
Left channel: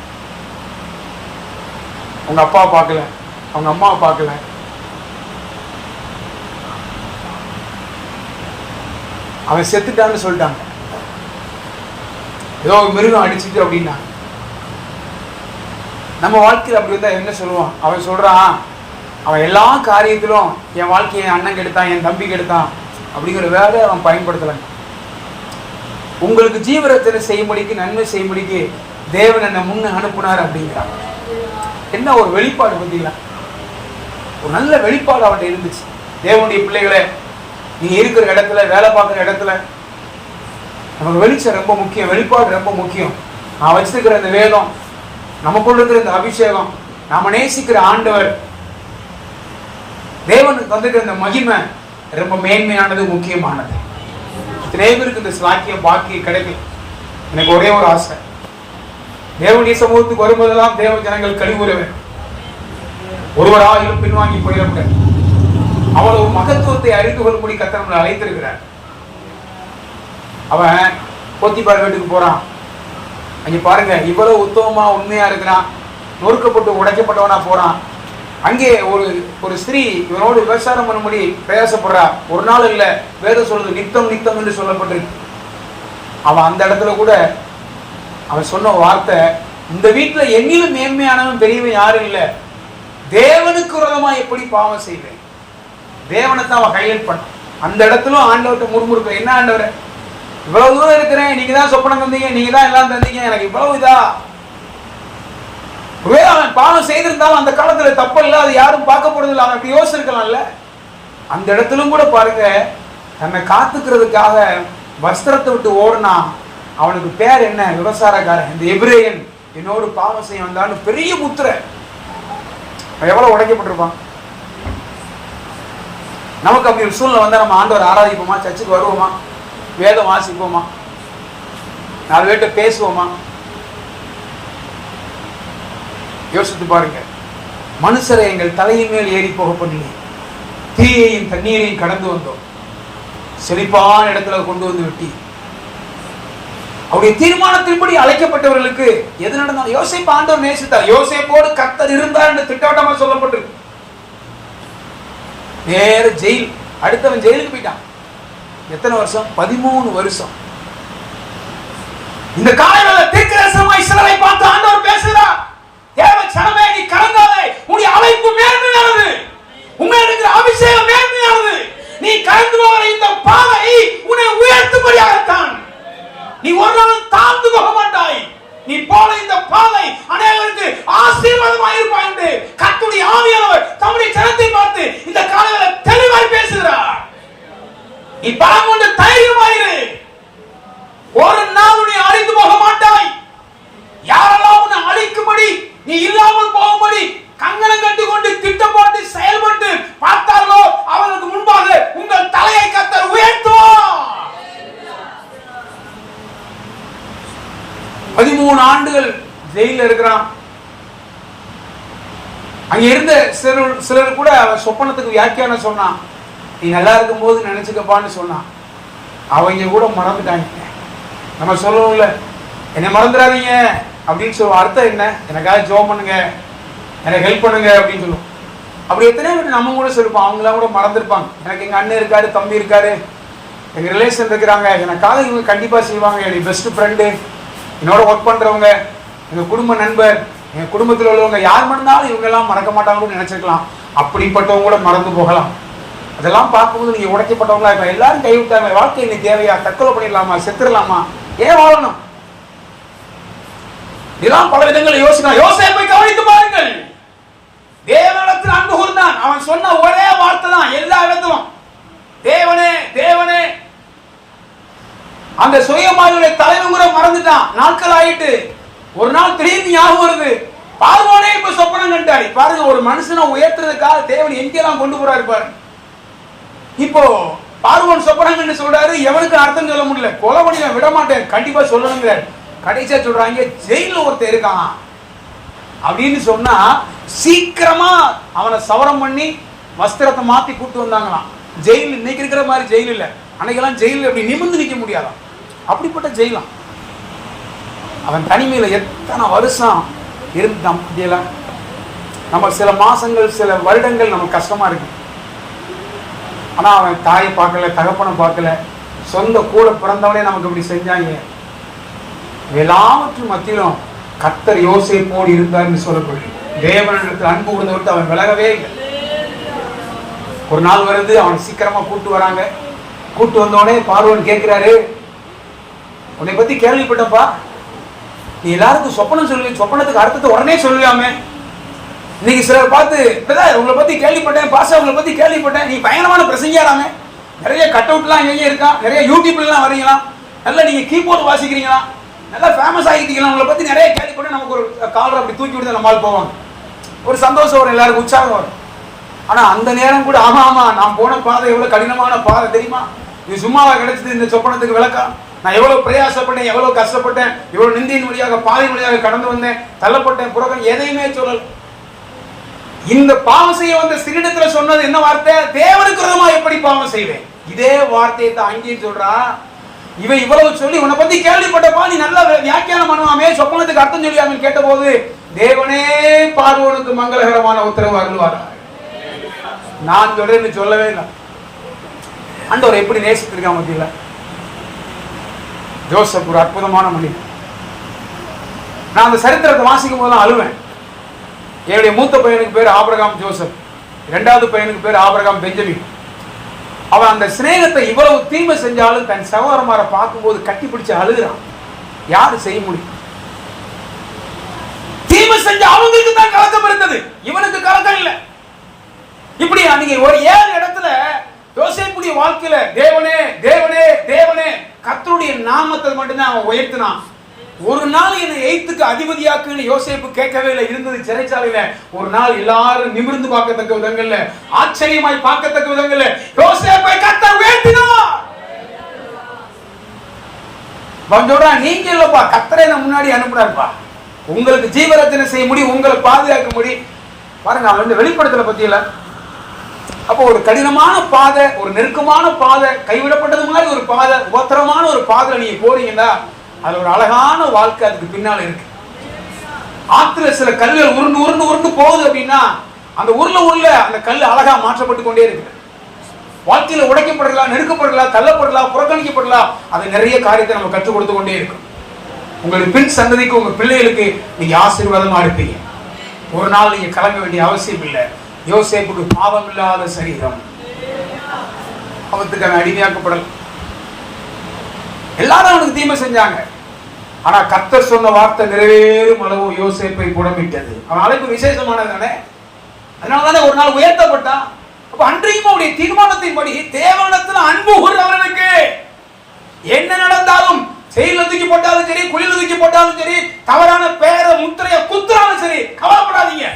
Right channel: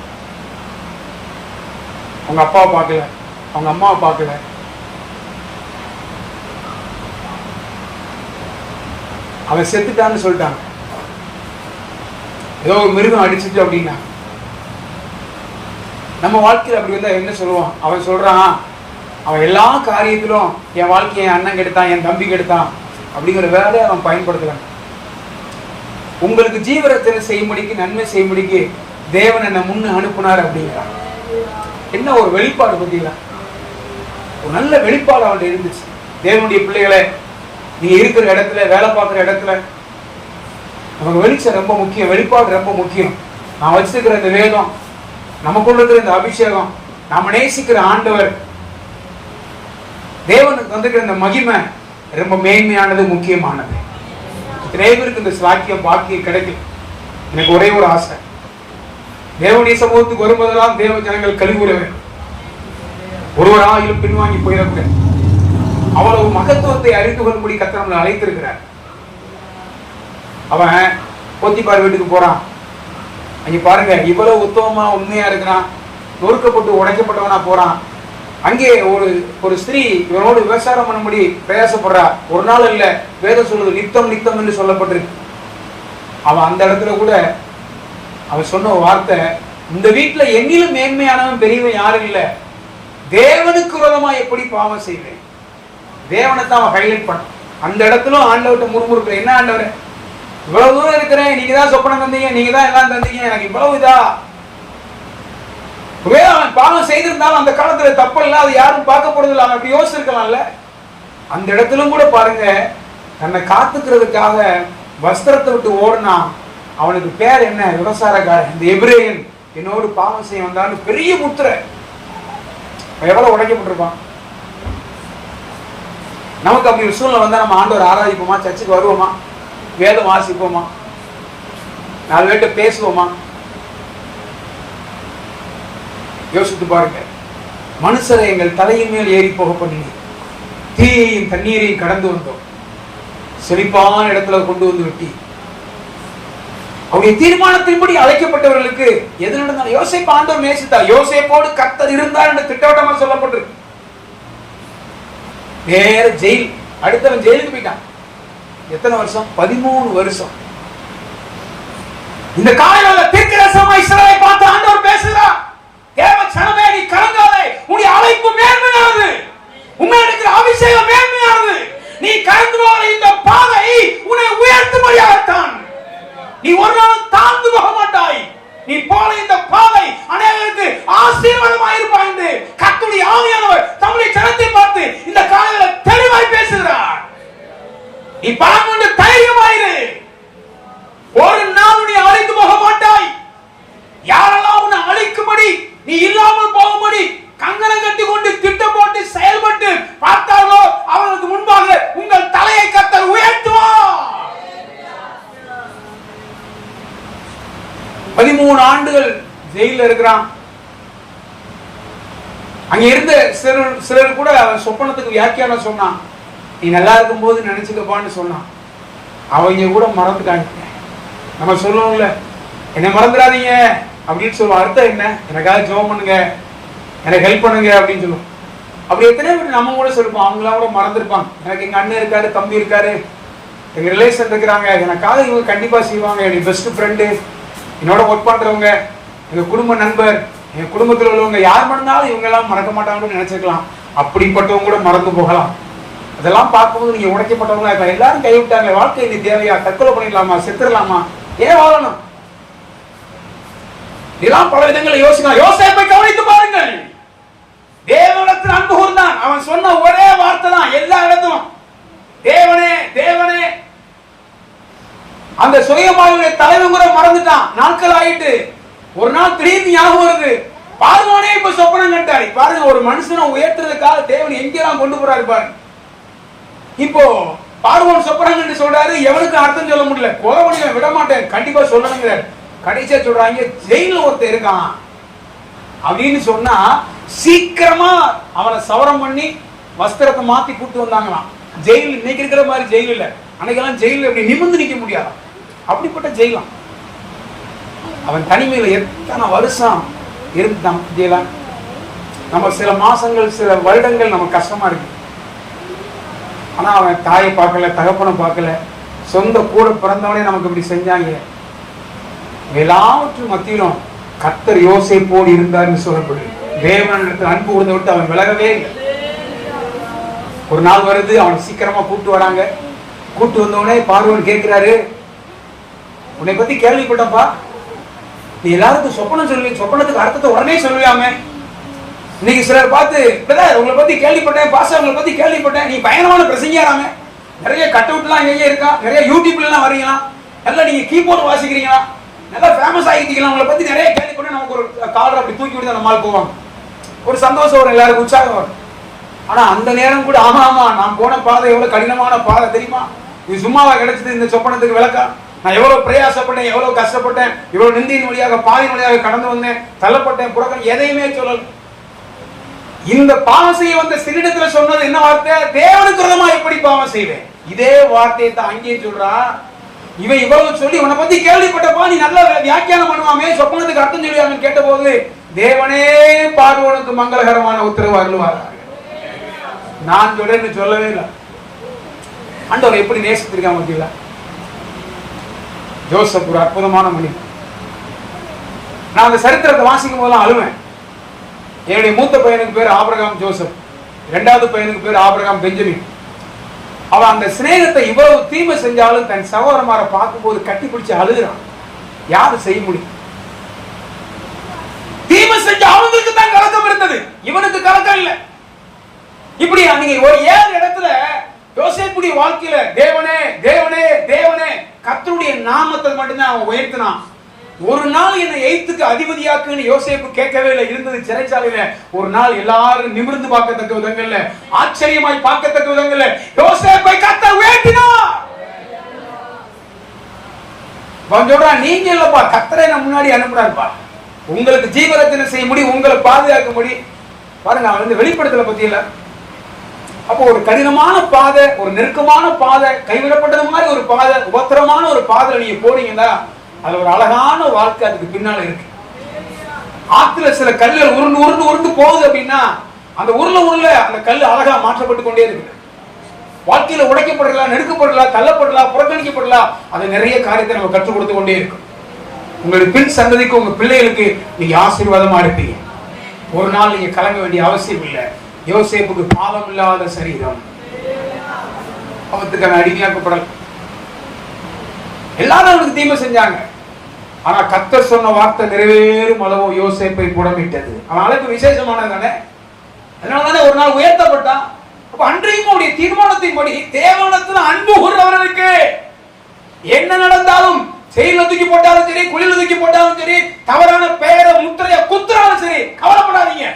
அவங்க அப்பாவை பார்க்கல, அவங்க அம்மாவை பார்க்கல. அவன் செத்துட்டான்னு சொல்லிட்டாங்க. ஏதோ மிருகம் அடிச்சுட்டு அப்படின்னா. நம்ம வாழ்க்கையில் அப்படி இருந்தா என்ன சொல்லுவான்? அவன் சொல்றான், அவன் எல்லா காரியத்திலும் என் வாழ்க்கையை என் அண்ணன் கெடுத்தான், என் தம்பி கெடுத்தான் அப்படிங்கிற வேலை அவன் பயன்படுத்தலாம். உங்களுக்கு ஜீவரத்தினை செய்யும்படிக்கு, நன்மை செய்யும்படிக்கு தேவன் என்ன முன்ன அனுப்புனார் அப்படிங்கிறான். என்ன ஒரு வெளிப்பாடு பார்த்தீங்களா? ஒரு நல்ல வெளிப்பாடு அவர்கிட்ட இருந்துச்சு. தேவனுடைய பிள்ளைகளை, நீங்க இருக்கிற இடத்துல, வேலை பார்க்குற இடத்துல நமக்கு வெளிச்சம் ரொம்ப முக்கியம், வெளிப்பாடு ரொம்ப முக்கியம். நான் வச்சிருக்கிற இந்த வேதம், நமக்குள்ள இருக்கிற இந்த அபிஷேகம், நாம நேசிக்கிற ஆண்டவர், தேவனுக்கு வந்திருக்கிற இந்த மகிமை ரொம்ப மேன்மையானது, முக்கியமானது. நிறைய பேருக்கு இந்த சாக்கியம் பாக்கியம் கிடைக்கும். எனக்கு ஒரே ஒரு ஆசை, தேவனுடைய சமூகத்துக்கு வரும்போதெல்லாம் தேவ ஜனங்கள் கழிவுறவன் ஒருவராயிலும் பின்வாங்கி போயிடக்கூடாது. அவ்வளவு மகத்துவத்தை அறிந்து கொள்ளும்படி கர்த்தர் நம்மளை அழைத்திருக்கிறார். அவன் போத்திபார் வீட்டுக்கு போறான். அங்க பாருங்க, இவ்வளவு உத்தமமா உண்மையா இருக்கிறான், நொறுக்கப்பட்டு உடைக்கப்பட்டவனா போறான். அங்கே ஒரு ஸ்திரீ இவனோடு விவசாயம் பண்ணும்படி பிரயாசப்படுறா. ஒரு நாள் இல்ல, வேதம் சொல்லுது நித்தம் நித்தம் என்று சொல்லப்பட்டிருக்கு. அவன் அந்த இடத்துல கூட அவன் சொன்ன வார்த்தை, இந்த வீட்டுல என்னிலும் மேன்மையானவன் பெரியவன் யாரும் இல்லை, தேவனுக்கு விரோதமா எப்படி பாவம் செய்வேன்? தேவனை தான் அவன் ஹைலைட் பண்ண. அந்த இடத்துல ஆண்டவர்கிட்ட முறுமுறுக்க, என்ன ஆண்டவரே இவ்வளவு தூரம் இருக்கிறேன், நீங்க தான் சொப்பனம் தந்தீங்க, நீங்க தான் எல்லாம் தந்தீங்க, எனக்கு இவ்வளவு இதா. அவன் பாவம் செய்திருந்தாலும் அந்த காலத்துல தப்பு இல்லை, அது யாரும் பார்க்க போறது இல்லை, அவன் அப்படி யோசிச்சிருக்கலாம்ல. அந்த இடத்திலும் கூட பாருங்க, தன்னை காத்துக்கிறதுக்காக வஸ்திரத்தை விட்டு ஓடினா. அவனுக்கு பேர் என்ன? விபசாரக்காரன். இந்த எபிரேயன் என்னோடு பாவம் செய்ய வந்தான்னு பெரிய முத்திரை. எவ்வளவு உடைக்கப்பட்டிருப்பான். நமக்கு அப்படி ஒரு சூழ்நிலை வந்தா நம்ம ஆண்டவர் ஆராதிப்போமா? சர்ச்சுக்கு வருவோமா? வேதம் வாசிப்போமா? 4 பேர்கிட்ட பேசுவோமா? யோசித்து பாருங்க. மனுஷரை எங்கள் தலையின் மேல் ஏறி போக பண்ணி தீயையும் தண்ணீரையும் கடந்து வந்தோம், செழிப்பான இடத்துல கொண்டு வந்து விட்டி. அவருடைய தீர்மானத்தின்படி அழைக்கப்பட்டவர்களுக்கு எது நடந்தாலும் யோசேப்பு ஆண்டவர் நேசித்தார். யோசேப்போடு கர்த்தர் இருந்தார் என்று திட்டவட்டமாக சொல்லப்பட்டிருக்கு. நேர ஜெயில். அடுத்தவன் ஜெயிலுக்கு போயிட்டான். எத்தனை வருஷம்? 13 வருஷம். இந்த காலையில தீர்க்கதரிசனமாய் இஸ்ரவேலை பார்த்து ஆண்டவர் பேசுகிறார். தேவ ஜனமே, நீ கலங்காதே, உன்னுடைய அழைப்பு மேன்மையானது, உன்னை இருக்கிற அபிஷேகம் மேன்மையானது. நீ கடந்து போகிற இந்த பாதை உன்னை உயர்த்தும்படியாகத்தான். நீ ஒரு நாள் தாழ்ந்து போக மாட்டாய். நீ போல இந்த பாதை அனைவருக்கு ஆசீர்வாதமாக இருப்பாய் என்று கர்த்தருடைய ஆவியானவர் தம்முடைய ஜனத்தை பார்த்து இந்த காலையில தெளிவாய் பேசுகிறார். நீ பலம் கொண்டு தைரியமாயிரு. ஒரு நாள் நீ அழிந்து போக மாட்டாய். யாரெல்லாம் உன்னை அழிக்கும்படி, நீ இல்லாமல் போகும்படி கங்கணம் கட்டி கொண்டு திட்டம் போட்டு செயல்பட்டு பார்த்தார்களோ அவர்களுக்கு முன்பாக உங்கள் தலையை கர்த்தர் உயர்த்துவார். 13 ஆண்டுகள் ஜெயில இருக்கிறான். அங்க இருந்த சிலர் கூட சொப்பனத்துக்கு வியாக்கியானம் சொன்னான். நீ நல்லா இருக்கும் போது நினைச்சுக்கப்பான்னு சொன்னான். அவங்க கூட மறந்துட்டாங்க. நம்ம சொல்லுவோம்ல, என்னை மறந்துடாதீங்க அப்படின்னு சொல்லுவோம். அர்த்தம் என்ன? எனக்காக ஜெபம் பண்ணுங்க, எனக்கு ஹெல்ப் பண்ணுங்க அப்படின்னு சொல்லுவோம். அப்படி எத்தனை பேர் நம்ம கூட சொல்லிப்போம். அவங்களாம் கூட மறந்துருப்பாங்க. எனக்கு எங்க அண்ணன் இருக்காரு, தம்பி இருக்காரு, எங்க ரிலேஷன் இருக்கிறாங்க, எனக்காக இவங்க கண்டிப்பா செய்வாங்க. என்னுடைய பெஸ்ட் ஃப்ரெண்டு, என்னோட ஒர்க் பண்றவங்க, எங்க குடும்ப நண்பர், எங்க குடும்பத்தில் உள்ளவங்க, யார் மறந்தாலும் இவங்க எல்லாம் மறக்க மாட்டாங்கன்னு நினைச்சிருக்கலாம். அப்படிப்பட்டவங்க கூட மறந்து போகலாம். அதெல்லாம் பார்க்கும்போது நீங்க உடைக்கப்பட்டவங்களா இருக்க, எல்லாரும் கைவிட்டாங்க, வாழ்க்கை இன்னும் தேவையா? தற்கொலை பண்ணிடலாமா? செத்துடலாமா? ஏன் வாழணும்? இதெல்லாம் பல விதங்களை யோசிக்கலாம். யோசேப்பை கவனித்து பாருங்கள். தேவனிடத்தில் அன்பு கூர்ந்தான். அவன் சொன்ன ஒரே வார்த்தை தான் எல்லா இடத்திலும், தேவனே தேவனே. அந்த சுயமாவுடைய தலைவங்கிற மறந்துட்டான். நாட்கள் ஆயிட்டு ஒரு நாள் திரும்பி ஞாபகம் வருது. பார்வோனே இப்ப சொப்பனம் கண்டாரு. பாருங்க, ஒரு மனுஷனை உயர்த்துறதுக்காக தேவன் எங்கெல்லாம் கொண்டு போறாரு பாருங்க. இப்போ பார்வோன் சொப்பனம் கண்டு சொல்றாரு. எவனுக்கு அர்த்தம் சொல்ல முடியல. கொலை பண்ணி விட மாட்டேன், கண்டிப்பா சொல்லணுங்க. கடைசியா சொல்றாங்க, ஜெயில ஒருத்தர் இருக்கான் அப்படின்னு சொன்னா சீக்கிரமா அவனை சவரம் பண்ணி வஸ்திரத்தை மாத்தி கூட்டு வந்தாங்களாம். ஜெயில் இன்னைக்கு இருக்கிற மாதிரி ஜெயில் இல்ல. அன்னைக்கெல்லாம் ஜெயில அப்படி நிமிர்ந்து நிக்க முடியாது. அப்படிப்பட்ட ஜெயிலாம். அவன் தனிமையில எத்தனை வருஷம் இருந்தான். நம்ம சில மாசங்கள், சில வருடங்கள் நமக்கு கஷ்டமா இருக்கு. ஆனா அவன் தாயை பார்க்கல, தகப்பனை பார்க்கல, சொந்த கூட பிறந்தவனே நமக்கு இப்படி செஞ்சாங்க. எல்லாவற்றும் மத்தியிலும் கர்த்தர் யோசேப்போடு இருந்தார்னு சொல்லப்படுது. தேவனிடத்தில் அன்பு கூர்ந்து விட்டு அவன் விலகவே இல்லை. ஒரு நாள் வருது, அவன் சீக்கிரமா கூட்டு வராங்க. கூட்டு வந்தோடனே பார்வோன் கேட்கிறாரு, உன்னை பத்தி கேள்விப்பட்டப்பா, நீ எல்லாருக்கும் சொப்பனம் சொல்லி சொப்பனத்துக்கு அர்த்தத்தை உடனே சொல்லியாமே. இன்னைக்கு சிலர் பார்த்து, உங்களை பத்தி கேள்விப்பட்டேன் பாச, உங்களை பத்தி கேள்விப்பட்டேன், நீ பயங்கரமான பிரசங்கியாராமே, நிறைய கட் அவுட் எல்லாம் எங்கே இருக்கா, நிறைய யூடியூப்ல எல்லாம் வரீங்களா, நல்லா நீங்க கீபோர்டு வாசிக்கிறீங்களா, நல்லா ஃபேமஸ் ஆகிட்டீங்களா, உங்களை பத்தி நிறைய கேள்விப்பட்டேன். நமக்கு ஒரு காலர் அப்படி தூக்கி விடுத நம்மளால போவாங்க. ஒரு சந்தோஷம் வரும், எல்லாருக்கும் உற்சாகம் வரும். ஆனா அந்த நேரம் கூட ஆமா ஆமா நான் போன பாதை எவ்வளவு கடினமான பாதை தெரியுமா, இது சும்மாவா கிடைச்சது இந்த சொப்பனத்துக்கு விளக்கா, நான் எவ்வளவு பிரயாசப்பட்டேன், எவ்வளவு கஷ்டப்பட்டேன், இவ்வளவு நிந்தியின் வழியாக பாதையின் வழியாக கடந்து வந்தேன், தள்ளப்பட்டேன், புறகம் எதையுமே சொல்லல. இந்த பாவம் செய்ய வந்த சிறிடத்துல சொன்னது என்ன வார்த்தை? தேவனுக்கு விரோதமா எப்படி பாவம் செய்வேன். இதே வார்த்தையை தான் அங்கேயும் சொல்றா. இவன் இவ்வளவு சொல்லி உன்னை பத்தி கேள்விப்பட்டப்பா, நீ நல்லா வியாக்கியானம் பண்ணுவாமே, சொப்பனத்துக்கு அர்த்தம் சொல்லியாமே கேட்ட போது தேவனே பார்வோனுக்கு மங்களகரமான உத்தரவு அருள்வார். நான் சொல்றேன்னு சொல்லவே இல்லை. ஆண்டவர் எப்படி நேசித்திருக்காம முடியல. ஜோசப் ஒரு அற்புதமான மொழி. நான் அந்த சரித்திரத்தை வாசிக்கும் போதெல்லாம் அழுவேன். என்னுடைய மூத்த பையனுக்கு பேர் ஆபிரகாம் ஜோசப், இரண்டாவது பையனுக்கு பேர் ஆபிரகாம் பெஞ்சமின். அவன் அந்த சிநேகத்தை இவ்வளவு தீமை செஞ்சாலும் தன் சகோதரமாரை பார்க்கும்போது கட்டி பிடிச்சு அழுகிறான். யாரு செய்ய முடியும்? தீமை செஞ்ச அவங்களுக்கு தான் கலக்கம் இருந்தது, இவனுக்கு கலக்கம் இல்ல. இப்படி நீங்க ஒரு 7 இடத்துல யோசேப்புடைய வாழ்க்கையில தேவனே தேவனே தேவனே கர்த்தருடைய நாமத்தை மட்டும்தான் அவன் உயர்த்தினான். ஒரு நாள் என்னை எய்த்துக்கு அதிபதியாக்குன்னு யோசேப்பு கேட்கவே இல்லை. இருந்தது சிறைச்சாலையில. ஒரு நாள் எல்லாரும் நிமிர்ந்து பார்க்கத்தக்க விதங்கள்ல, ஆச்சரியமாய் பார்க்கத்தக்க விதங்கள்ல யோசேப்பை கர்த்தர் உயர்த்தினார். சொல்றான், நீங்க இல்லப்பா, கர்த்தரை நான் முன்னாடி அனுப்புறாருப்பா, உங்களுக்கு ஜீவரத்தினை செய்ய முடியும், உங்களை பாதுகாக்க முடியும். பாருங்க, அந்த வெளிப்படுத்தல பத்தியில அப்போ ஒரு கடினமான பாதை, ஒரு நெருக்கமான பாதை, கைவிடப்பட்டது மாதிரி ஒரு பாதை, உபத்திரமான ஒரு பாதை நீங்க போறீங்கன்னா அதுல ஒரு அழகான வாழ்க்கை அதுக்கு பின்னால இருக்கு. ஆத்துல சில கல்லுகள் உருண்டு உருண்டு உருண்டு போகுது அப்படின்னா அந்த உருள அந்த கல் அழகா மாற்றப்பட்டு கொண்டே இருக்கு. வாழ்க்கையில உடைக்கப்படலாம், நெருக்கப்படலாம், தள்ளப்படலாம், புறக்கணிக்கப்படலாம், அது நிறைய காரியத்தை நம்ம கற்றுக் கொடுத்து கொண்டே இருக்கும். உங்களுக்கு பின் சந்ததிக்கு, உங்க பிள்ளைகளுக்கு நீங்க ஆசீர்வாதமா இருப்பீங்க. ஒரு நாள் நீங்க கலங்க வேண்டிய அவசியம் இல்லை. யோசேப்புக்கு பாவம் இல்லாத சரீரம், அவத்துக்கு அடிமையாக்கப்படலாம். எல்லாரும் அவனுக்கு தீமை செஞ்சாங்க. ஆனா கர்த்தர் சொன்ன வார்த்தை நிறைவேறும் அளவு யோசேப்பை புடமிட்டது. அவன் அழைப்பு விசேஷமானது தானே, அதனாலதானே ஒரு நாள் உயர்த்தப்பட்டான். அப்ப அன்றையும் அவருடைய தீர்மானத்தின்படி தேவனிடத்தில் அன்பு கூறுகிறவர்களுக்கு என்ன நடந்தாலும், செயல தூக்கி போட்டாலும் சரி, குழியில தூக்கி போட்டாலும் சரி, தவறான பெயரை முத்திரைய குத்துறாலும் சரி, கவலைப்படாதீங்க,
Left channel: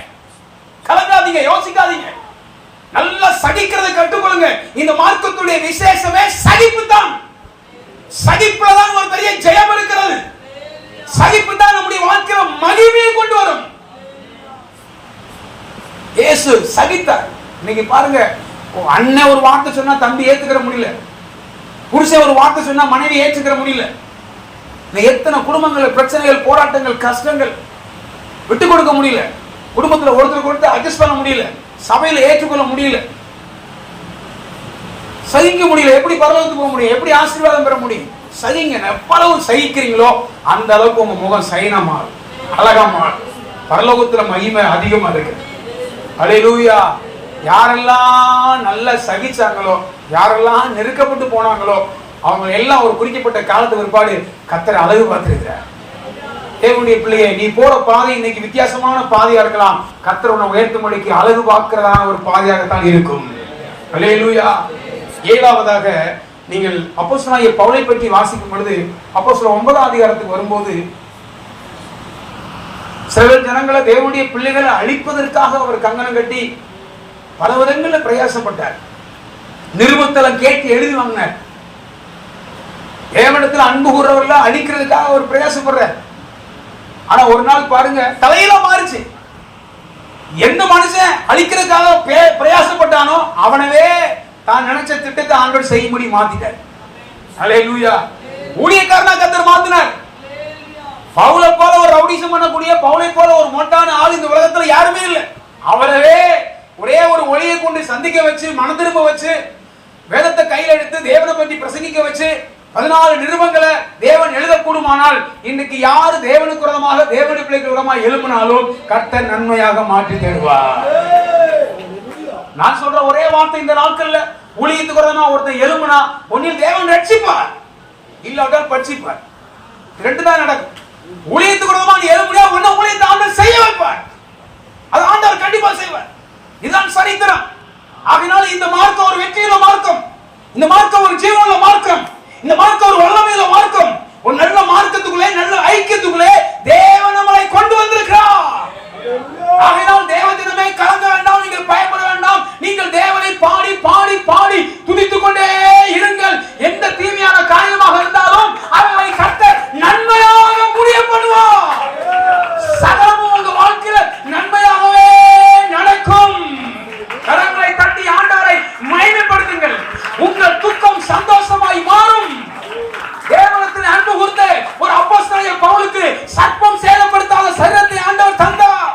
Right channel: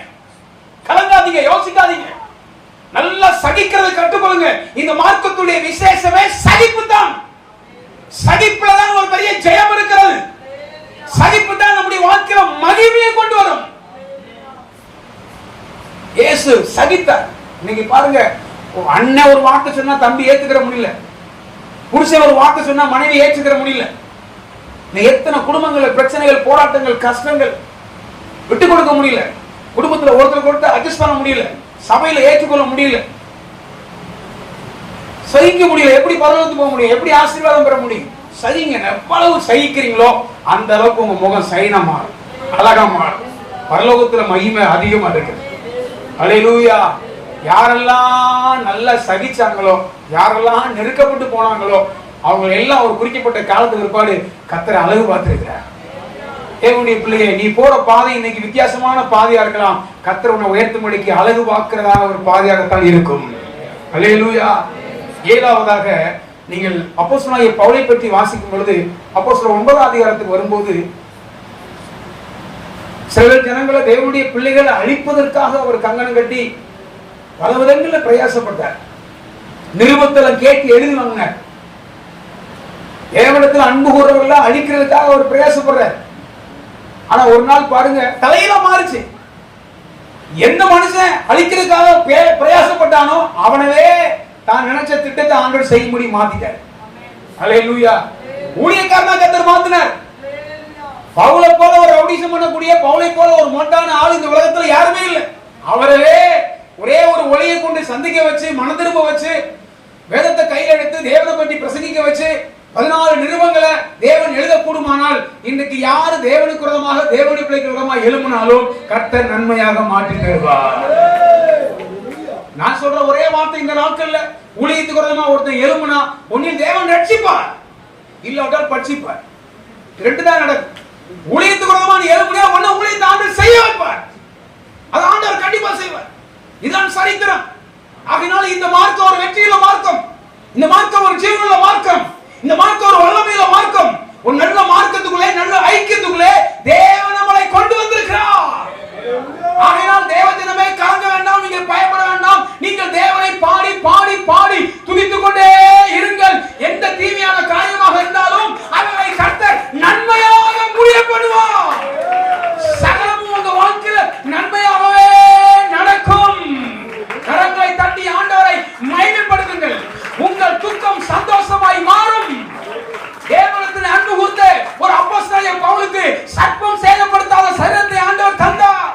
கலங்காதீங்க, யோசிக்காதீங்க. நல்லா சகிக்கிறதை கற்றுக்கொள்ளுங்க. இந்த மார்க்கத்துடைய விசேஷமே சகிப்பு தான். சகிப்புல தான் ஒரு பெரிய ஜெயம் இருக்கிறது. சகிப்பு தான் நம்முடைய வாழ்க்கையில மகிமையை கொண்டு வரும். இயேசு சகித்தார். இன்னைக்கு பாருங்க, அண்ணன் ஒரு வார்த்தை சொன்னா தம்பி ஏத்துக்கிற முடியல, புருஷன் ஒரு வார்த்தை சொன்னா மனைவி ஏற்றுக்கிற முடியல. எத்தனை குடும்பங்கள், பிரச்சனைகள், போராட்டங்கள், கஷ்டங்கள், விட்டு கொடுக்க முடியல. குடும்பத்துல ஒருத்தர் ஒருத்தர் அட்ஜஸ்ட் பண்ண முடியல, சபையில ஏற்றுக்கொள்ள முடியல, சகிக்க முடியல. எப்படி பரலோகத்துக்கு போக முடியும்? எப்படி ஆசீர்வாதம் பெற முடியும்? சகிங்க. எவ்வளவு சகிக்கிறீங்களோ அந்த அளவுக்கு உங்க முகம் சைனா மாறும், அழகா மாறும். பரலோகத்துல மகிமை அதிகமா இருக்கு. அல்லேலூயா. யாரெல்லாம் நல்லா சகிச்சாங்களோ, யாரெல்லாம் நெருக்கப்பட்டு போனாங்களோ, அவங்க எல்லாம் ஒரு குறிக்கப்பட்ட காலத்து பிற்பாடு கர்த்தரை அழகு பார்த்திருக்கிறார். தேவனுடைய பிள்ளையே, நீ போற பாதை இன்னைக்கு வித்தியாசமான பாதையா இருக்கலாம். கர்த்தர் உன்னை உயர்த்தும்படிக்கு அழகு பார்க்கிறதான ஒரு பாதையாகத்தான் இருக்கும். அல்லேலூயா. 7வதாக நீங்கள் அப்போஸ்தலனாகிய பவுலை பற்றி வாசிக்கும் பொழுது, அப்போஸ்தலர் 9ஆம் அதிகாரத்துக்கு வரும்போது, சில ஜனங்களை, தேவனுடைய பிள்ளைகளை அழிப்பதற்காக அவர் கங்கணம் கட்டி பல விதங்களில் பிரயாசப்பட்டார். நிருபத்தலம் கேட்டு எழுதி வாங்கினார். தேவனிடத்தில் அன்பு கூறவர்கள அழிக்கிறதுக்காக அவர் பிரயாசப்படுறார். ஆனா ஒரு நாள் பாருங்க, தலையில மாறிச்சு. எந்த மனுஷன் அழிக்கிறதுக்காக பிரயாசப்பட்டானோ அவனவே தான் நினைச்ச திட்டத்தை ஆண்டவர் செய்யும்படி மாத்திட்டார். அல்லேலூயா. ஊழியக்காரனா கர்த்தர் மாத்தினார். பவுலை போல ஒரு ரவுடிசம் பண்ணக்கூடிய, பவுலை போல ஒரு மொட்டான ஆள் இந்த உலகத்துல யாருமே இல்லை. அவரவே ஒரே ஒரு ஒளியை கொண்டு சந்திக்க வச்சு, மன திரும்ப வச்சு, வேதத்தை கையில் எடுத்து தேவனை பற்றி பிரசங்கிக்க வச்சு 14 நிருபங்களை தேவன் எழுதக்கூடுமானால் இன்றைக்கு யாரு தேவனுக்கு விரோதமாக, தேவனுடைய பிள்ளைக்கு விரோதமாக எழுப்பினாலும் கர்த்தர் நன்மையாக மாற்றி தருவார். நான் சொல்ற ஒரே வார்த்தை, இந்த நாட்கள்ல ஊழியத்துக்கு விரோதமா ஒருத்தர் எழுப்பினா ஒன்னில் தேவன் ரட்சிப்பார், இல்லாட்டால் பட்சிப்பார். ரெண்டு தான் நடக்கும். ஊழியத்துக்கு விரோதமா நீ எழுப்பினா ஒன்னும் ஊழியத்தை ஆண்டவர் செய்ய வைப்பார். அது ஆண்டவர் கண்டிப்பா செய்வார். இதுதான் சரித்திரம். ஆகினால இந்த மார்க்கம் ஒரு வெற்றியுள்ள மார்க்கம், இந்த மார்க்கம் ஒரு ஜீவனுள்ள மார்க்கம், இந்த மார்க்கம் ஒரு வல்லமையுள்ள மார்க்கம். ஒரு நல்ல மார்க்கத்துக்குள்ளே, நல்ல ஐக்கியத்துக்குள்ளே தேவன் நம்மை கொண்டு வந்திருக்கிறார். ஆகையால் தேவஜனமே கலங்க வேண்டாம், நீங்கள் பயப்பட வேண்டாம். நீங்கள் தேவனை பாடி பாடி பாடி துதித்துக் கொண்டே இருங்கள். எந்த தீமையான காரியமாக இருந்தாலும் அவைகளை கர்த்தர் நன்மையாக முடிய பண்ணுவார். சகலமும் உங்க வாழ்க்கையில நன்மையாகவே நடக்கும். கரங்களை தட்டி ஆண்டவரை மகிமைப்படுத்துங்கள். உங்கள் துக்கம் சந்தோஷமாய் மாறும். தேவனிடத்தில் அன்பு கூர்ந்து ஒரு அப்போஸ்தலனாகிய பவுலுக்கு சர்ப்பம் சேதப்படுத்தாத சரீரத்தை ஆண்டவர் தந்தார்.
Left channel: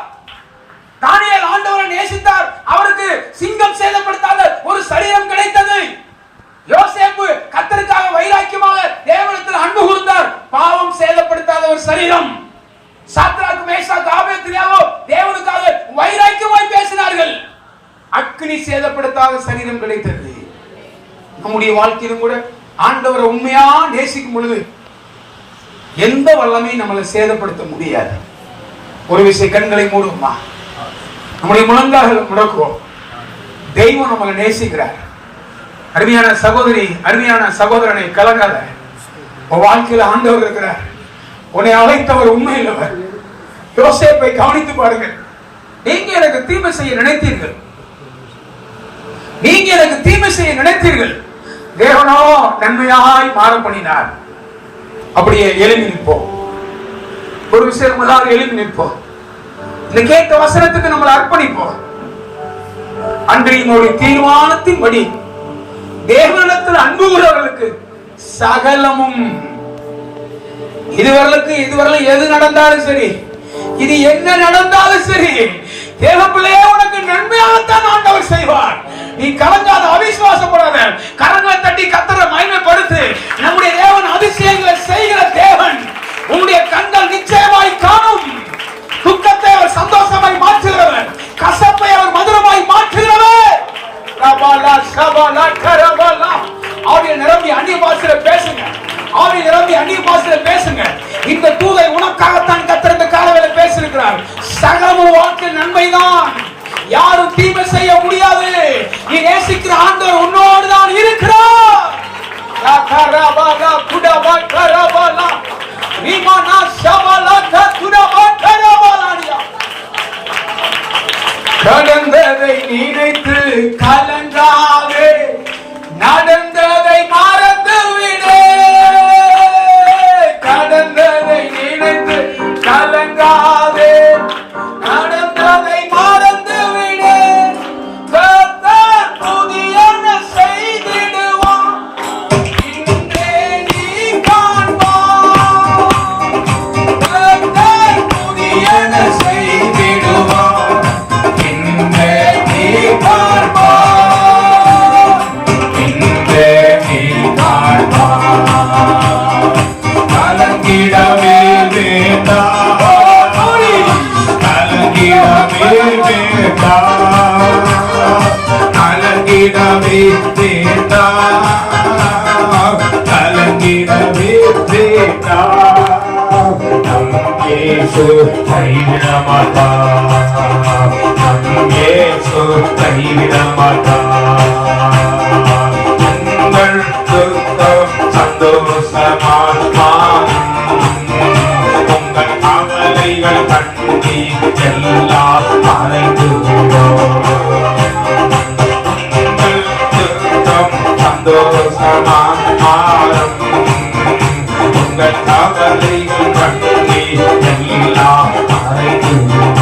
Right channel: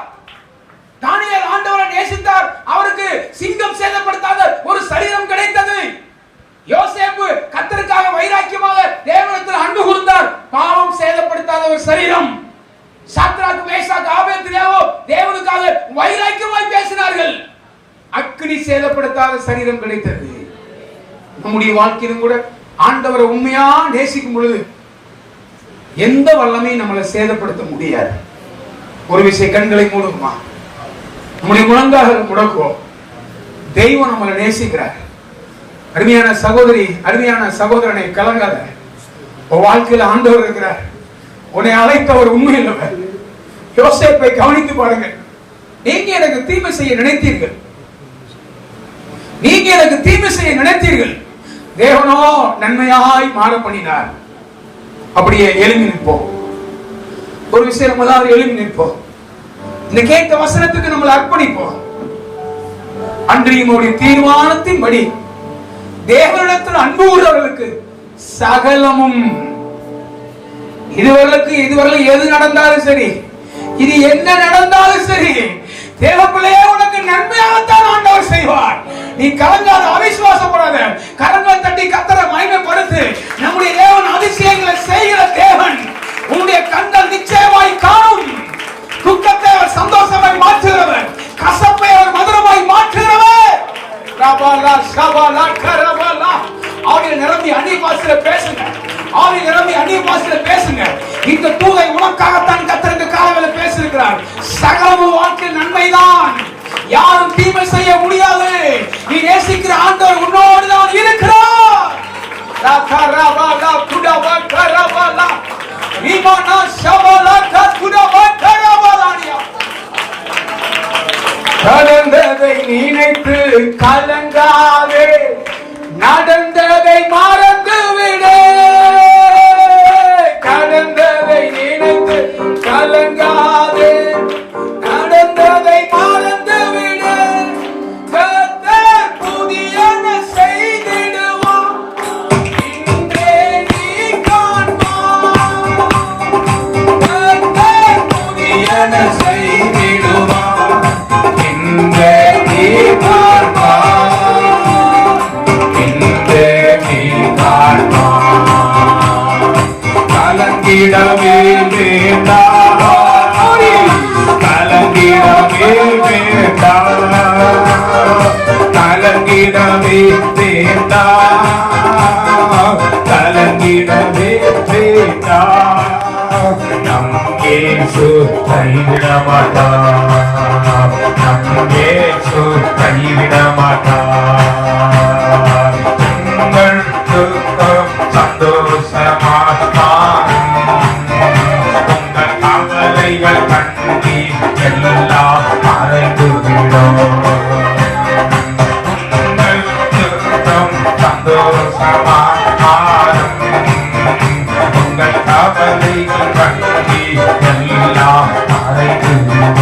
தானியேல் ஆண்டவரை நேசித்தார், அவருக்கு சிங்கம் சேதப்படுத்தாத ஒரு சரீரம் கிடைத்தது. யோசேப்பு கர்த்தருக்காக வைராக்கியமாக தேவனிடத்தில் அன்பு கூர்ந்தார், பாவம் சேதப்படுத்தாத ஒரு சரீரம். சாத்ராக், மேஷாக், ஆபேத்நேகோ தேவனுக்காக அக்கினி சேதப்படுத்தாத சரீரம் கிடைத்தது. நம்முடைய வாழ்க்கையிலும் கூட ஆண்டவரை உண்மையா நேசிக்கும் பொழுது எந்த வல்லமையும் நம்மளை சேதப்படுத்த முடியாது. ஒரு விஷயம், கண்களை மூடுமா, நம்முடைய முழங்கால் முடக்குவோம். தெய்வம் நம்மளை நேசிக்கிறார். அருமையான சகோதரி, அருமையான சகோதரனை, கலங்காத. உன் வாழ்க்கையில ஆண்டவர் இருக்கிறார். உன்னை அழைத்தவர் உண்மையில்லவர். யோசேப்பை கவனித்து பாருங்கள். நீங்க எனக்கு தீமை செய்ய நினைத்தீர்கள், நீங்க எனக்கு தீமை செய்ய நினைத்தீர்கள், தேவனோ நன்மையாய் மாற பண்ணினார். அப்படியே எழுதி நிற்போம். ஒரு விஷயம், முதலாவது எழுதி நிற்போம். இந்த கேட்ட வசனத்துக்கு நம்மளை அர்ப்பணிப்போம். அன்றையும் ஒரு தீர்மானத்தின்படி தேவனிடத்தில் அன்பு உள்ளவர்களுக்கு சகலமும், இதுவரையிலும் எது நடந்தாலும் சரி, இது எங்க நடந்தாலும் சரி, தேவப்பிள்ளையே உனக்கு நன்மையாகத்தான் ஆண்டவர் செய்வார். நீ கலங்காத, அவிசுவாசப்படாத, கரங்களை தட்டி கர்த்தரை மகிமைப்படுத்து. நம்முடைய தேவன் அதிசயங்களை செய்கிற தேவன். உன்னுடைய கண்கள் நிச்சயமாய் காணும். துக்கத்தை அவர் சந்தோஷமாய் மாற்றுகிறவர், கசப்பை அவர் மதுரமாய் மாற்றுகிறவர். ரபாலா ஷபாலா கரபாலா. ஆவியில் நிரம்பி அந்நிய பாஷையில பேசுங்க. ஆவியில் நிரம்பி அந்நிய பாஷையில பேசுங்க. இந்த தூதை உனக்காகத்தான் கர்த்தர் காலையில பேசியிருக்கிறார். சகல வாழ்க்கை நன்மைதான். யாரும் தீமை செய்ய முடியாது. நீ நேசிக்கிற ஆண்டவர் உன்னோடு தான் இருக்கிறார். ரகரபாலா குடபா கரபாலா விமானா ஷபாலா குடபா கரபாலானியா. கடந்ததை நினைத்து கலங்காதே, நடந்ததை மறந்து விடு. கடந்ததை நினைத்து கலங்காதே, நடந்ததை மறந்து விடு. கர்த்தர் புதியன செய்திடுவார், இன்றே நீ காண்பாய். கர்த்தர் புதியன செய்திடுவார், இன்றே நீ காண்பாய். இன்றே நீ காண்பாய். கலங்கிடவே வேண்டாம், கலங்கிடவே வேண்டாம், கலங்கிடவே வேண்டாம், கலங்கிடவே வேண்டாம். நம் இயேசு கைவிட மாட்டார், நம் இயேசு கைவிட மாட்டார். உங்கள் துக்கம் சந்தோஷமாய் மாறும், உங்கள் கவலைகள் கண்ணீர் எல்லாம் மறைந்துவிடும். உங்கள் துக்கம் சந்தோஷமாய் மாறும், உங்கள் கவலைகள் கண்ணீர் எல்லாம் மறைந்துவிடும்.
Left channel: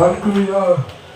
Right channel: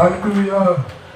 Hallelujah.